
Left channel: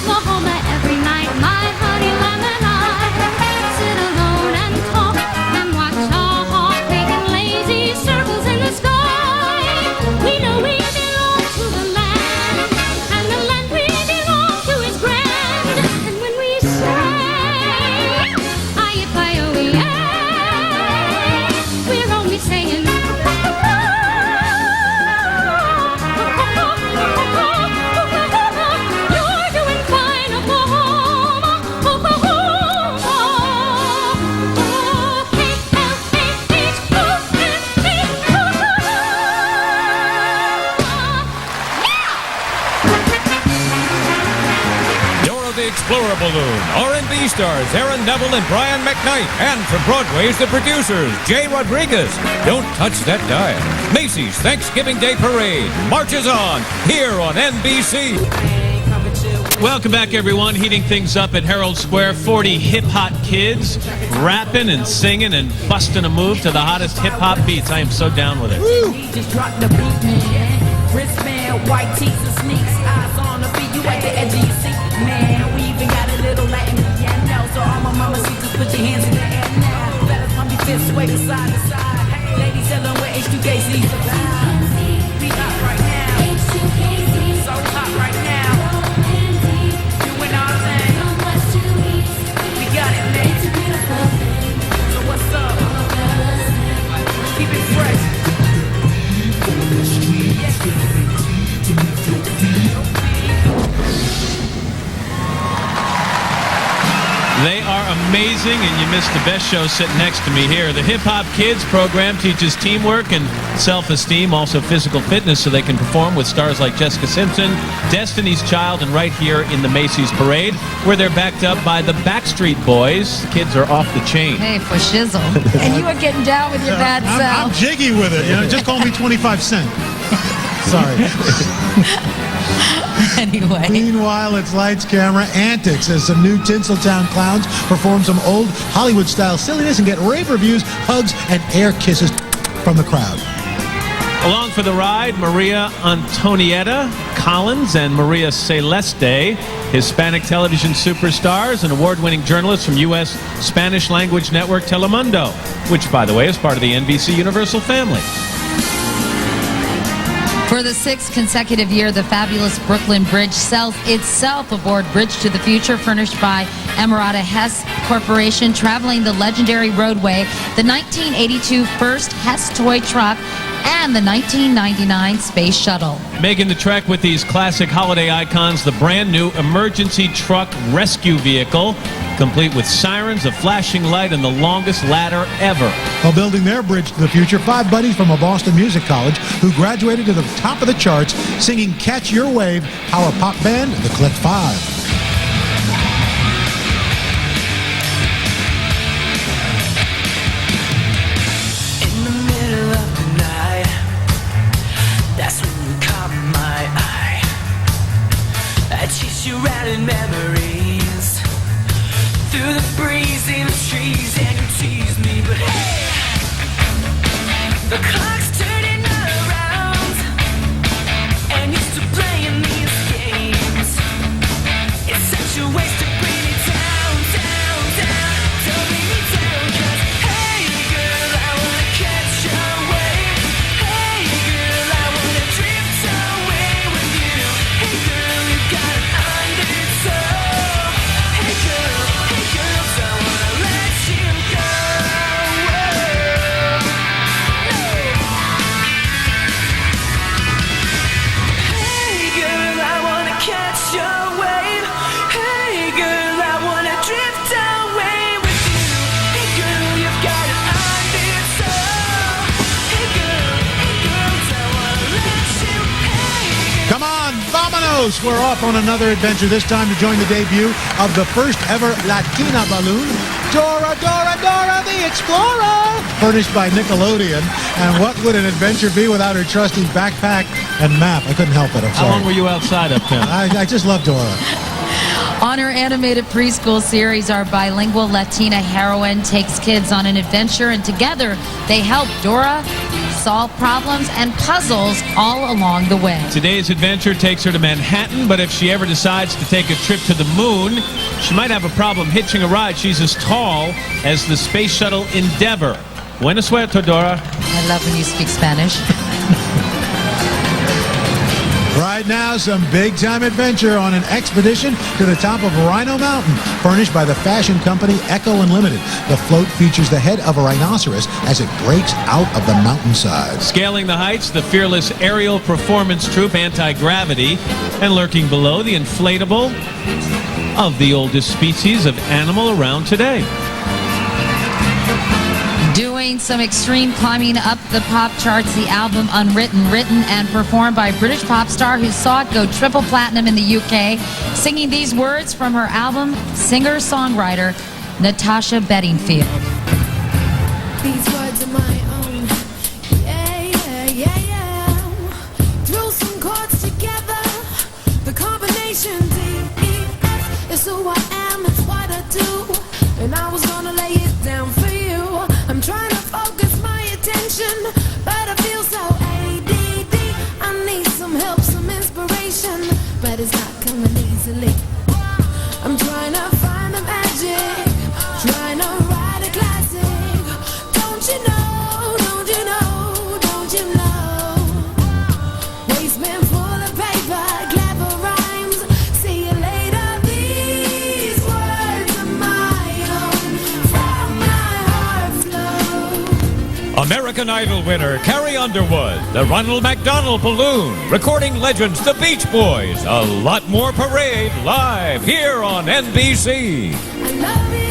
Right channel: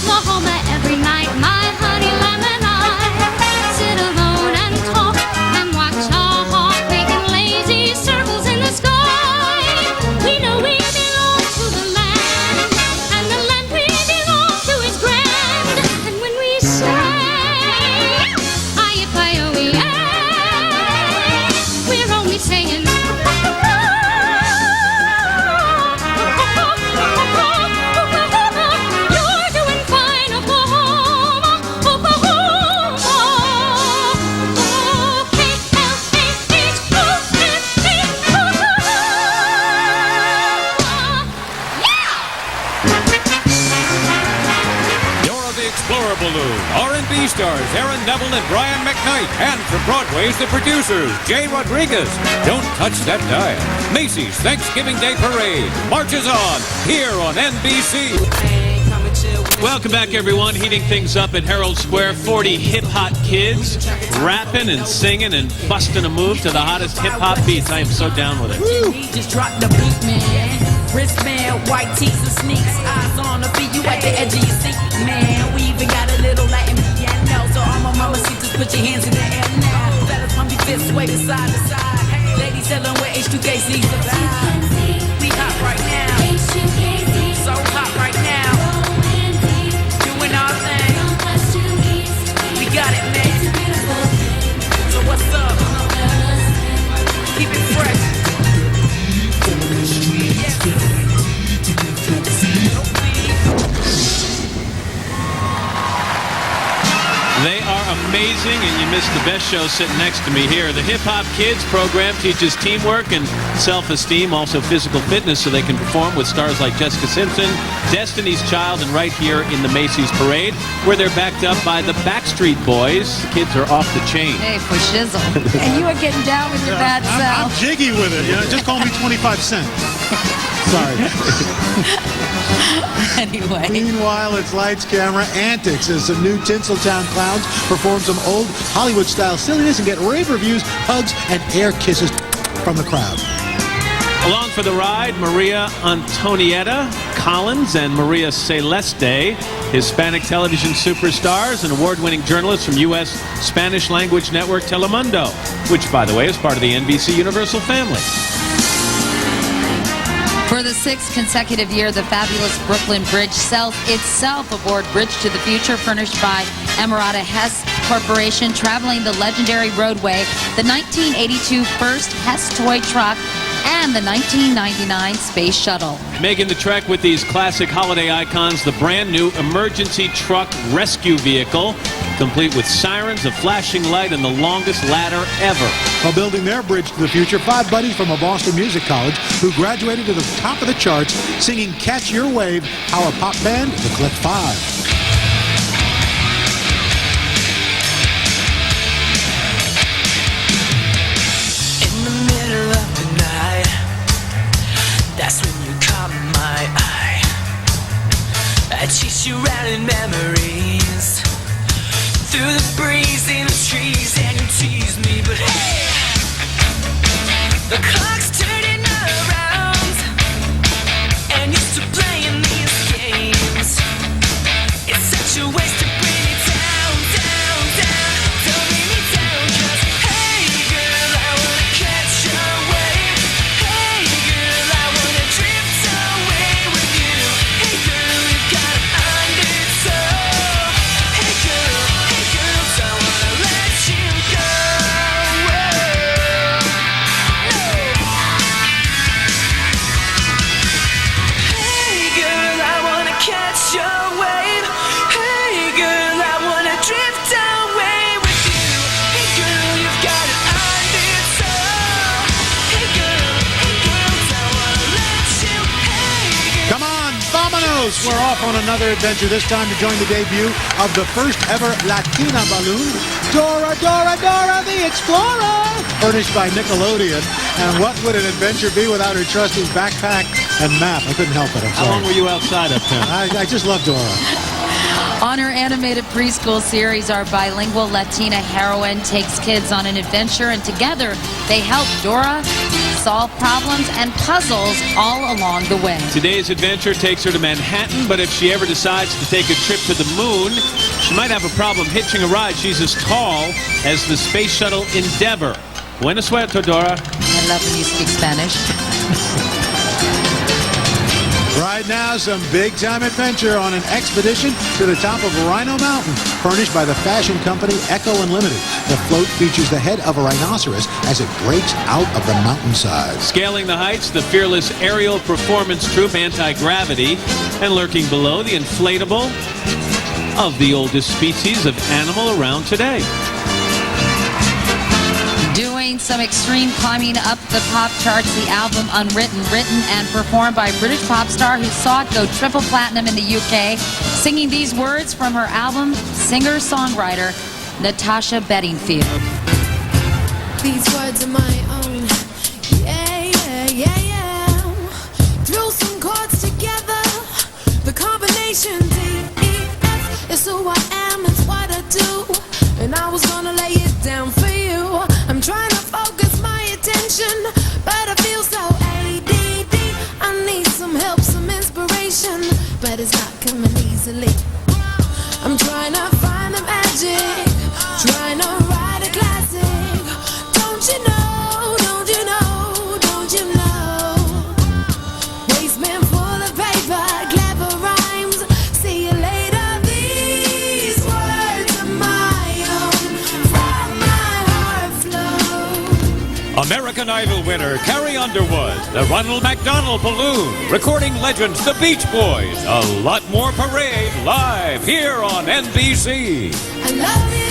Oklahoma, every night my honey lamb and I sit alone and talk and watch a hawk making lazy circles in the sky. We know we belong to the land, and the land we belong to is grand. And when we say, aye-yi-fi-oh-ee-ay, we're only saying, you're doing fine, Oklahoma, Oklahoma. Dora the Explorer Balloon, R&B stars Aaron Neville and Brian McKnight, and from Broadway's the producers, Jay Rodriguez. Don't touch that dial. Macy's Thanksgiving Day Parade marches on here on NBC. Welcome back, everyone. Heating things up at Herald Square. 40 hip-hop kids rapping and singing and busting a move to the hottest hip-hop beats. I am so down with it. Just drop the beat, man. Wristband, white tees and sneaks. Eyes on the beat, you at the edge of your seat, man. We even got a little Latin piano. So all my mama see, just put your hands in the air now. Fellas, pump your fists, sway from side to side. Ladies, tell them where H2KC survive. We hot right now. So hot right now. Doing our thing. We got it, man. So what's up? Keep it fresh. They are amazing, and you missed the best show sitting next to me here. The Hip Hop Kids program teaches teamwork and self-esteem, also physical fitness, so they can perform with stars like Jessica Simpson, Destiny's Child, and right here in the Macy's Parade, where they're backed up by the Backstreet Boys. The kids are off the chain. Hey, for shizzle. And you are getting down with your bad I'm self. jiggy with it. You know, just call me 25 Cent. Sorry. Anyway. Meanwhile, it's lights, camera, antics as some new Tinseltown clowns perform some old Hollywood-style silliness and get rave reviews, hugs, and air kisses from the crowd. Along for the ride, Maria Antonietta Collins and Maria Celeste, Hispanic television superstars and award-winning journalists from U.S. Spanish language network Telemundo, which, by the way, is part of the NBC Universal family. For the sixth consecutive year, the fabulous Brooklyn Bridge sells itself aboard Bridge to the Future, furnished by Emirata Hess Corporation, traveling the legendary roadway, the 1982 first Hess toy truck, and the 1999 Space Shuttle. Making the trek with these classic holiday icons, the brand new emergency truck rescue vehicle, complete with sirens, a flashing light, and the longest ladder ever. While building their bridge to the future, 5 buddies from a Boston music college who graduated to the top of the charts singing Catch Your Wave, our pop band, the Click 5. That's when you caught my eye. I chase you around in memories, through the breeze in the trees, and you tease me, but hey, the clock's turning around, and you're still playing these games. It's such a waste of bringing Coast, we're off on another adventure, this time to join the debut of the first ever Latina balloon, Dora, Dora, Dora the Explorer, furnished by Nickelodeon. And what would an adventure be without her trusty backpack and map? I couldn't help it, I'm sorry. How long were you outside up there? I just love Dora. On her animated preschool series, our bilingual Latina heroine takes kids on an adventure, and together they help Dora solve problems and puzzles all along the way. Today's adventure takes her to Manhattan, but if she ever decides to take a trip to the moon, she might have a problem hitching a ride. She's as tall as the space shuttle Endeavour. Buena suerte, Dora. I love when you speak Spanish. Right now, some big-time adventure on an expedition to the top of Rhino Mountain, furnished by the fashion company Echo Unlimited. The float features the head of a rhinoceros as it breaks out of the mountainside. Scaling the heights, the fearless aerial performance troupe Anti-Gravity, and lurking below, the inflatable of the oldest species of animal around today. Doing some extreme climbing up the pop charts, the album Unwritten, written and performed by a British pop star who saw it go triple platinum in the UK, singing these words from her album, singer-songwriter Natasha Bedingfield. These words are my own. Yeah, yeah, yeah, yeah. Drill some chords together. The combination D-E-F is who I am, it's what I do. And I was gonna lay it down for you. I'm trying to focus my attention, but I feel so ADD. I need some help, some inspiration, but it's not coming easily. I'm trying to find the magic, trying to write a classic. Don't you know, don't you know, don't you know? Wasteman full of paper, clever rhymes. See you later. These words are my own, from my heart flow. American Idol winner Carrie Underwood, the Ronald McDonald Balloon, recording legends the Beach Boys, a lot more parade live here on NBC. I love you.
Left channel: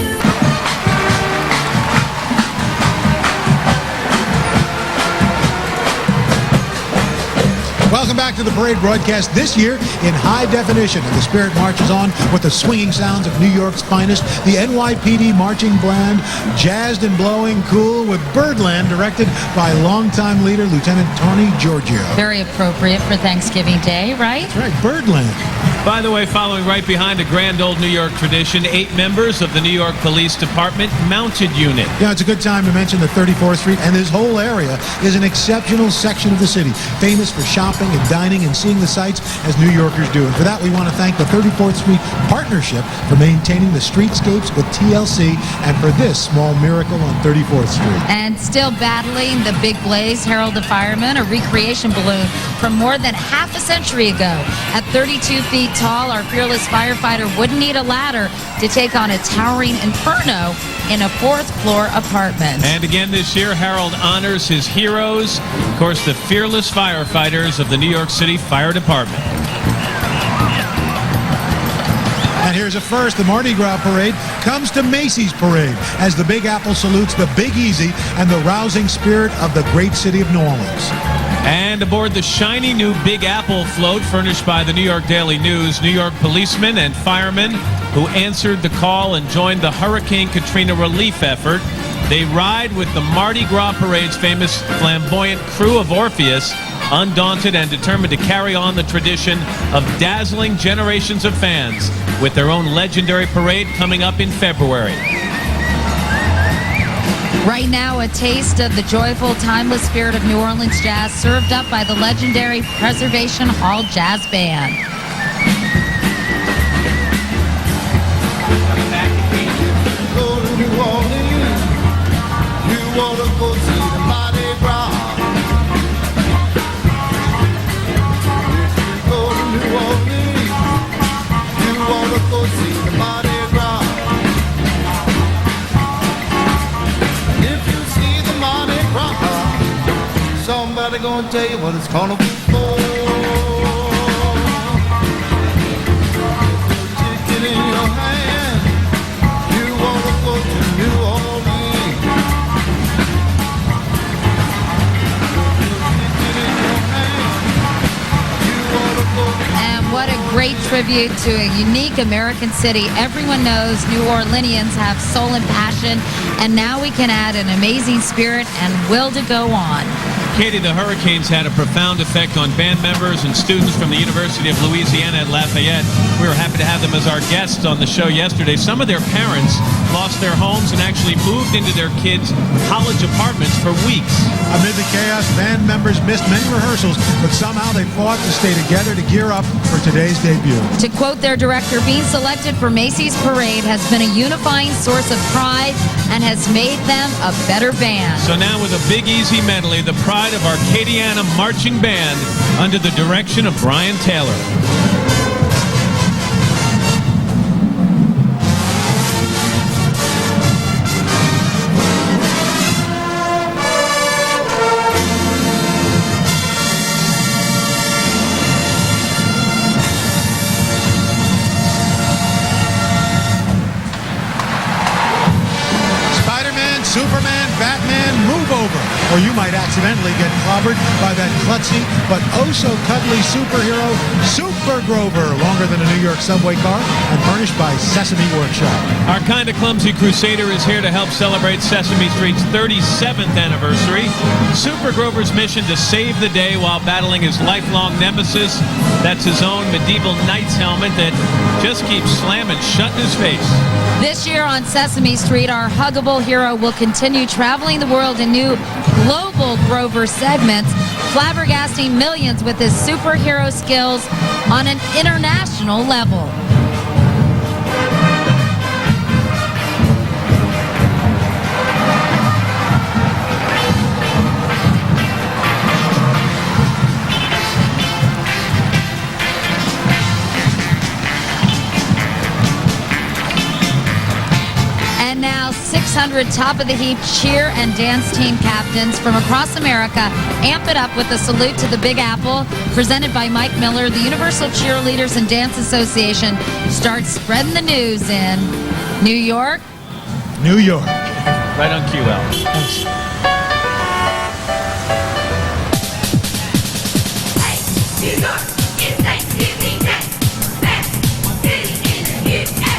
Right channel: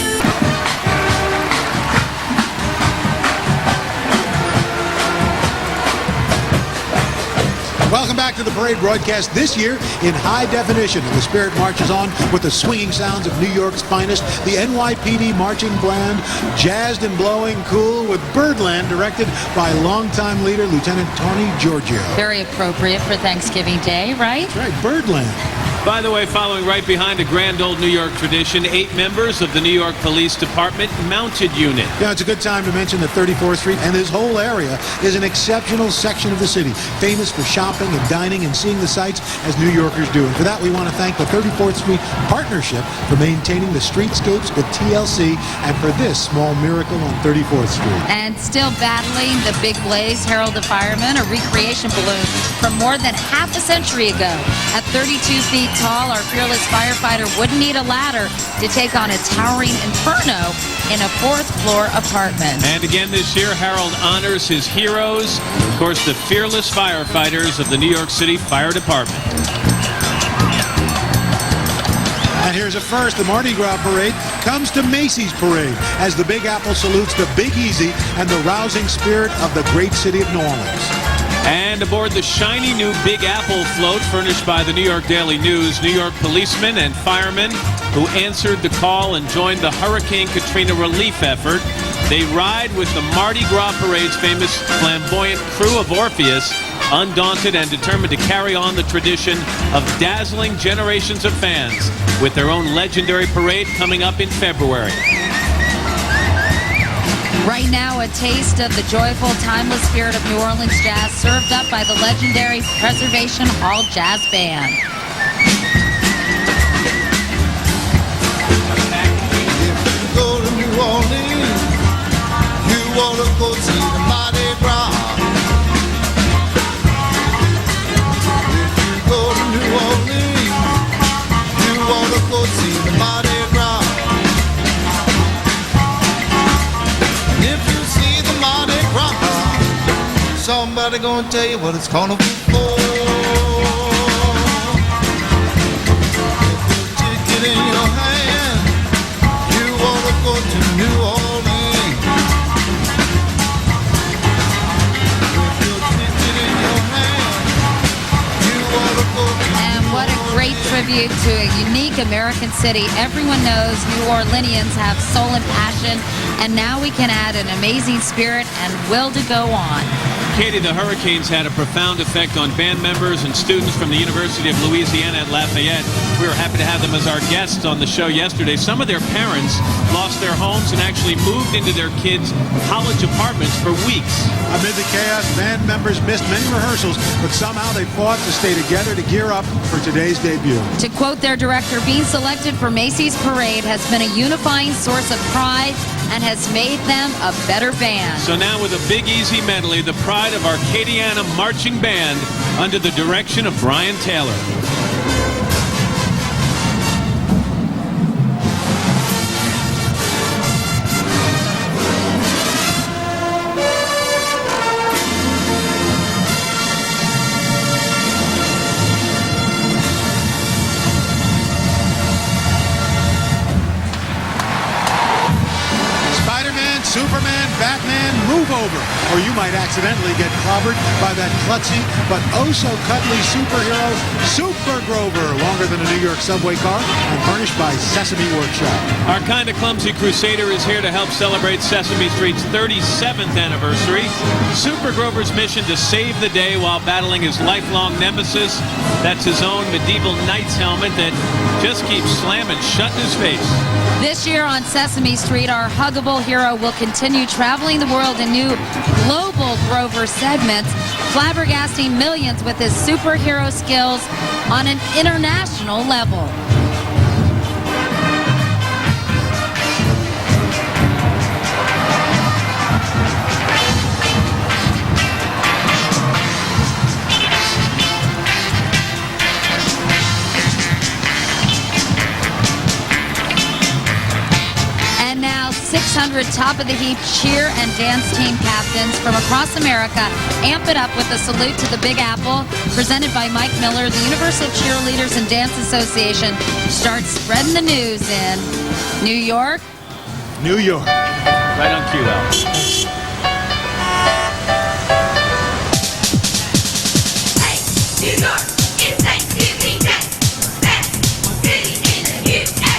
Welcome back to the parade broadcast, this year in high definition, and the spirit marches on with the swinging sounds of New York's finest, the NYPD marching band, jazzed and blowing cool with Birdland, directed by longtime leader Lieutenant Tony Giorgio. Very appropriate for Thanksgiving Day, right? That's right, Birdland. By the way, following right behind a grand old New York tradition, 8 members of the New York Police Department Mounted Unit. Yeah, it's a good time to mention that 34th Street and this whole area is an exceptional section of the city, famous for shopping and dining and seeing the sights as New Yorkers do. And for that, we want to thank the 34th Street Partnership for maintaining the streetscapes with TLC and for this small miracle on 34th Street. And still battling the big blaze, Harold the Fireman, a recreation balloon from more than half a century ago. At 32 feet tall, our fearless firefighter wouldn't need a ladder to take on a towering inferno in a 4th floor apartment. And again this year, Harold honors his heroes, of course, the fearless firefighters of the New York City Fire Department. And here's a first. The Mardi Gras parade comes to Macy's parade as the Big Apple salutes the Big Easy and the rousing spirit of the great city of New Orleans. And aboard the shiny new Big Apple float furnished by the New York Daily News, New York policemen and firemen who answered the call and joined the Hurricane Katrina relief effort. They ride with the Mardi Gras parade's famous flamboyant crew of Orpheus, undaunted and determined to carry on the tradition of dazzling generations of fans with their own legendary parade coming up in February. Right now, a taste of the joyful, timeless spirit of New Orleans jazz served up by the legendary Preservation Hall Jazz Band. Go to New Orleans, you want to go see the Mardi Gras. If you go to New Orleans, you want to go see the Mardi Gras. And if you see the Mardi Gras, somebody gonna tell you what it's gonna be for. If you ticket in your hand, you wanna go to New Orleans. If you ticket in your hand, you wanna go to what a great tribute to a unique American city. Everyone knows New Orleanians have soul and passion, and now we can add an amazing spirit and will to go on. Katie, the hurricanes had a profound effect on band members and students from the University of Louisiana at Lafayette. We were happy to have them as our guests on the show yesterday. Some of their parents lost their homes and actually moved into their kids' college apartments for weeks. Amid the chaos, band members missed many rehearsals, but somehow they fought to stay together to gear up for today's debut. To quote their director, being selected for Macy's Parade has been a unifying source of pride and has made them a better band. So now with a Big Easy medley, the pride of Arcadiana Marching Band under the direction of Brian Taylor. Superman, Batman, move over, or you might accidentally get clobbered by that klutzy but oh-so-cuddly superhero, Super Grover, longer than a New York subway car and furnished by Sesame Workshop. Our Kinda Clumsy Crusader is here to help celebrate Sesame Street's 37th anniversary. Super Grover's mission to save the day while battling his lifelong nemesis. That's his own medieval knight's helmet that just keeps slamming shut in his face. This year on Sesame Street, our huggable hero will continue traveling the world in new global Grover segments, flabbergasting millions with his superhero skills on an international level. Now 600 top-of-the-heap cheer and dance team captains from across America amp it up with a salute to the Big Apple, presented by Mike Miller. The Universal Cheerleaders and Dance Association starts spreading the news in New York. New York. Right on cue, Al. Thanks. Hey, New York, it's Thanksgiving Day. Best city in the USA.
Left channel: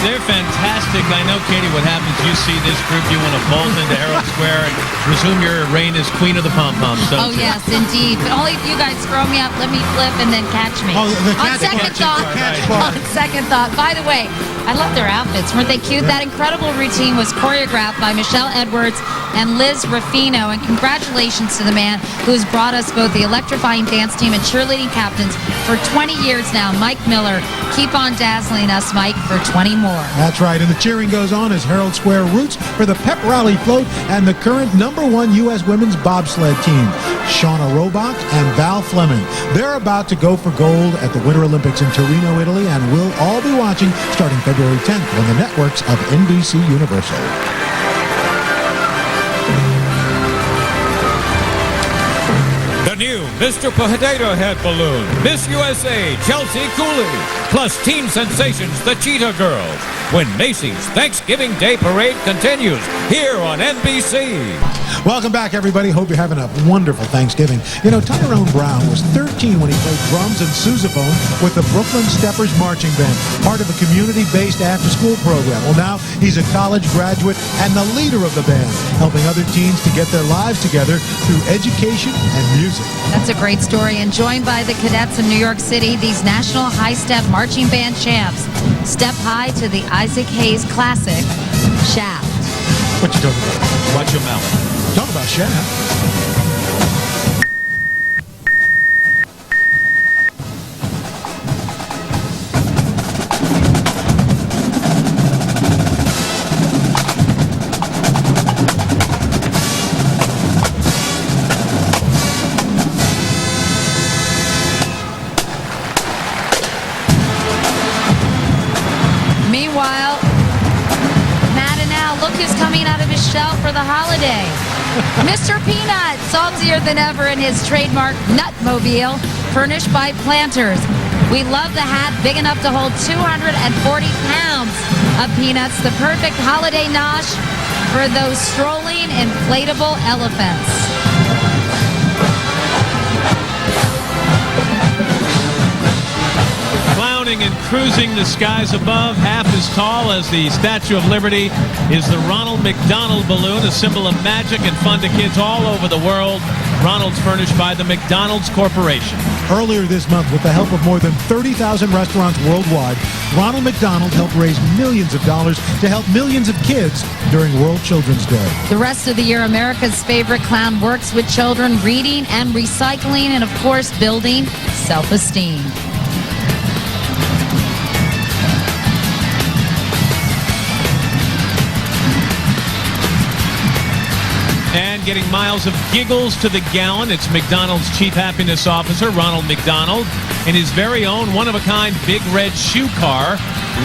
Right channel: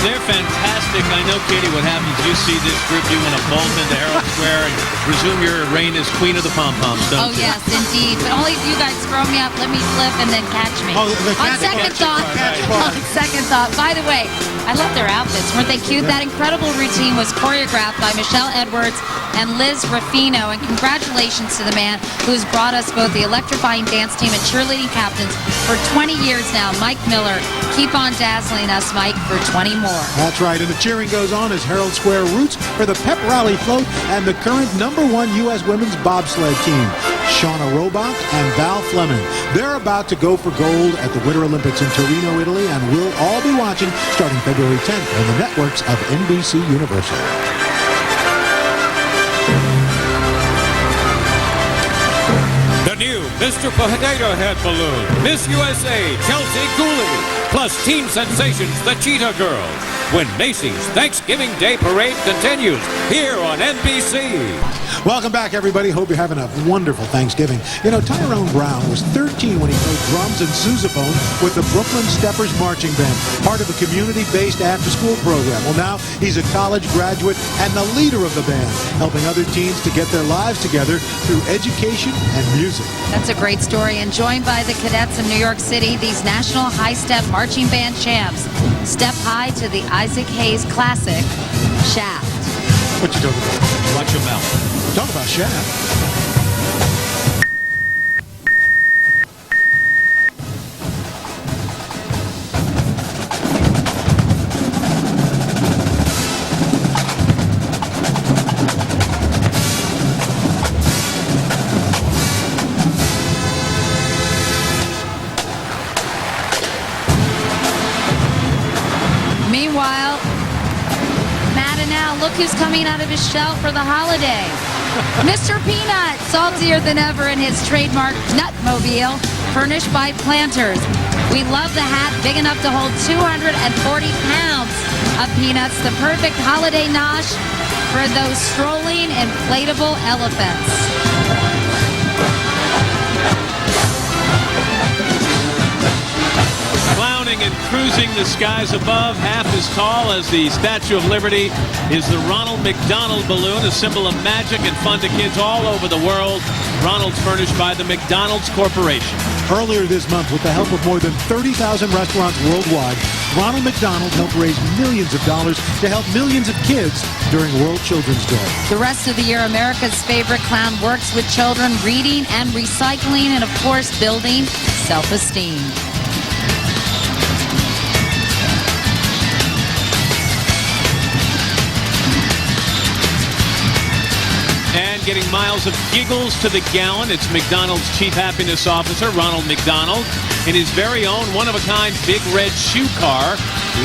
They're fantastic. I know, Katie, what happens, you see this group, you want to bolt into Herald Square and presume your reign as queen of the pom-poms, don't you? Oh, yes, indeed. But only if you guys throw me up, let me flip, and then catch me. Oh, the on catch second thought, part. on second thought, by the way, I love their outfits. Weren't they cute? That incredible routine was choreographed by Michelle Edwards and Liz Ruffino. And congratulations to the man who's brought us both the electrifying dance team and cheerleading captains for 20 years now, Mike Miller. Keep on dazzling us, Mike, for 20 more. That's right, and the cheering goes on as Herald Square roots for the Pep Rally float and the current #1 U.S. women's bobsled team, Shauna Robach and Val Fleming. They're about to go for gold at the Winter Olympics in Torino, Italy, and we'll all be watching starting February 10th on the networks of NBC Universal. The new Mr. Potato Head balloon, Miss USA Chelsea Cooley, plus teen sensations the Cheetah Girls. when Macy's Thanksgiving Day Parade continues here on NBC. Welcome back, everybody. Hope you're having a wonderful Thanksgiving. You know, Tyrone Brown was 13 when he played drums and sousaphone with the Brooklyn Steppers Marching Band, part of a community-based after-school program. Well, now he's a college graduate and the leader of the band, helping other teens to get their lives together through education and music. That's a great story. And joined by the cadets of New York City, these National High Step Marching Band champs step high to the Isaac Hayes classic, Shaft. What you talking about? Watch your mouth. Talk about Shaft. Meanwhile, Matt and Al, look who's coming out of his shell for the holiday. Mr. Peanut, saltier than ever in his trademark Nutmobile, furnished by Planters. We love the hat, big enough to hold 240 pounds of peanuts, the perfect holiday nosh for those strolling inflatable elephants. Clowning and cruising the skies above, half as tall as the Statue of Liberty, is the Ronald McDonald balloon, a symbol of magic and fun to kids all over the world. Ronald's furnished by the McDonald's Corporation. Earlier this month, with the help of more than 30,000 restaurants worldwide, Ronald McDonald helped raise millions of dollars to help millions of kids during World Children's Day. The rest of the year, America's favorite clown works with children, reading and recycling, and of course, building self-esteem. And getting miles of giggles to the gallon, it's McDonald's Chief Happiness Officer, Ronald McDonald, in his very own one-of-a-kind big red shoe car,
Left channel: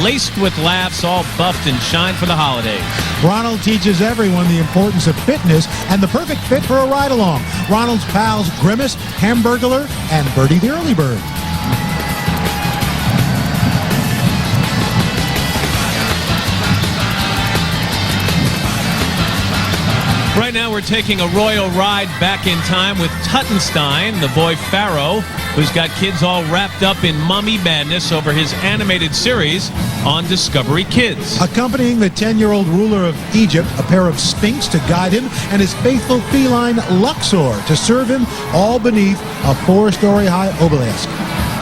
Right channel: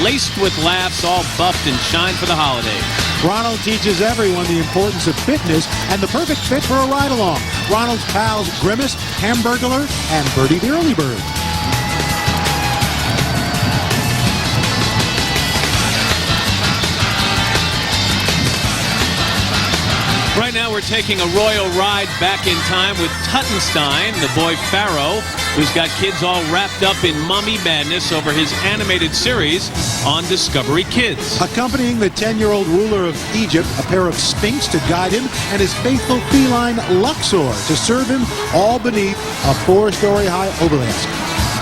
laced with laughs, all buffed and shine for the holidays. Ronald teaches everyone the importance of fitness and the perfect fit for a ride-along. Ronald's pals Grimace, Hamburglar, and Birdie the Early Bird. Right now, we're taking a royal ride back in time with Tuttenstein, the boy Pharaoh, who's got kids all wrapped up in mummy madness over his animated series on Discovery Kids. Accompanying the 10-year-old ruler of Egypt, a pair of Sphinx to guide him, and his faithful feline Luxor to serve him, all beneath a 4-story high obelisk.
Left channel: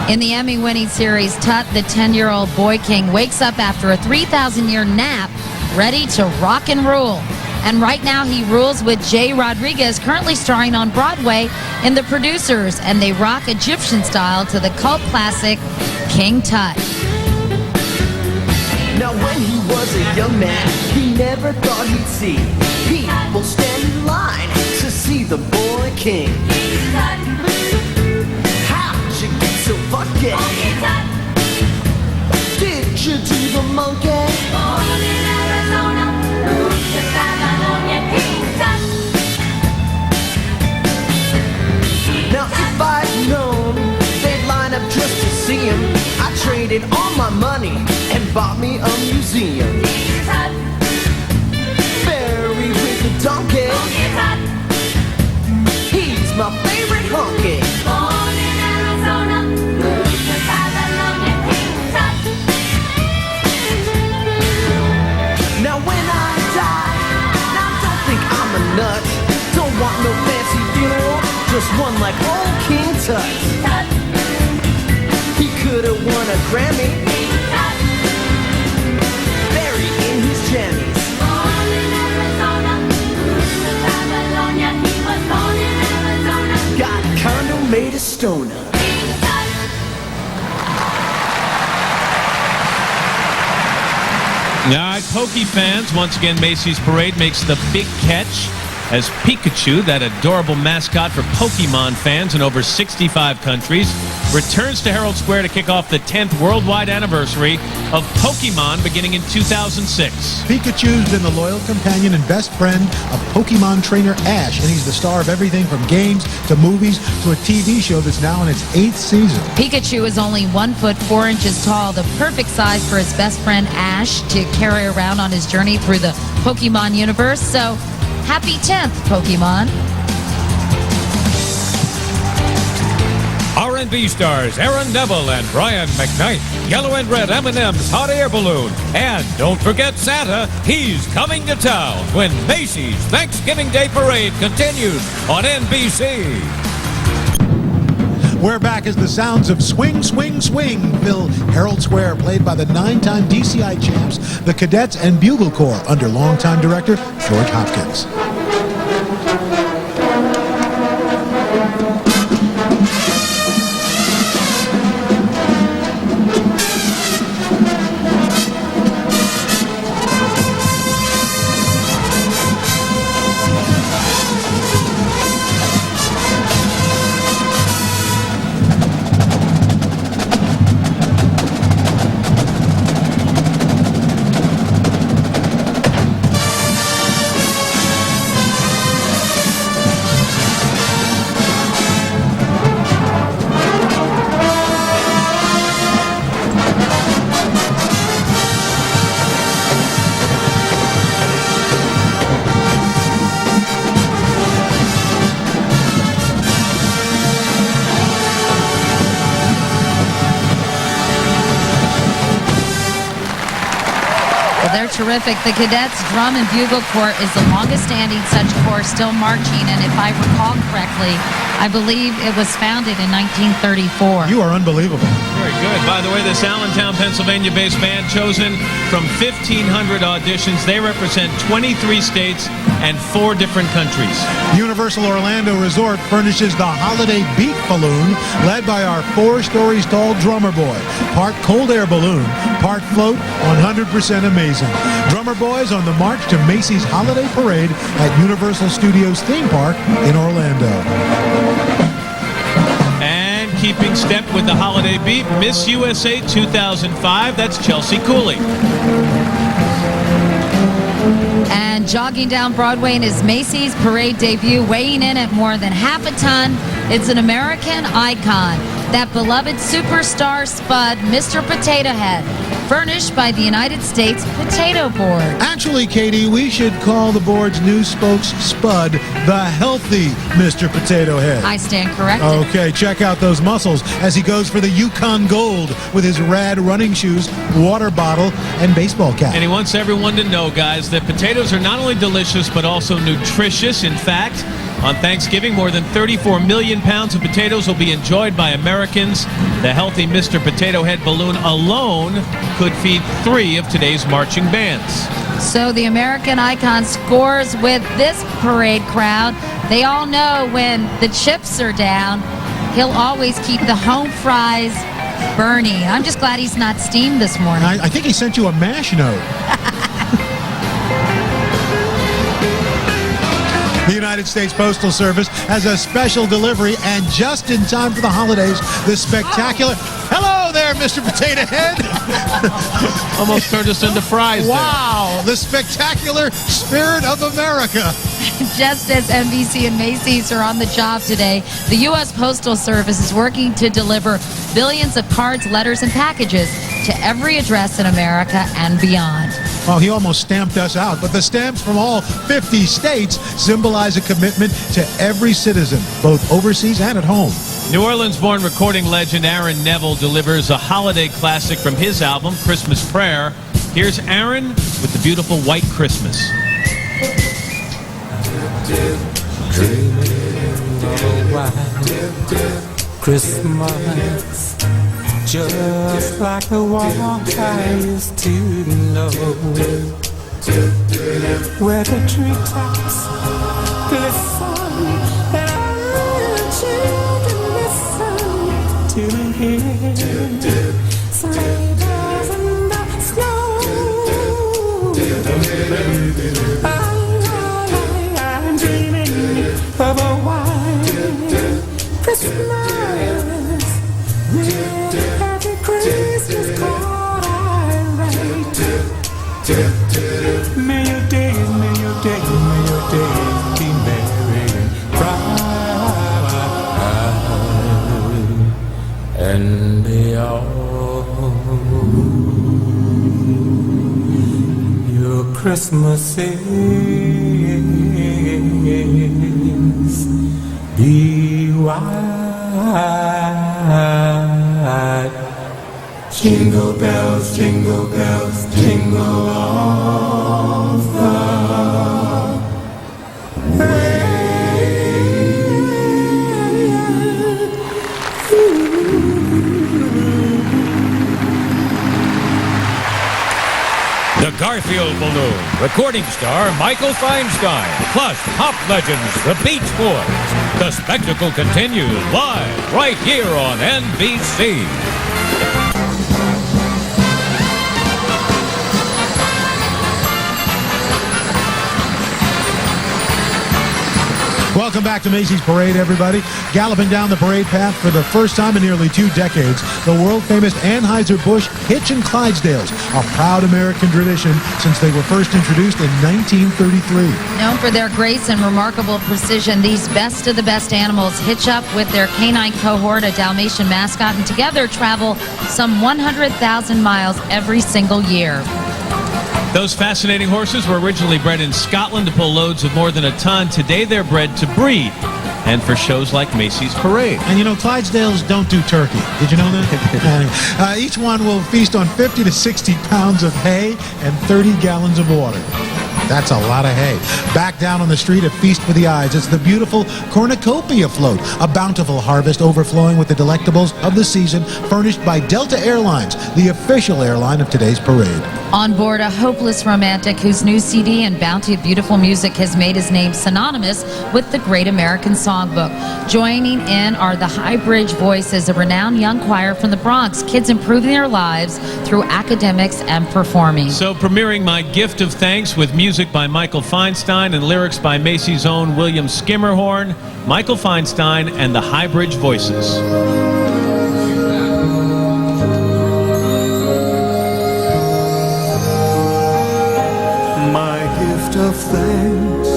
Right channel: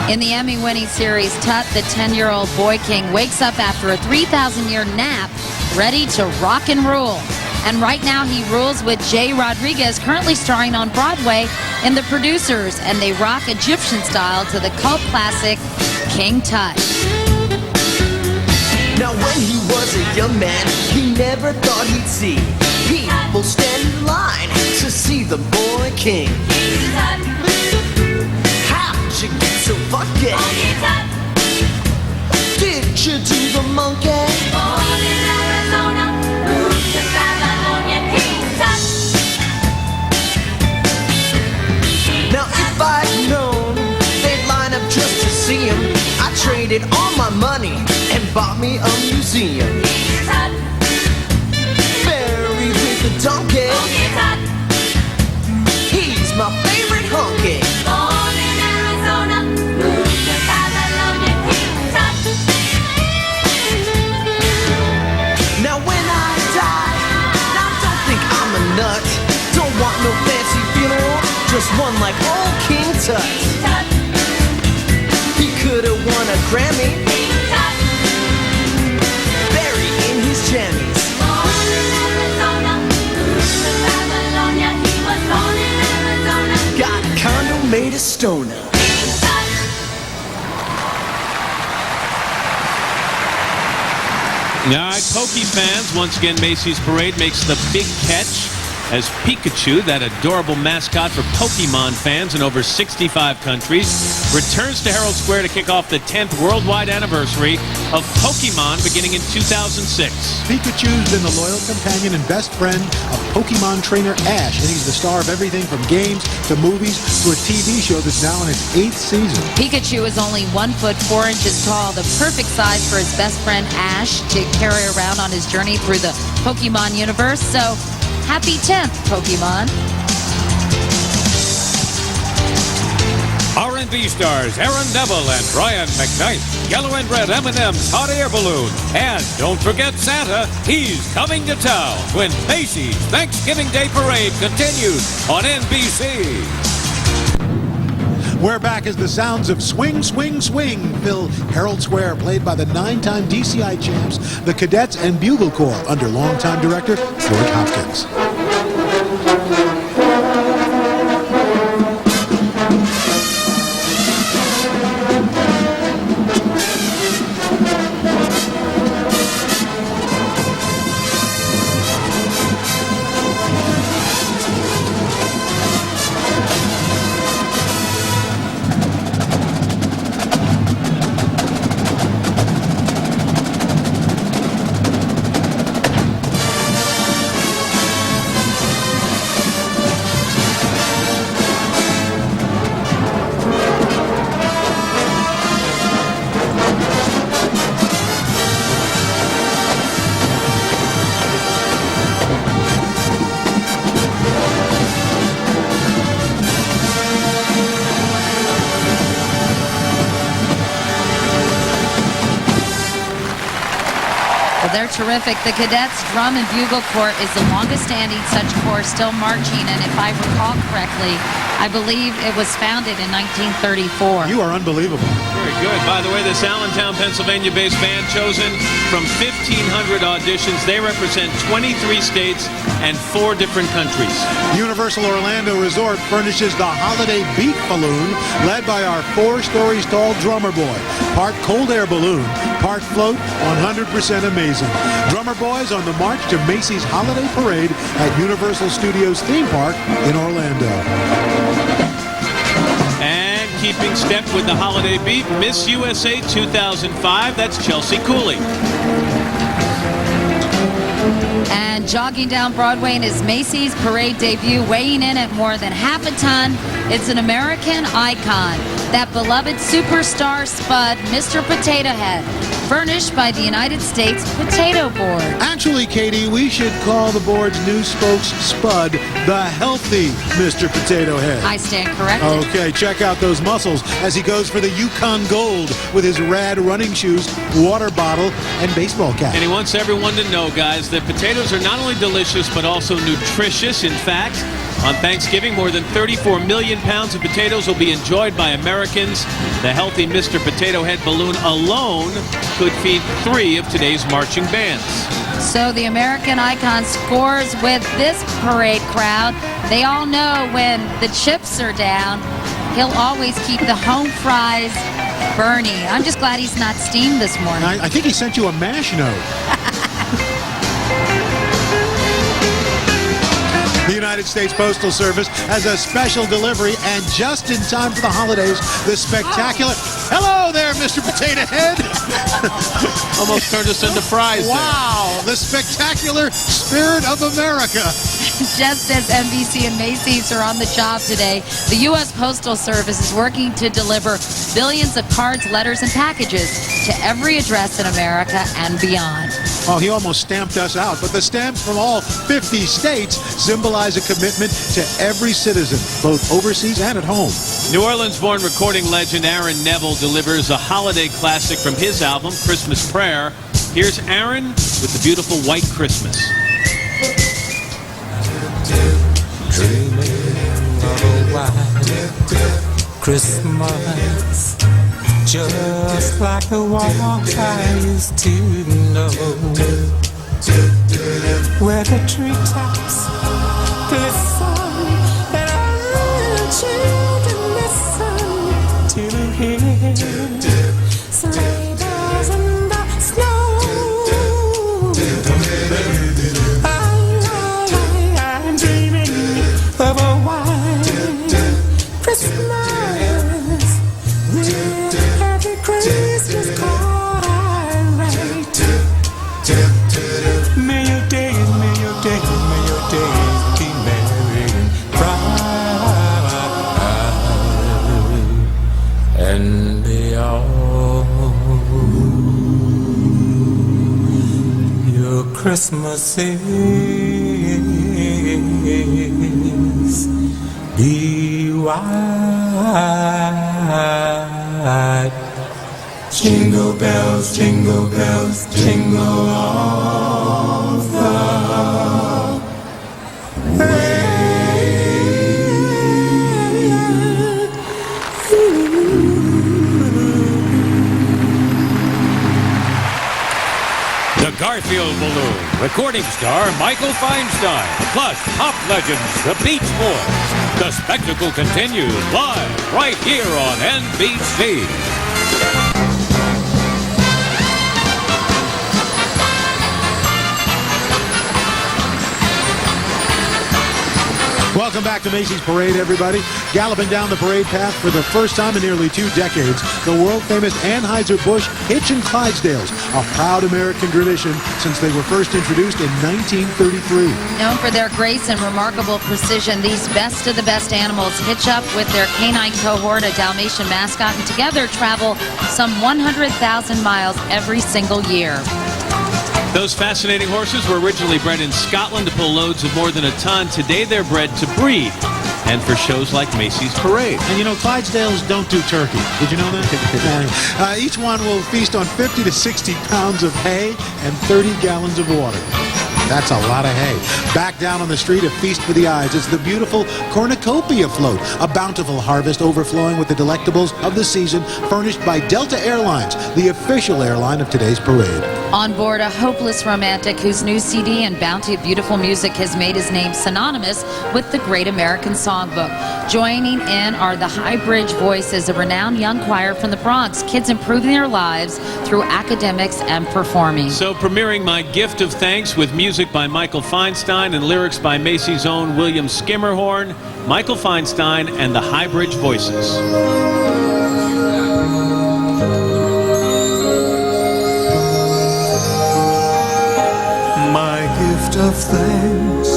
In the Emmy-winning series, Tut, the 10-year-old boy king, wakes up after a 3,000-year nap, ready to rock and rule. And right now he rules with Jay Rodriguez, currently starring on Broadway in The Producers, and they rock Egyptian style to the cult classic King Tut. Now when he was a young man, he never thought he'd see people stand in line to see the boy king. How'd you get so fucking? Did you do the monkey? Born in Arizona, moved to Babylonian King Tut. Now if I'd known they'd line up just to see him, I traded all my money and bought me a museum. Buried with a donkey. He's my favorite honky. Born in Arizona, moved to Babylonian King Tut. Now when I die, now don't think I'm a nut. Don't want no fancy funeral, just one like old King Tut. He could have won a Grammy. Buried in his jammies. Born in Arizona, moved to Babylonia. He was born in Arizona. Got a condo made of stoner. All right, Pokey fans, once again, Macy's Parade makes the big catch as Pikachu, that adorable mascot for Pokemon fans in over 65 countries, returns to Herald Square to kick off the 10th worldwide anniversary of Pokemon beginning in 2006. Pikachu's been the loyal companion and best friend of Pokemon trainer Ash, and he's the star of everything from games to movies to a TV show that's now in its 8th season. Pikachu is only 1 foot 4 inches tall, the perfect size for his best friend Ash to carry around on his journey through the Pokemon universe. So, happy 10th, Pokemon. R&B stars Aaron Neville and Brian McKnight. Yellow and red M&M's hot air balloon. And don't forget Santa, he's coming to town when Macy's Thanksgiving Day Parade continues on NBC. We're back as the sounds of Swing, Swing, Swing fill Herald Square, played by the 9-time DCI champs, the Cadets and Bugle Corps, under longtime director George Hopkins. They're terrific. The Cadets Drum and Bugle Corps is the longest-standing such corps still marching, and if I recall correctly, I believe it was founded in 1934. You are unbelievable. Very good. By the way, this Allentown, Pennsylvania-based band, chosen from 1,500 auditions. They represent 23 states and 4 different countries. Universal Orlando Resort furnishes the Holiday Beat Balloon, led by our 4 stories tall drummer boy. Part cold air balloon, part float, 100% amazing. Drummer boys on the march to Macy's Holiday Parade at Universal Studios Theme Park in Orlando. And keeping step with the holiday beat, Miss USA 2005, that's Chelsea Cooley. And jogging down Broadway in his Macy's parade debut, weighing in at more than half a ton, it's an American icon, that beloved superstar Spud, Mr. Potato Head, furnished by the United States Potato Board. Actually, Katie, we should call the board's new spokes Spud the healthy Mr. Potato Head. I stand corrected. Okay, check out those muscles as he goes for the Yukon Gold with his rad running shoes, water bottle, and baseball cap. And he wants everyone to know, guys, that potatoes are not only delicious but also nutritious. In fact, on Thanksgiving, more than 34 million pounds of potatoes will be enjoyed by Americans. The healthy Mr. Potato Head balloon alone could feed 3 of today's marching bands. So the American icon scores with this parade crowd. They all know when the chips are down, he'll always keep the home fries burning. I'm just glad he's not steamed this morning. I think he sent you a MASH note. The United States Postal Service has a special delivery, and just in time for the holidays, the spectacular... Hello there, Mr. Potato Head! Almost turned us into fries. Wow, the spectacular Spirit of America. Just as NBC and Macy's are on the job today, the U.S. Postal Service is working to deliver billions of cards, letters, and packages to every address in America and beyond. Well, he almost stamped us out, but the stamps from all 50 states symbolize a commitment to every citizen, both overseas and at home. New Orleans-born recording legend Aaron Neville delivers a holiday classic from his album, Christmas Prayer. Here's Aaron with the beautiful White Christmas. Christmas, just like the one I used to know, where the treetops glisten and all the children listen to hear sleigh bells in the snow. I'm dreaming of a white Christmas with every Christmas card I write. May your days be merry and bright, and may all your Christmases be white. Jingle bells, jingle bells, jingle all the way. The Garfield Balloon, recording star Michael Feinstein, plus pop legends the Beach Boys. The spectacle continues live right here on NBC. Welcome back to Macy's Parade, everybody. Galloping down the parade path for the first time in nearly 2 decades, the world-famous Anheuser-Busch Hitch and Clydesdales, a proud American tradition since they were first introduced in 1933. Known for their grace and remarkable precision, these best of the best animals hitch up with their canine cohort, a Dalmatian mascot, and together travel some 100,000 miles every single year. Those fascinating horses were originally bred in Scotland to pull loads of more than a ton. Today they're bred to breed and for shows like Macy's Parade. And you know, Clydesdales don't do turkey. Did you know that? Each one will feast on 50 to 60 pounds of hay and 30 gallons of water. That's a lot of hay. Back down on the street, a feast for the eyes. It's the beautiful cornucopia float, a bountiful harvest overflowing with the delectables of the season, furnished by Delta Airlines, the official airline of today's parade. On board, a hopeless romantic whose new CD and bounty of beautiful music has made his name synonymous with the Great American Songbook. Joining in are the High Bridge Voices, a renowned young choir from the Bronx. Kids improving their lives through academics and performing. So premiering My Gift of Thanks with music by Michael Feinstein and lyrics by Macy's own William Skimmerhorn, Michael Feinstein and the High Bridge Voices. My gift of thanks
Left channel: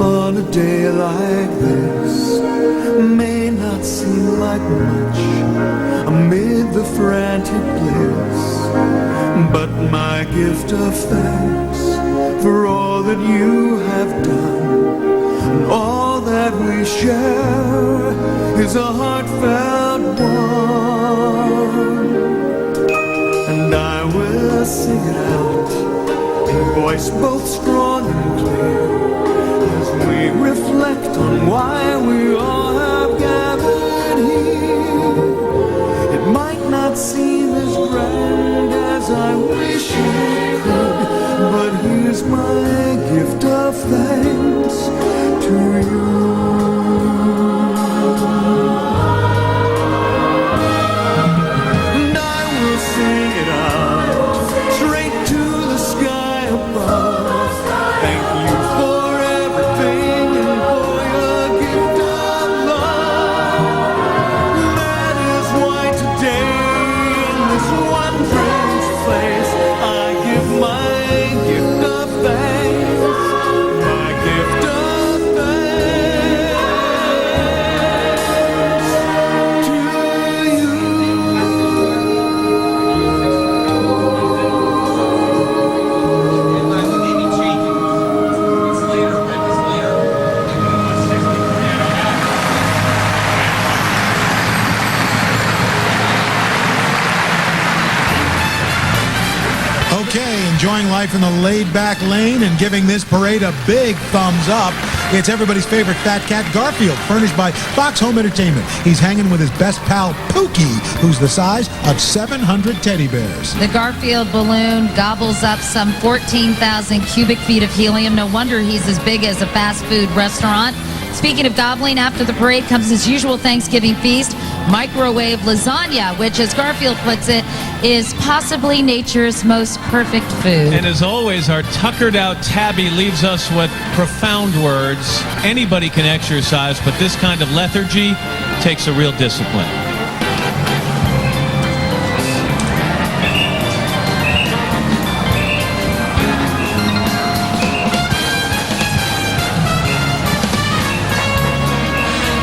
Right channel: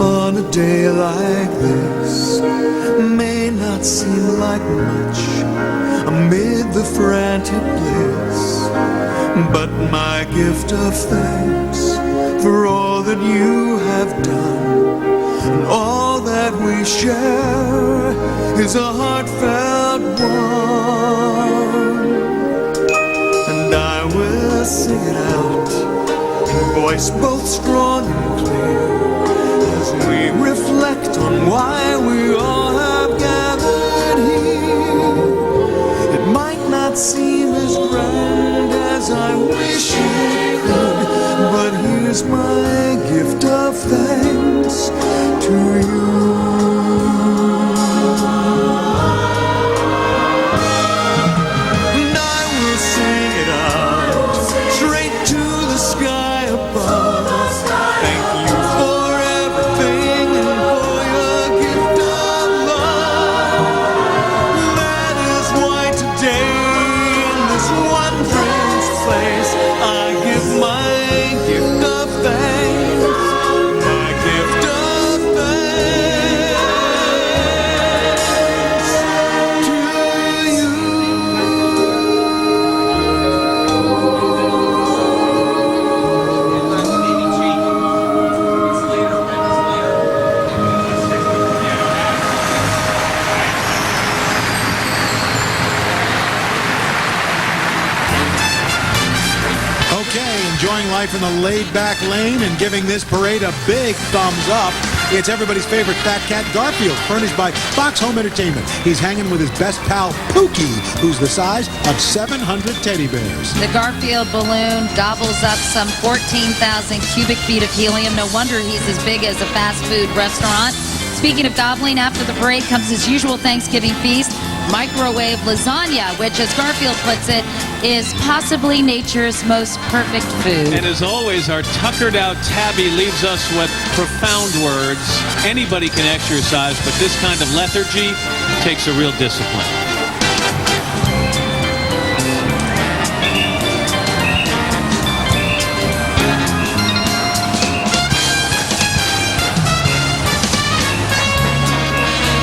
on a day like this may not seem like much amid the frantic bliss, but my gift of thanks for all that you have done and all that we share is a heartfelt one, and I will sing it out in voice both strong and clear as we reflect on why we all have gathered here. It might not seem as grand as I wish it could, but here's my gift of thanks to you. And I will sing it out straight to the sky above. Thank you for everything and for your gift of love. That is why today in this wondrous place I give my gift of thanks, my gift of thanks to you. Okay, enjoying life in the laid-back lane and giving this parade a big thumbs up. It's everybody's favorite fat cat, Garfield, furnished by Fox Home Entertainment. He's hanging with his best pal, Pookie, who's the size of 700 teddy bears. The Garfield balloon gobbles up some 14,000 cubic feet of helium. No wonder he's as big as a fast food restaurant. Speaking of gobbling, after the parade comes his usual Thanksgiving feast, microwave lasagna, which, as Garfield puts it, is possibly nature's most perfect food. And as always, our tuckered out Tabby leaves us with profound words. Anybody can exercise, but this kind of lethargy takes a real discipline.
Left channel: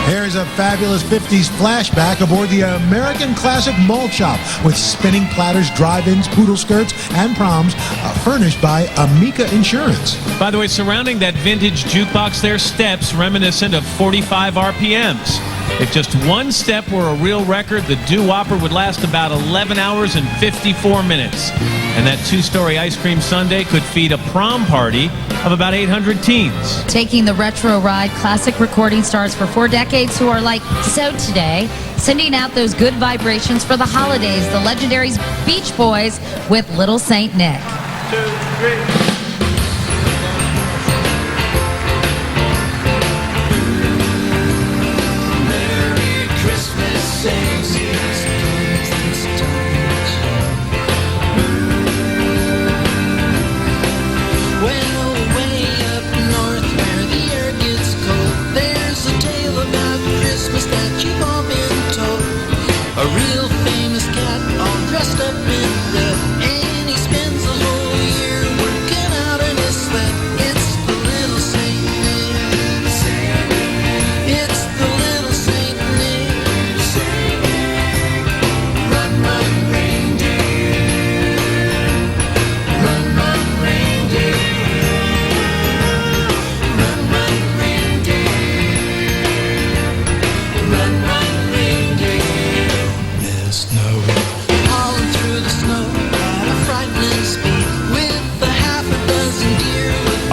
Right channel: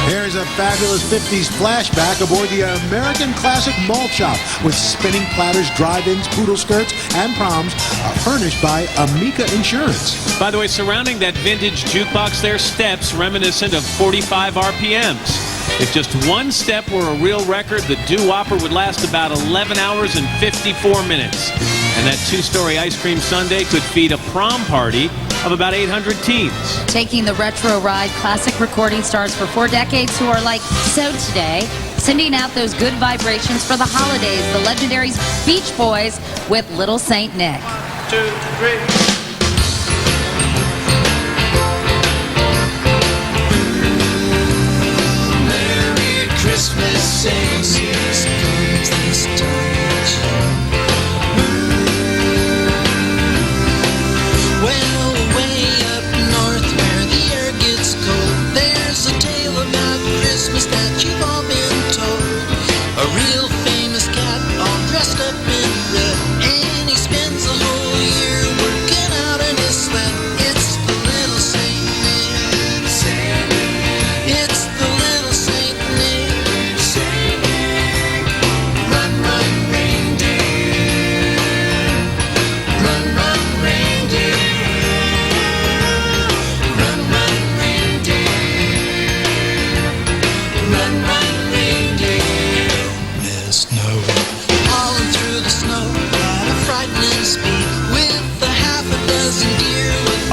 Here's a fabulous 50s flashback aboard the American Classic Malt Shop with spinning platters, drive-ins, poodle skirts, and proms furnished by Amica Insurance. By the way, surrounding that vintage jukebox there, steps reminiscent of 45 RPMs. If just one step were a real record, the doo-wopper would last about 11 hours and 54 minutes. And that two-story ice cream sundae could feed a prom party of about 800 teens. Taking the retro ride, classic recording stars for 4 decades who are like so today, sending out those good vibrations for the holidays. The legendary Beach Boys with Little Saint Nick. 2, 3. Christmas sings this touch. Well, way up north where the air gets cold, there's a tale about Christmas that you've all been told. A real famous cat all dressed up in red, and he spends the whole year working out in his sweat. It's the little Saint Nick. It's the little Saint Nick.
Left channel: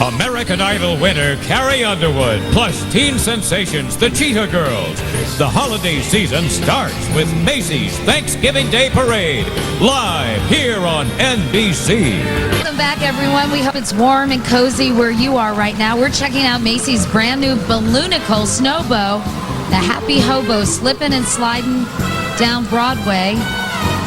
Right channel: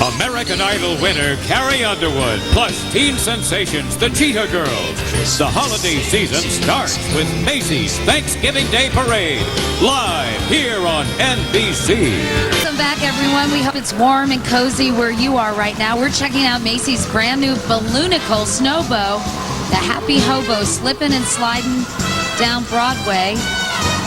American Idol winner Carrie Underwood, plus teen sensations, the Cheetah Girls. The holiday season starts with Macy's Thanksgiving Day Parade, live here on NBC. Welcome back, everyone. We hope it's warm and cozy where you are right now. We're checking out Macy's brand new balloonicle snowbow, the Happy Hobo, slipping and sliding down Broadway.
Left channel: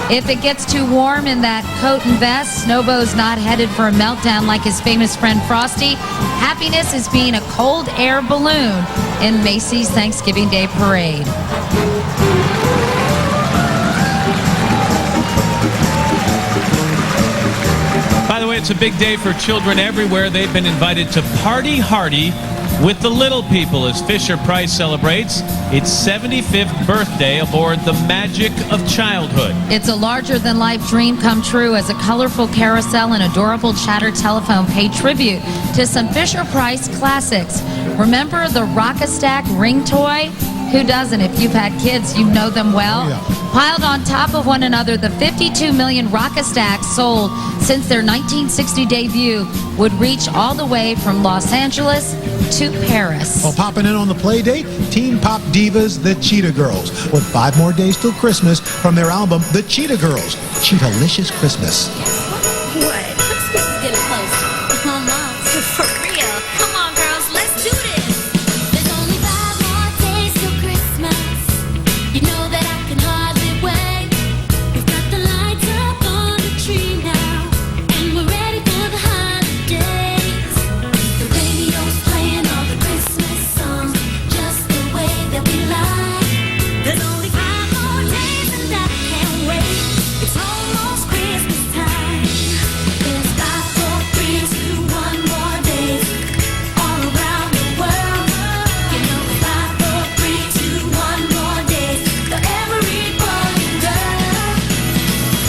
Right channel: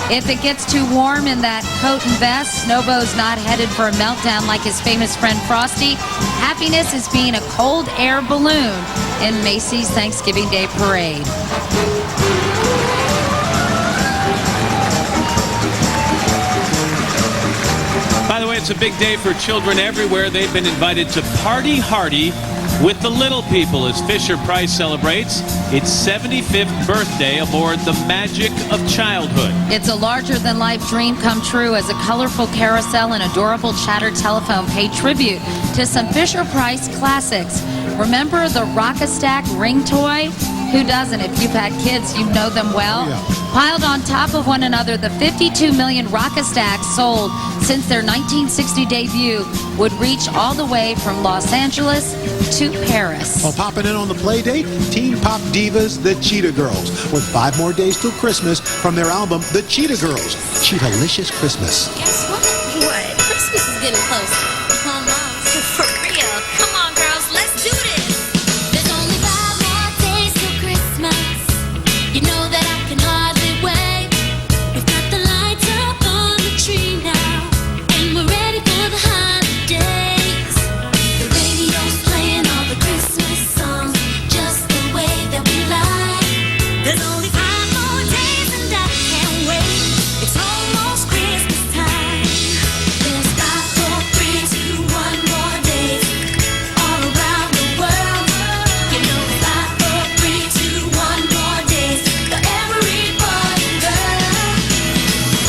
If it gets too warm in that coat and vest, Snowbow's not headed for a meltdown like his famous friend Frosty. Happiness is being a cold air balloon in Macy's Thanksgiving Day Parade. By the way, it's a big day for children everywhere. They've been invited to Party Hardy with the little people as Fisher-Price celebrates its 75th birthday aboard the magic of childhood. It's a larger-than-life dream come true as a colorful carousel and adorable chatter telephone pay tribute to some Fisher-Price classics. Remember the Rock-a-Stack ring toy? Who doesn't? If you've had kids, you know them well. Oh, yeah. Piled on top of one another, the 52 million Rock-a-Stacks sold since their 1960 debut would reach all the way from Los Angeles to Paris. Well, popping in on the play date, teen pop divas, the Cheetah Girls, with 5 more days till Christmas from their album, The Cheetah Girls, Cheetah-licious Christmas. What? Christmas is getting close. Come on, for real. Come on, girls, let's do this. There's only 5 more days till Christmas. You know that I can hardly wait. We've got the lights up on the tree now, and we're ready for the holidays. The radio's playing all the Christmas songs just the way that we like. There's only 5 more days and I can't wait. It's almost Christmas time. There's 5, 4, 3, 2, 1 more days all around the world. You know it's 5, 4, 3, 2, 1 more days for every boy and girl.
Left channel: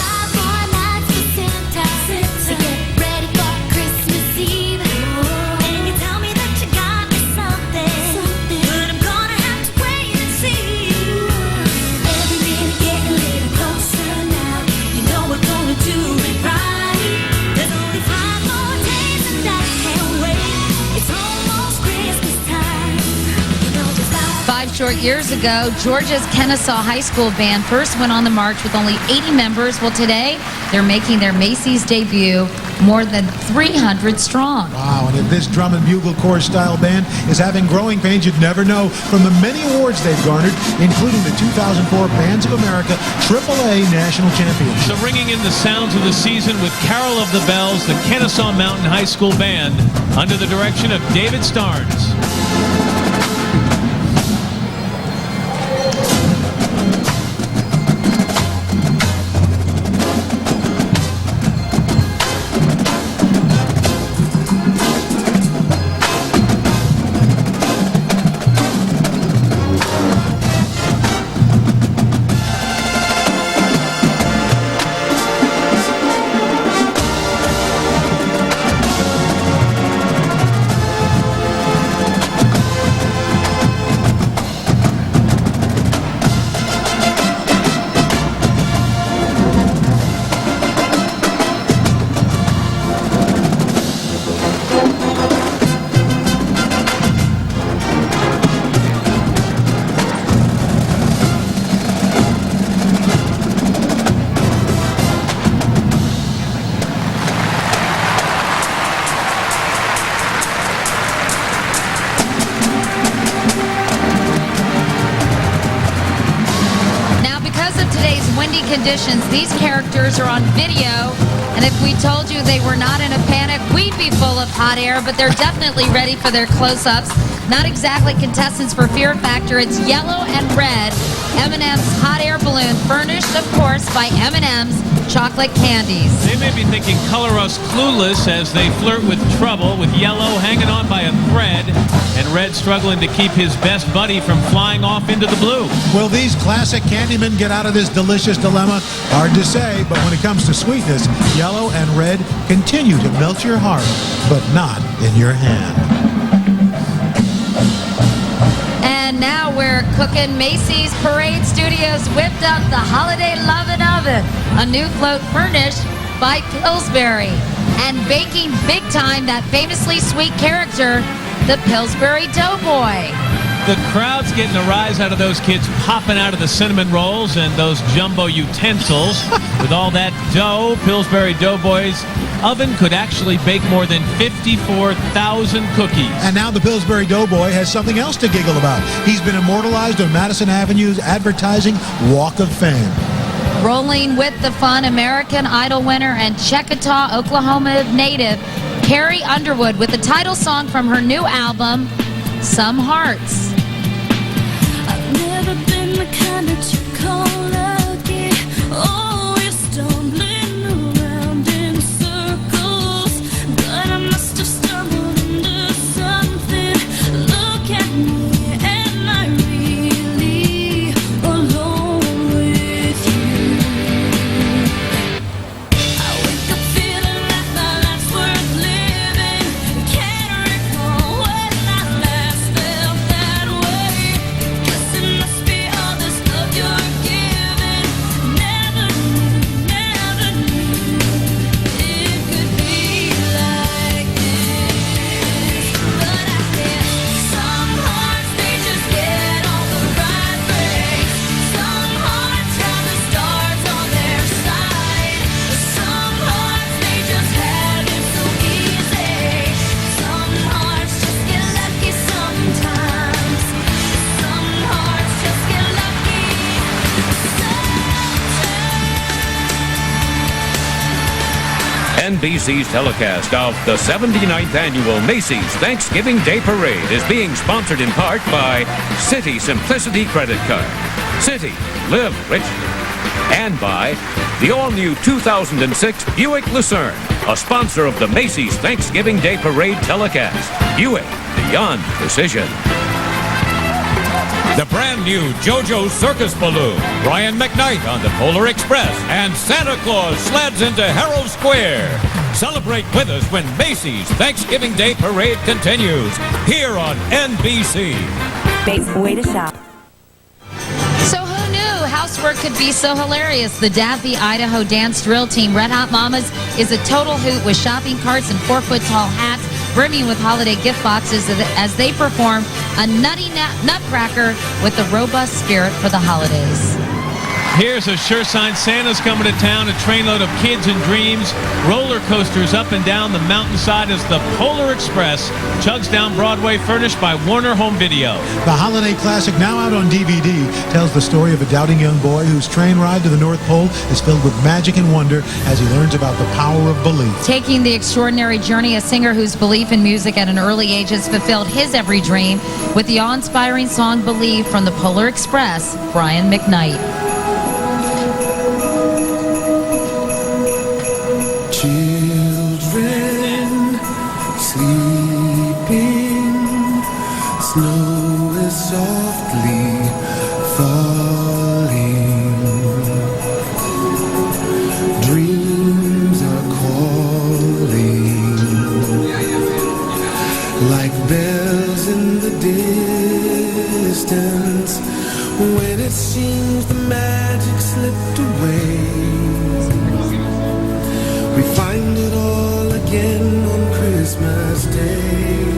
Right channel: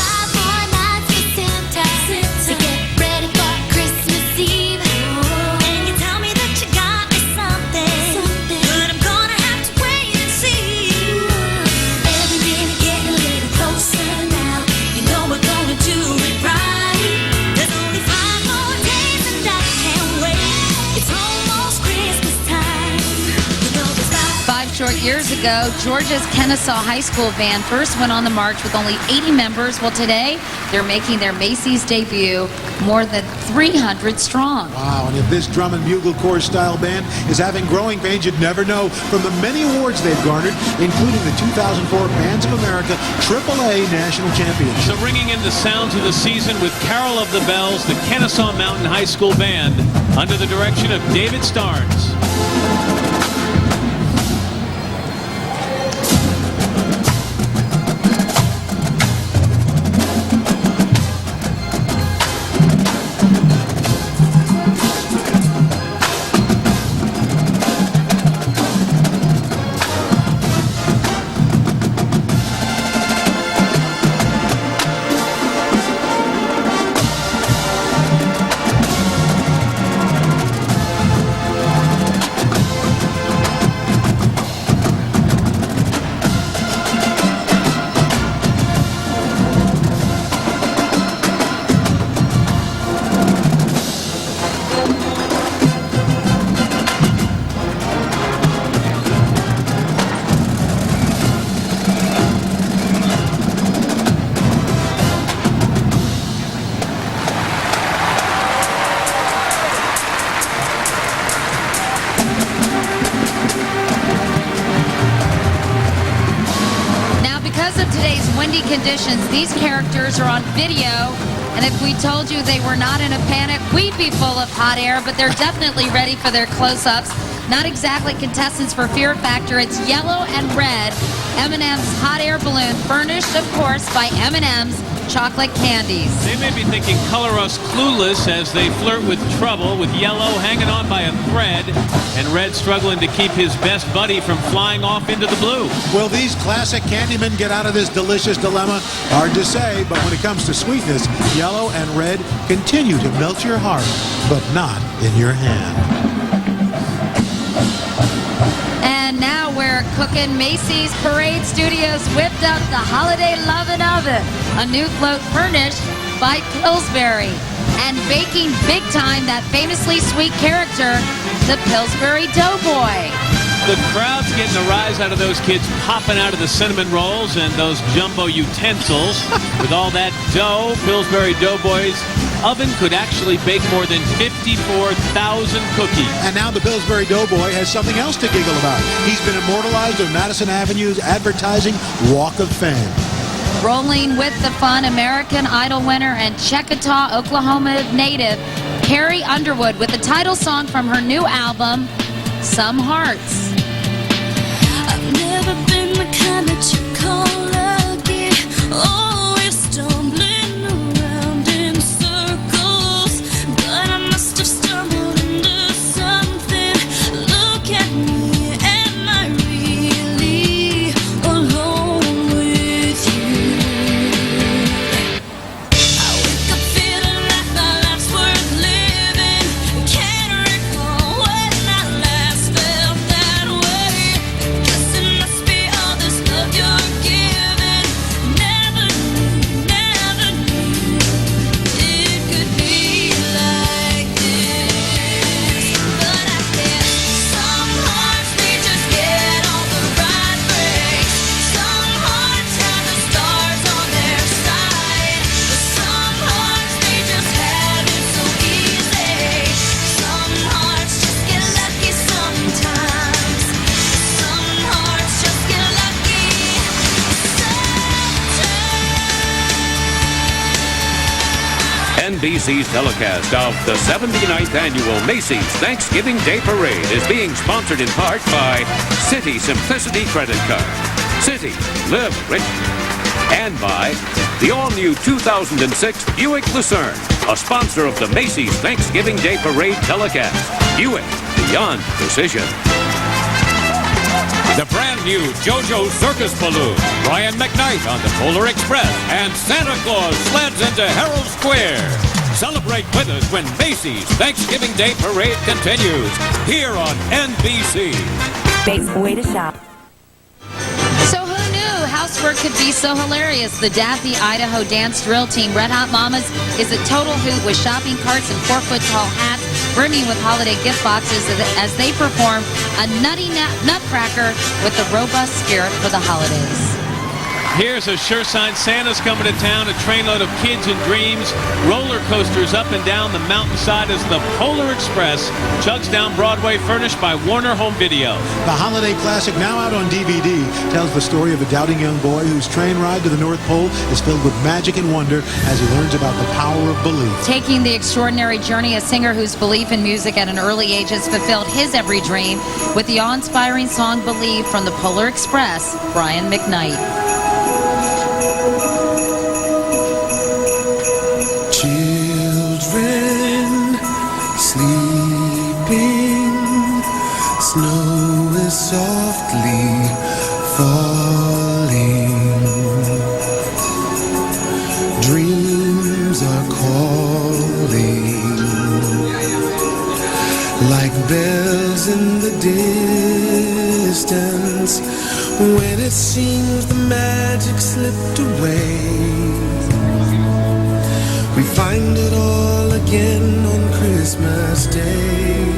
5 more nights for Santa to get ready for Christmas Eve. And you tell me that you got me something, but I'm gonna have to wait and see. Every day we get a little closer now. You know we're gonna do it right. There's only 5 more days and I can't wait. It's almost Christmas time. You know there's 5 short years ago, Georgia's Kennesaw High School band first went on the march with only 80 members. Well, today, they're making their Macy's debut more than 300 strong. Wow, and if this drum and bugle corps style band is having growing pains, you'd never know from the many awards they've garnered, including the 2004 Bands of America AAA National Championship. So ringing in the sounds of the season with Carol of the Bells, the Kennesaw Mountain High School Band, under the direction of David Starnes. Windy conditions, these characters are on video, and if we told you they were not in a panic, we'd be full of hot air, but they're definitely ready for their close-ups. Not exactly contestants for Fear Factor. It's yellow and red M&M's hot air balloon, furnished, of course, by M&M's chocolate candies. They may be thinking color us clueless as they flirt with trouble, with yellow hanging on by a thread and red struggling to keep his best buddy from flying off into the blue. Will these classic Candymen get out of this delicious dilemma? Hard to say, but when it comes to sweetness, yellow and red continue to melt your heart, but not in your hand. And now we're cooking. Macy's Parade Studios whipped up the Holiday Lovin' Oven, a new float furnished by Pillsbury, and baking big time that famously sweet character, the Pillsbury Doughboy. The crowd's getting a rise out of those kids popping out of the cinnamon rolls and those jumbo utensils. With all that dough, Pillsbury Doughboy's oven could actually bake more than 54,000 cookies. And now the Pillsbury Doughboy has something else to giggle about. He's been immortalized on Madison Avenue's advertising Walk of Fame. Rolling with the fun, American Idol winner and Chickasaw, Oklahoma native, Carrie Underwood, with the title song from her new album, Some Hearts. I've never been the kind that you call lucky. Always stumbling around in circles, but I must have stumbled into something. Look at me, am I really alone with you? I wake up feeling like my life's worth living. Can't recall when I last felt that way. Guess it must be all this love you're giving. Never knew it could be like this. But I guess some hearts, they just get all the right breaks. Some hearts have the stars on their side. Some hearts, they just have it so easy. Some hearts just get lucky sometimes. Some hearts just get lucky NBC's telecast of the 79th Annual Macy's Thanksgiving Day Parade is being sponsored in part by Citi Simplicity Credit Card. Citi, live richly. And by the all-new 2006 Buick Lucerne, a sponsor of the Macy's Thanksgiving Day Parade telecast. Buick, beyond precision. The brand new JoJo Circus Balloon, Brian McKnight on the Polar Express, and Santa Claus sleds into Herald Square. Celebrate with us when Macy's Thanksgiving Day Parade continues here on NBC. Best way to shop. So who knew housework could be so hilarious? The Daffy, Idaho dance drill team, Red Hot Mamas, is a total hoot with shopping carts and 4-foot-tall hats, brimming with holiday gift boxes as they perform a nutty nutcracker with a robust spirit for the holidays. Here's a sure sign Santa's coming to town, a trainload of kids and dreams, roller coasters up and down the mountainside as the Polar Express chugs down Broadway, furnished by Warner Home Video. The holiday classic, now out on DVD, tells the story of a doubting young boy whose train ride to the North Pole is filled with magic and wonder as he learns about the power of belief. Taking the extraordinary journey, a singer whose belief in music at an early age has fulfilled his every dream with the awe-inspiring song Believe from the Polar Express, Brian McKnight. Children sleeping, snow is softly falling, dreams are calling like bells in the distance when it seems the magic slipped away. We find it all again on Christmas Day.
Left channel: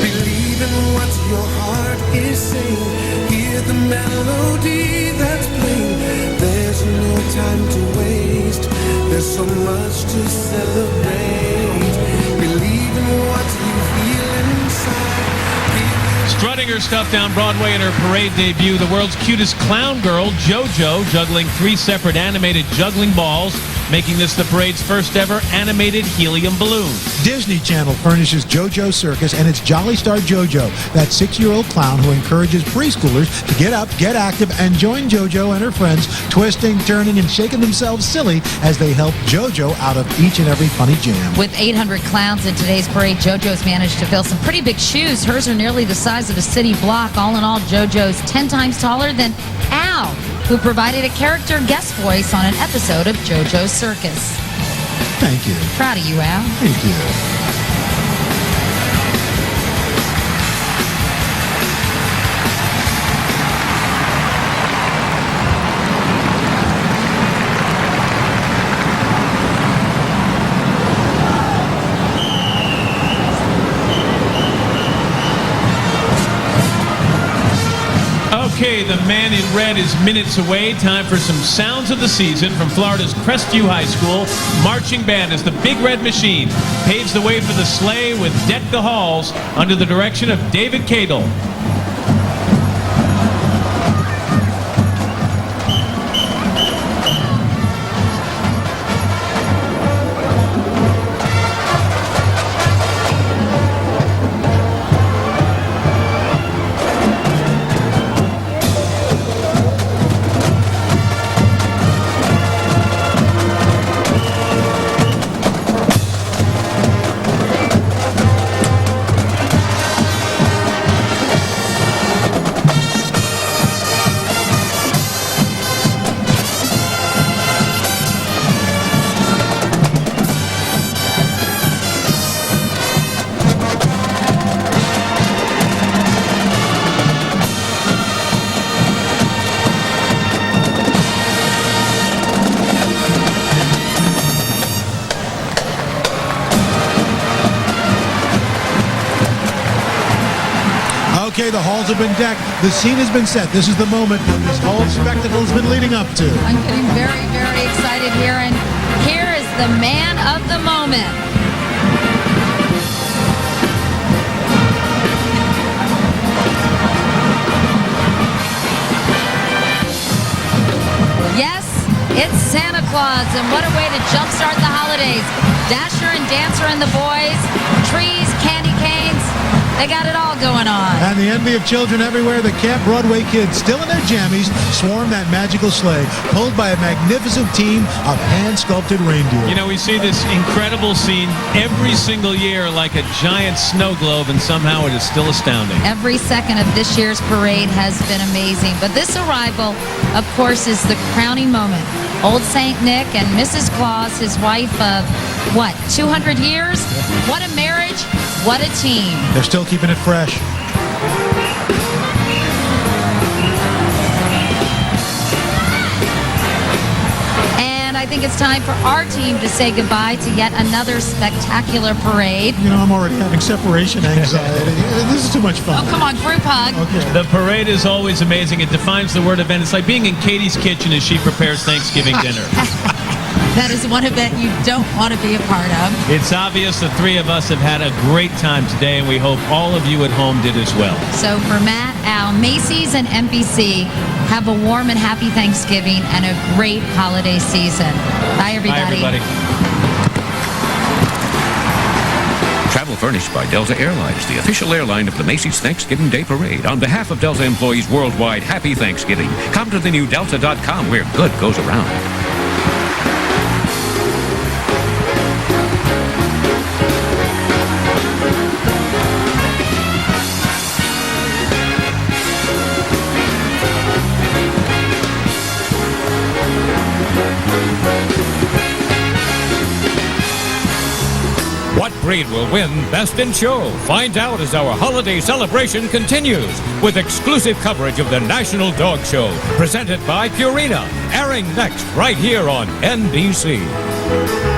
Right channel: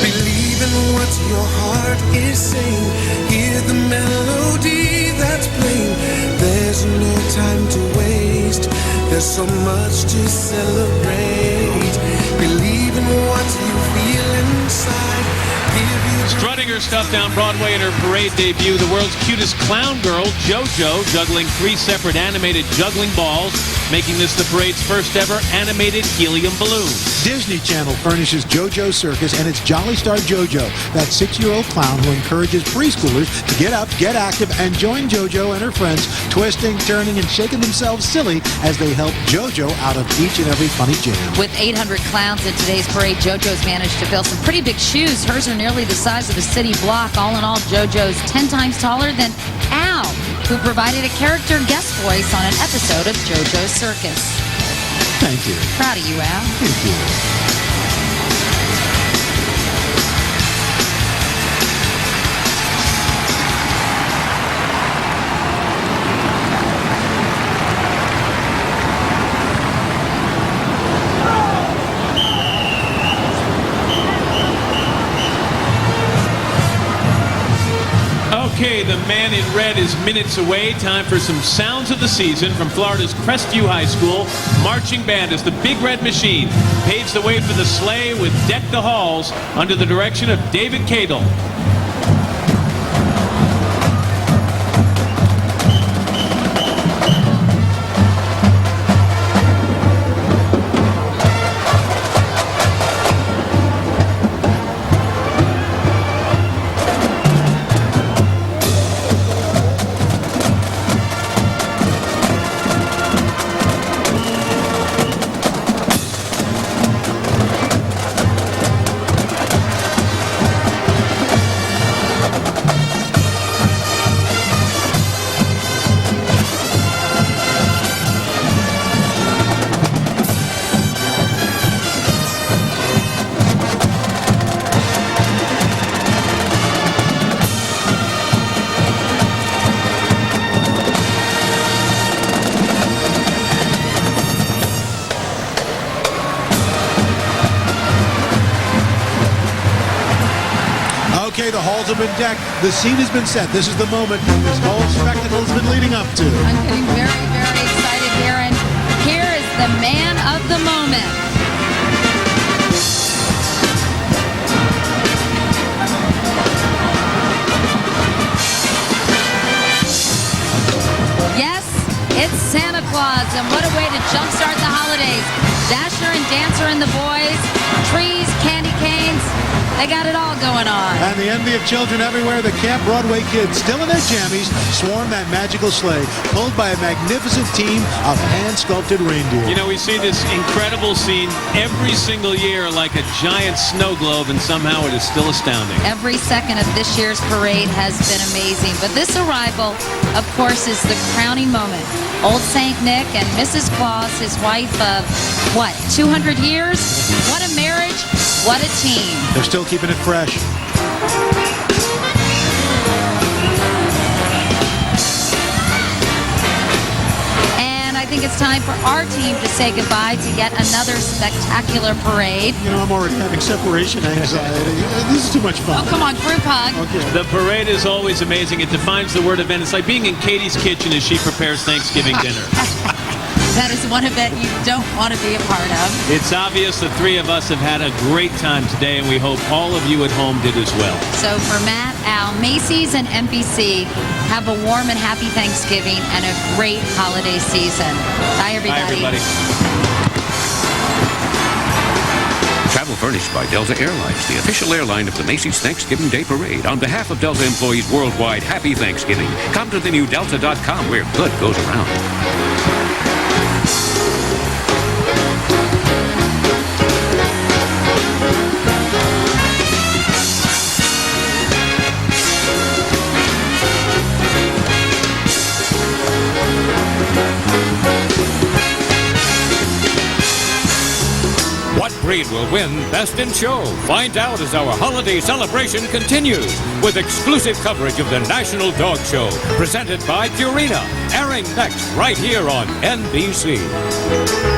Believe in what your heart is saying. Hear the melody that's playing. There's no time to waste. There's so much to celebrate. Believe in what you feel inside. Strutting her stuff down Broadway in her parade debut, the world's cutest clown girl, JoJo, juggling 3 separate animated juggling balls, making this the parade's first ever animated helium balloon. Disney Channel furnishes JoJo Circus and its Jolly Star JoJo, that 6-year-old clown who encourages preschoolers to get up, get active, and join JoJo and her friends, twisting, turning, and shaking themselves silly as they help JoJo out of each and every funny jam. With 800 clowns in today's parade, JoJo's managed to fill some pretty big shoes. Hers are nearly the size of a city block. All in all, JoJo's 10 times taller than Al, who provided a character guest voice on an episode of JoJo's Circus. Thank you. Proud of you, Al. Thank you. Okay, the man in red is minutes away. Time for some sounds of the season from Florida's Crestview High School. Marching band as the Big Red Machine paves the way for the sleigh with Deck the Halls under the direction of David Cadle. Okay, the halls have been decked. The scene has been set. This is the moment this whole spectacle has been leading up to. I'm getting very, very excited here, and here is the man of the moment. Yes, it's Santa Claus, and what a way to jumpstart the holidays. Dasher and Dancer and the boys, trees, candy canes, they got it all going on. And the envy of children everywhere, the Camp Broadway kids, still in their jammies, swarm that magical sleigh, pulled by a magnificent team of hand-sculpted reindeer. You know, we see this incredible scene every single year like a giant snow globe, and somehow it is still astounding. Every second of this year's parade has been amazing, but this arrival, of course, is the crowning moment. Old Saint Nick and Mrs. Claus, his wife of, what, 200 years? What a marriage, what a team. They're still keeping it fresh. And I think it's time for our team to say goodbye to yet another spectacular parade. You know, I'm already having separation anxiety. This is too much fun. Oh, come on, group hug. Okay. The parade is always amazing. It defines the word event. It's like being in Katie's kitchen as she prepares Thanksgiving dinner. That is one event you don't want to be a part of. It's obvious the three of us have had a great time today, and we hope all of you at home did as well. So for Matt, Al, Macy's, and NBC, have a warm and happy Thanksgiving and a great holiday season. Bye, everybody. Bye, everybody. Travel furnished by Delta Airlines, the official airline of the Macy's Thanksgiving Day Parade. On behalf of Delta employees worldwide, happy Thanksgiving. Come to the new Delta.com where good goes around. What breed will win Best in Show? Find out as our holiday celebration continues with exclusive coverage of the National Dog Show, presented by Purina, airing next right here on NBC.